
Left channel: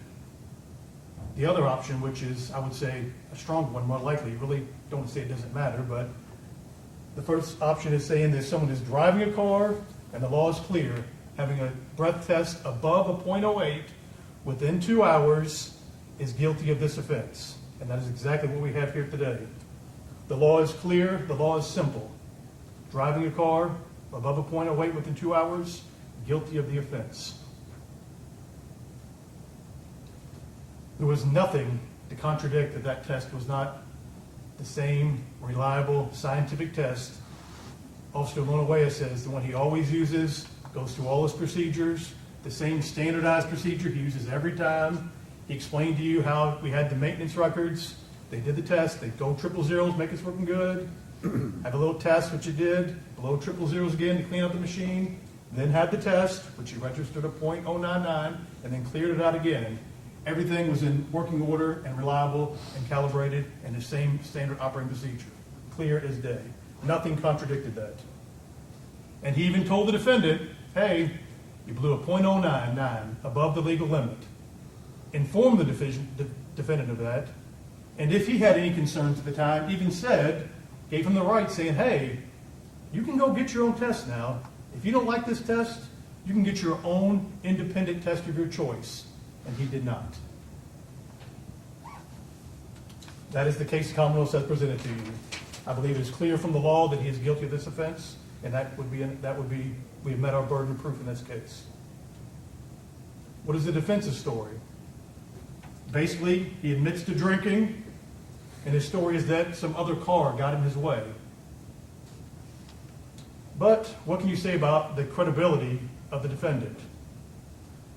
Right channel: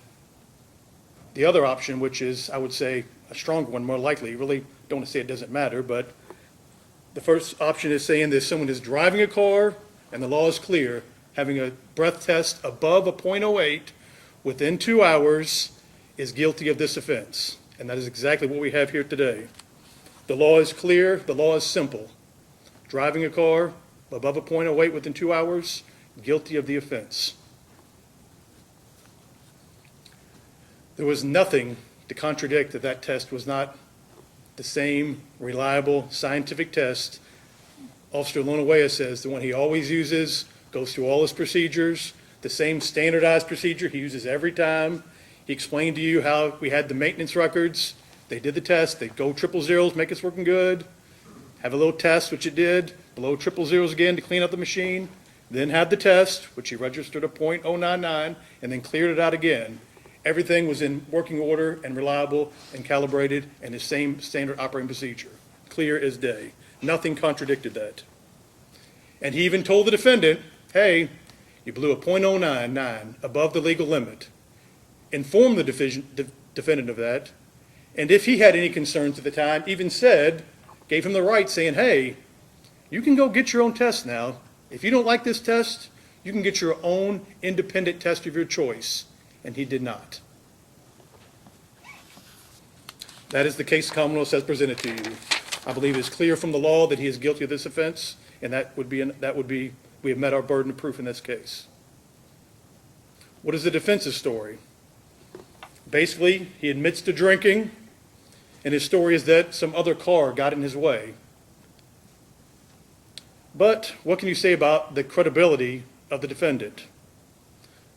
the other option, which is, I would say, a strong one, more likely, really don't want to say it doesn't matter, but the first option is saying that someone is driving a car and the law is clear, having a breath test above a .08 within 2 hours is guilty of this offense. And that is exactly what we have here today. The law is clear, the law is simple. Driving a car above a .08 within 2 hours, guilty of the offense. There was nothing to contradict that that test was not the same reliable scientific test. Officer Lonawea says the one he always uses, goes through all his procedures, the same standardized procedure he uses every time. He explained to you how we had the maintenance records. They did the test. They'd go 000s, make us working good. Have a little test, which it did. Below 000s again to clean up the machine. Then had the test, which he registered a .099, and then cleared it out again. Everything was in working order and reliable and calibrated and the same standard operating procedure. Clear as day. Nothing contradicted that. And he even told the defendant, hey, you blew a .099 above the legal limit. Informed the defendant of that. And if he had any concerns at the time, even said, gave him the right saying, hey, you can go get your own test now. If you don't like this test, you can get your own independent test of your choice. And he did not. That is the case the Commonwealth has presented to you. I believe it is clear from the law that he is guilty of this offense, and we have met our burden of proof in this case. What is the defense's story? Basically, he admits to drinking, and his story is that some other car got in his way. But what can you say about the credibility of the defendant,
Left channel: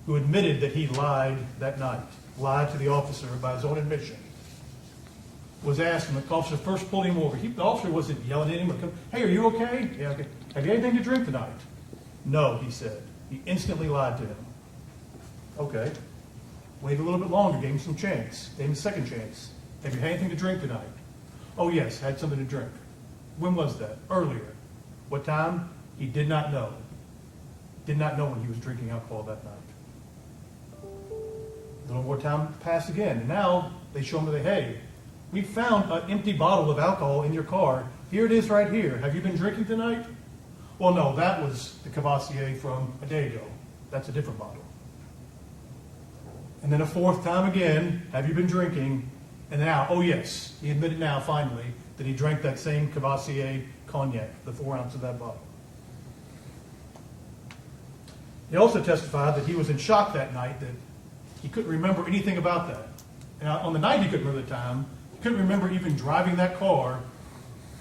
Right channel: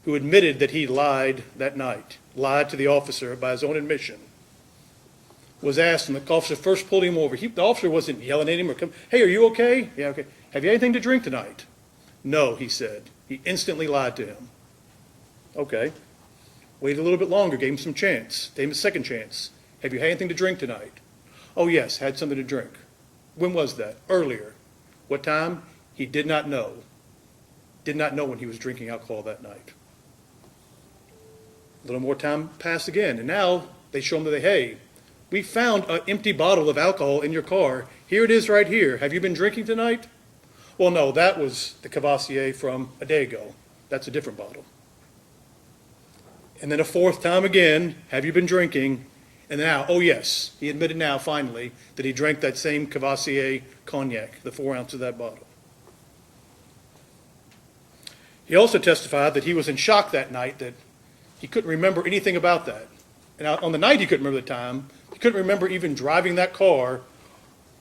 who admitted that he lied that night, lied to the officer by his own admission? Was asked when the officer first pulled him over. The officer wasn't yelling at him or, hey, are you okay? Yeah, okay. Have you anything to drink tonight? No, he said. He instantly lied to him. Okay. Waited a little bit longer, gave him some chance, gave him a second chance. Have you had anything to drink tonight? Oh, yes, had something to drink. When was that? Earlier. What time? He did not know. Did not know when he was drinking alcohol that night. A little more time passed again, and now they show him that, hey, we found an empty bottle of alcohol in your car. Here it is right here. Have you been drinking tonight? Well, no, that was the Cavassier from a day ago. That's a different bottle. And then a fourth time again, have you been drinking? And now, oh yes, he admitted now, finally, that he drank that same Cavassier cognac, the 4 ounces of that bottle. He also testified that he was in shock that night, that he couldn't remember anything about that. And on the night he couldn't remember the time, he couldn't remember even driving that car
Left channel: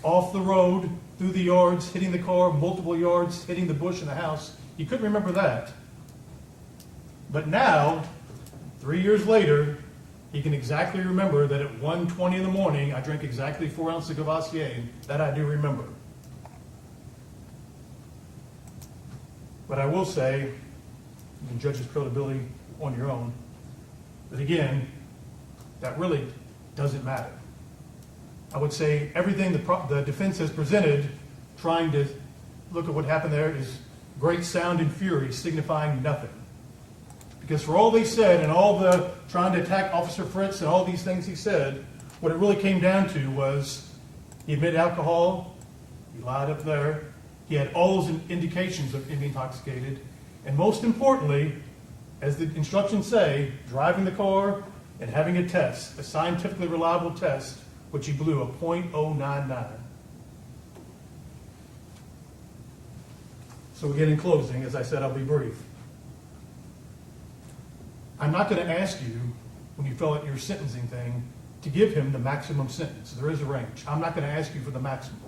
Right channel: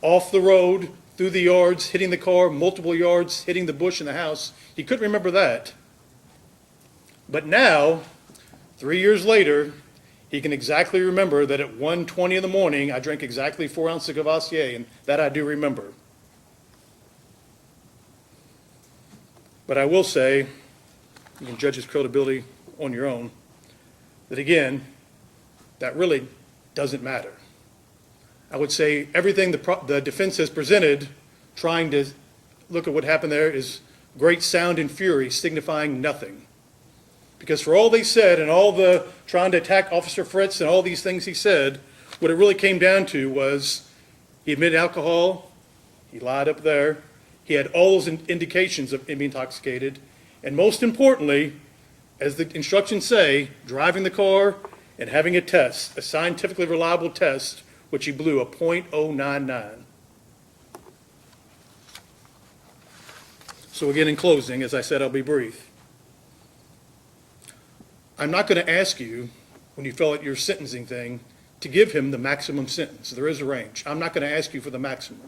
off the road, through the yards, hitting the car, multiple yards, hitting the bush in the house. He couldn't remember that. But now, 3 years later, he can exactly remember that at 1:20 in the morning, I drank exactly 4 ounces of Cavassier, and that I do remember. But I will say, you can judge his credibility on your own, that again, that really doesn't matter. I would say everything the defense has presented, trying to look at what happened there, is great sound and fury, signifying nothing. Because for all they said and all the trying to attack Officer Fritz and all these things he said, what it really came down to was he admitted alcohol, he lied up there, he had all those indications of being intoxicated, and most importantly, as the instructions say, driving the car and having a test, a scientifically reliable test, which he blew a .099. So again, in closing, as I said, I'll be brief. I'm not going to ask you, when you fill out your sentencing thing, to give him the maximum sentence. There is a range. I'm not going to ask you for the maximum.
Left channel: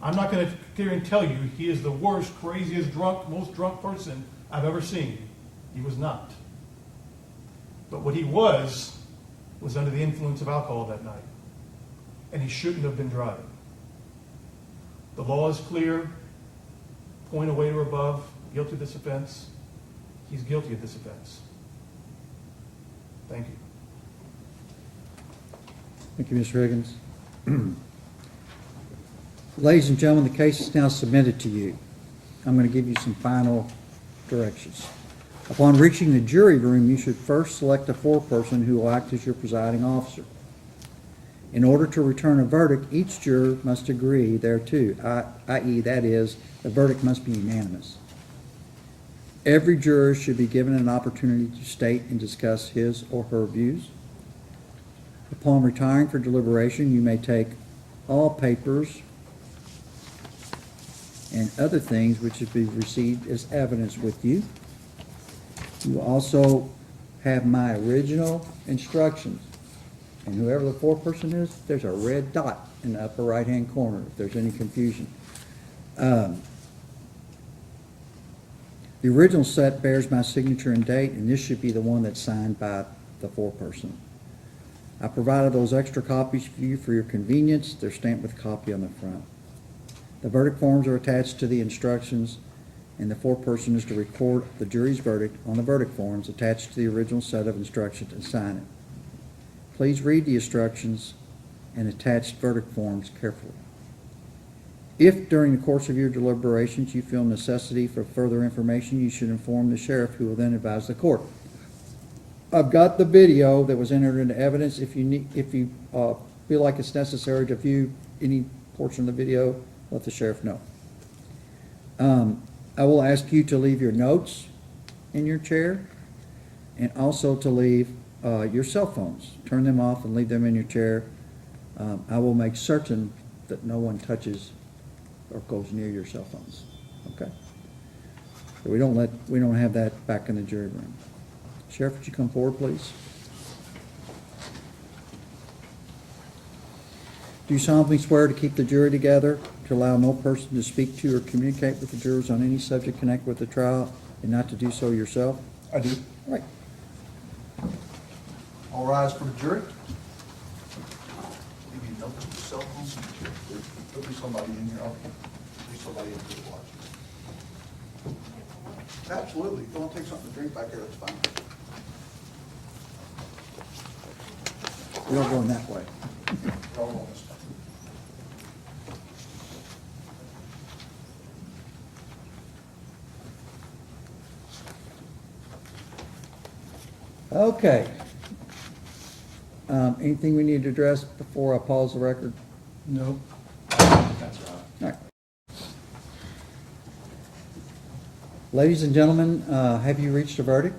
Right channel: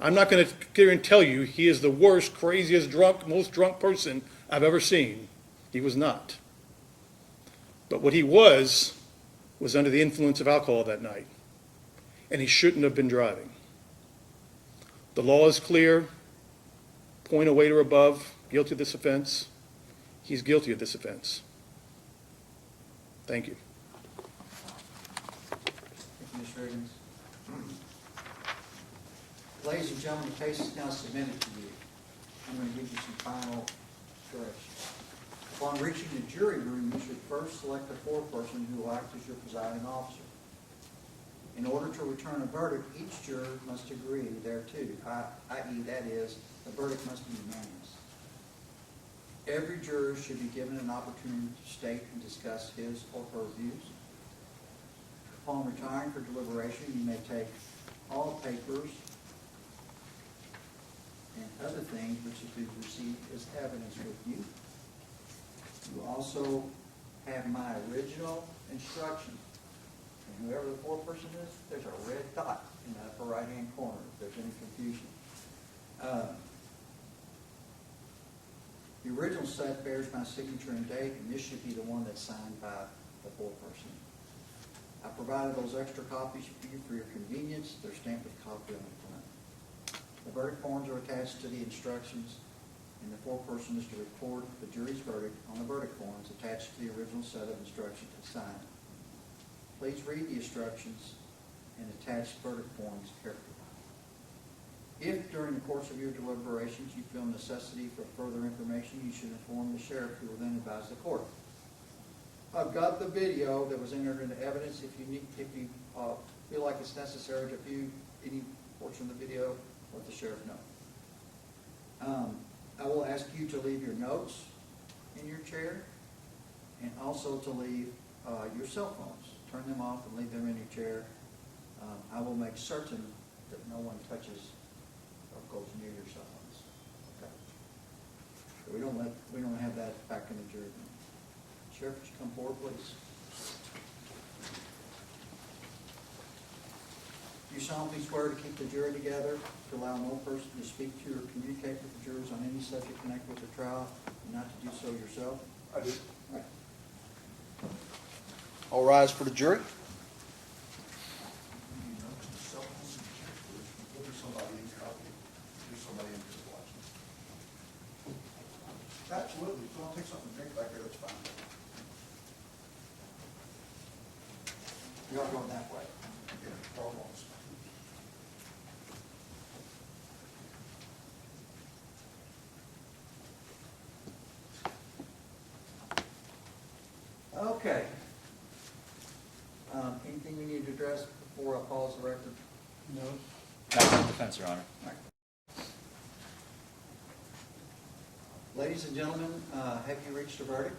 I'm not going to sit here and tell you he is the worst, craziest, drunk, most drunk person I've ever seen. He was not. But what he was under the influence of alcohol that night. And he shouldn't have been driving. The law is clear. .08 or above, guilty of this offense. He's guilty of this offense. Thank you. Thank you, Mr. Higgins. Ladies and gentlemen, the case is now submitted to you. I'm going to give you some final directions. Upon reaching the jury room, you should first select a foreperson who will act as your presiding officer. In order to return a verdict, each juror must agree thereto, i.e., that is, the verdict must be unanimous. Every juror should be given an opportunity to state and discuss his or her views. Upon retiring for deliberation, you may take all papers and other things which have been received as evidence with you. You will also have my original instructions. And whoever the foreperson is, there's a red dot in the upper right-hand corner if there's any confusion. The original set bears my signature and date, and this should be the one that's signed by the foreperson. I provided those extra copies for you for your convenience. They're stamped with a copy on the front. The verdict forms are attached to the instructions, and the foreperson is to record the jury's verdict on the verdict forms attached to the original set of instructions and sign it. Please read the instructions and attached verdict forms carefully. If during the course of your deliberations you feel necessity for further information, you should inform the sheriff, who will then advise the court. I've got the video that was entered into evidence. If you feel like it's necessary to view any portion of the video, let the sheriff know. I will ask you to leave your notes in your chair, and also to leave your cell phones. Turn them off and leave them in your chair. I will make certain that no one touches or goes near your cell phones, okay? So we don't have that back in the jury room. Sheriff, would you come forward, please? Do you solemnly swear to keep the jury together, to allow no person to speak to or communicate with the jurors on any subject connected with the trial, and not to do so yourself? I do. Right. All rise for the jury. Leave you notes on the cell phones. There'll be somebody in here. There's somebody in here watching. Absolutely. If you want to take something to drink back there, that's fine. We don't go in that way. All of us. Okay. Anything we need to address before I pause the record? No. Defense, Your Honor. All right. Ladies and gentlemen, have you reached a verdict?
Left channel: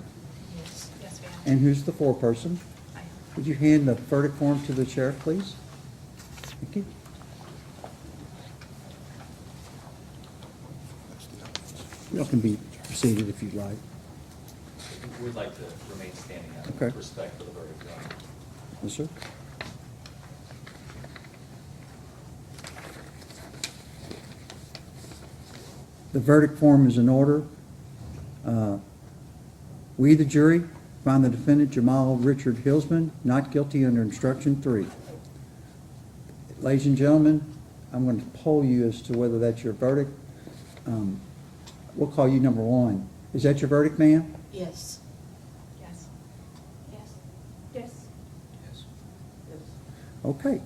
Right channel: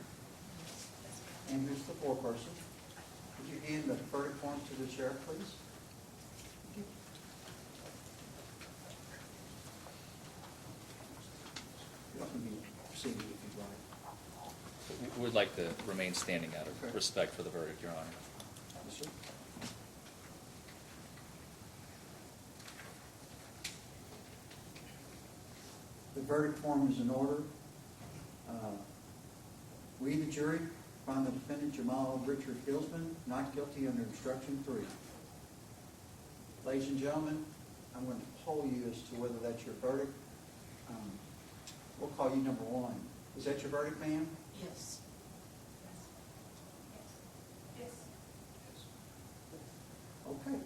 Yes, yes, ma'am. And who's the foreperson? Would you hand the verdict form to the sheriff, please? Thank you. You all can be seated if you'd like. We'd like to remain standing out of Okay. respect for the verdict, Your Honor. Yes, sir. The verdict form is in order. We, the jury, find the defendant Jamal Richard Hillsman not guilty under instruction 3. Ladies and gentlemen, I'm going to poll you as to whether that's your verdict. We'll call you number 1. Is that your verdict, ma'am? Yes. Yes. Yes. Yes. Okay.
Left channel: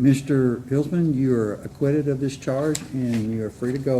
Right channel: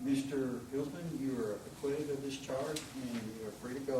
Mr. Hillsman, you are acquitted of this charge and you are free to go.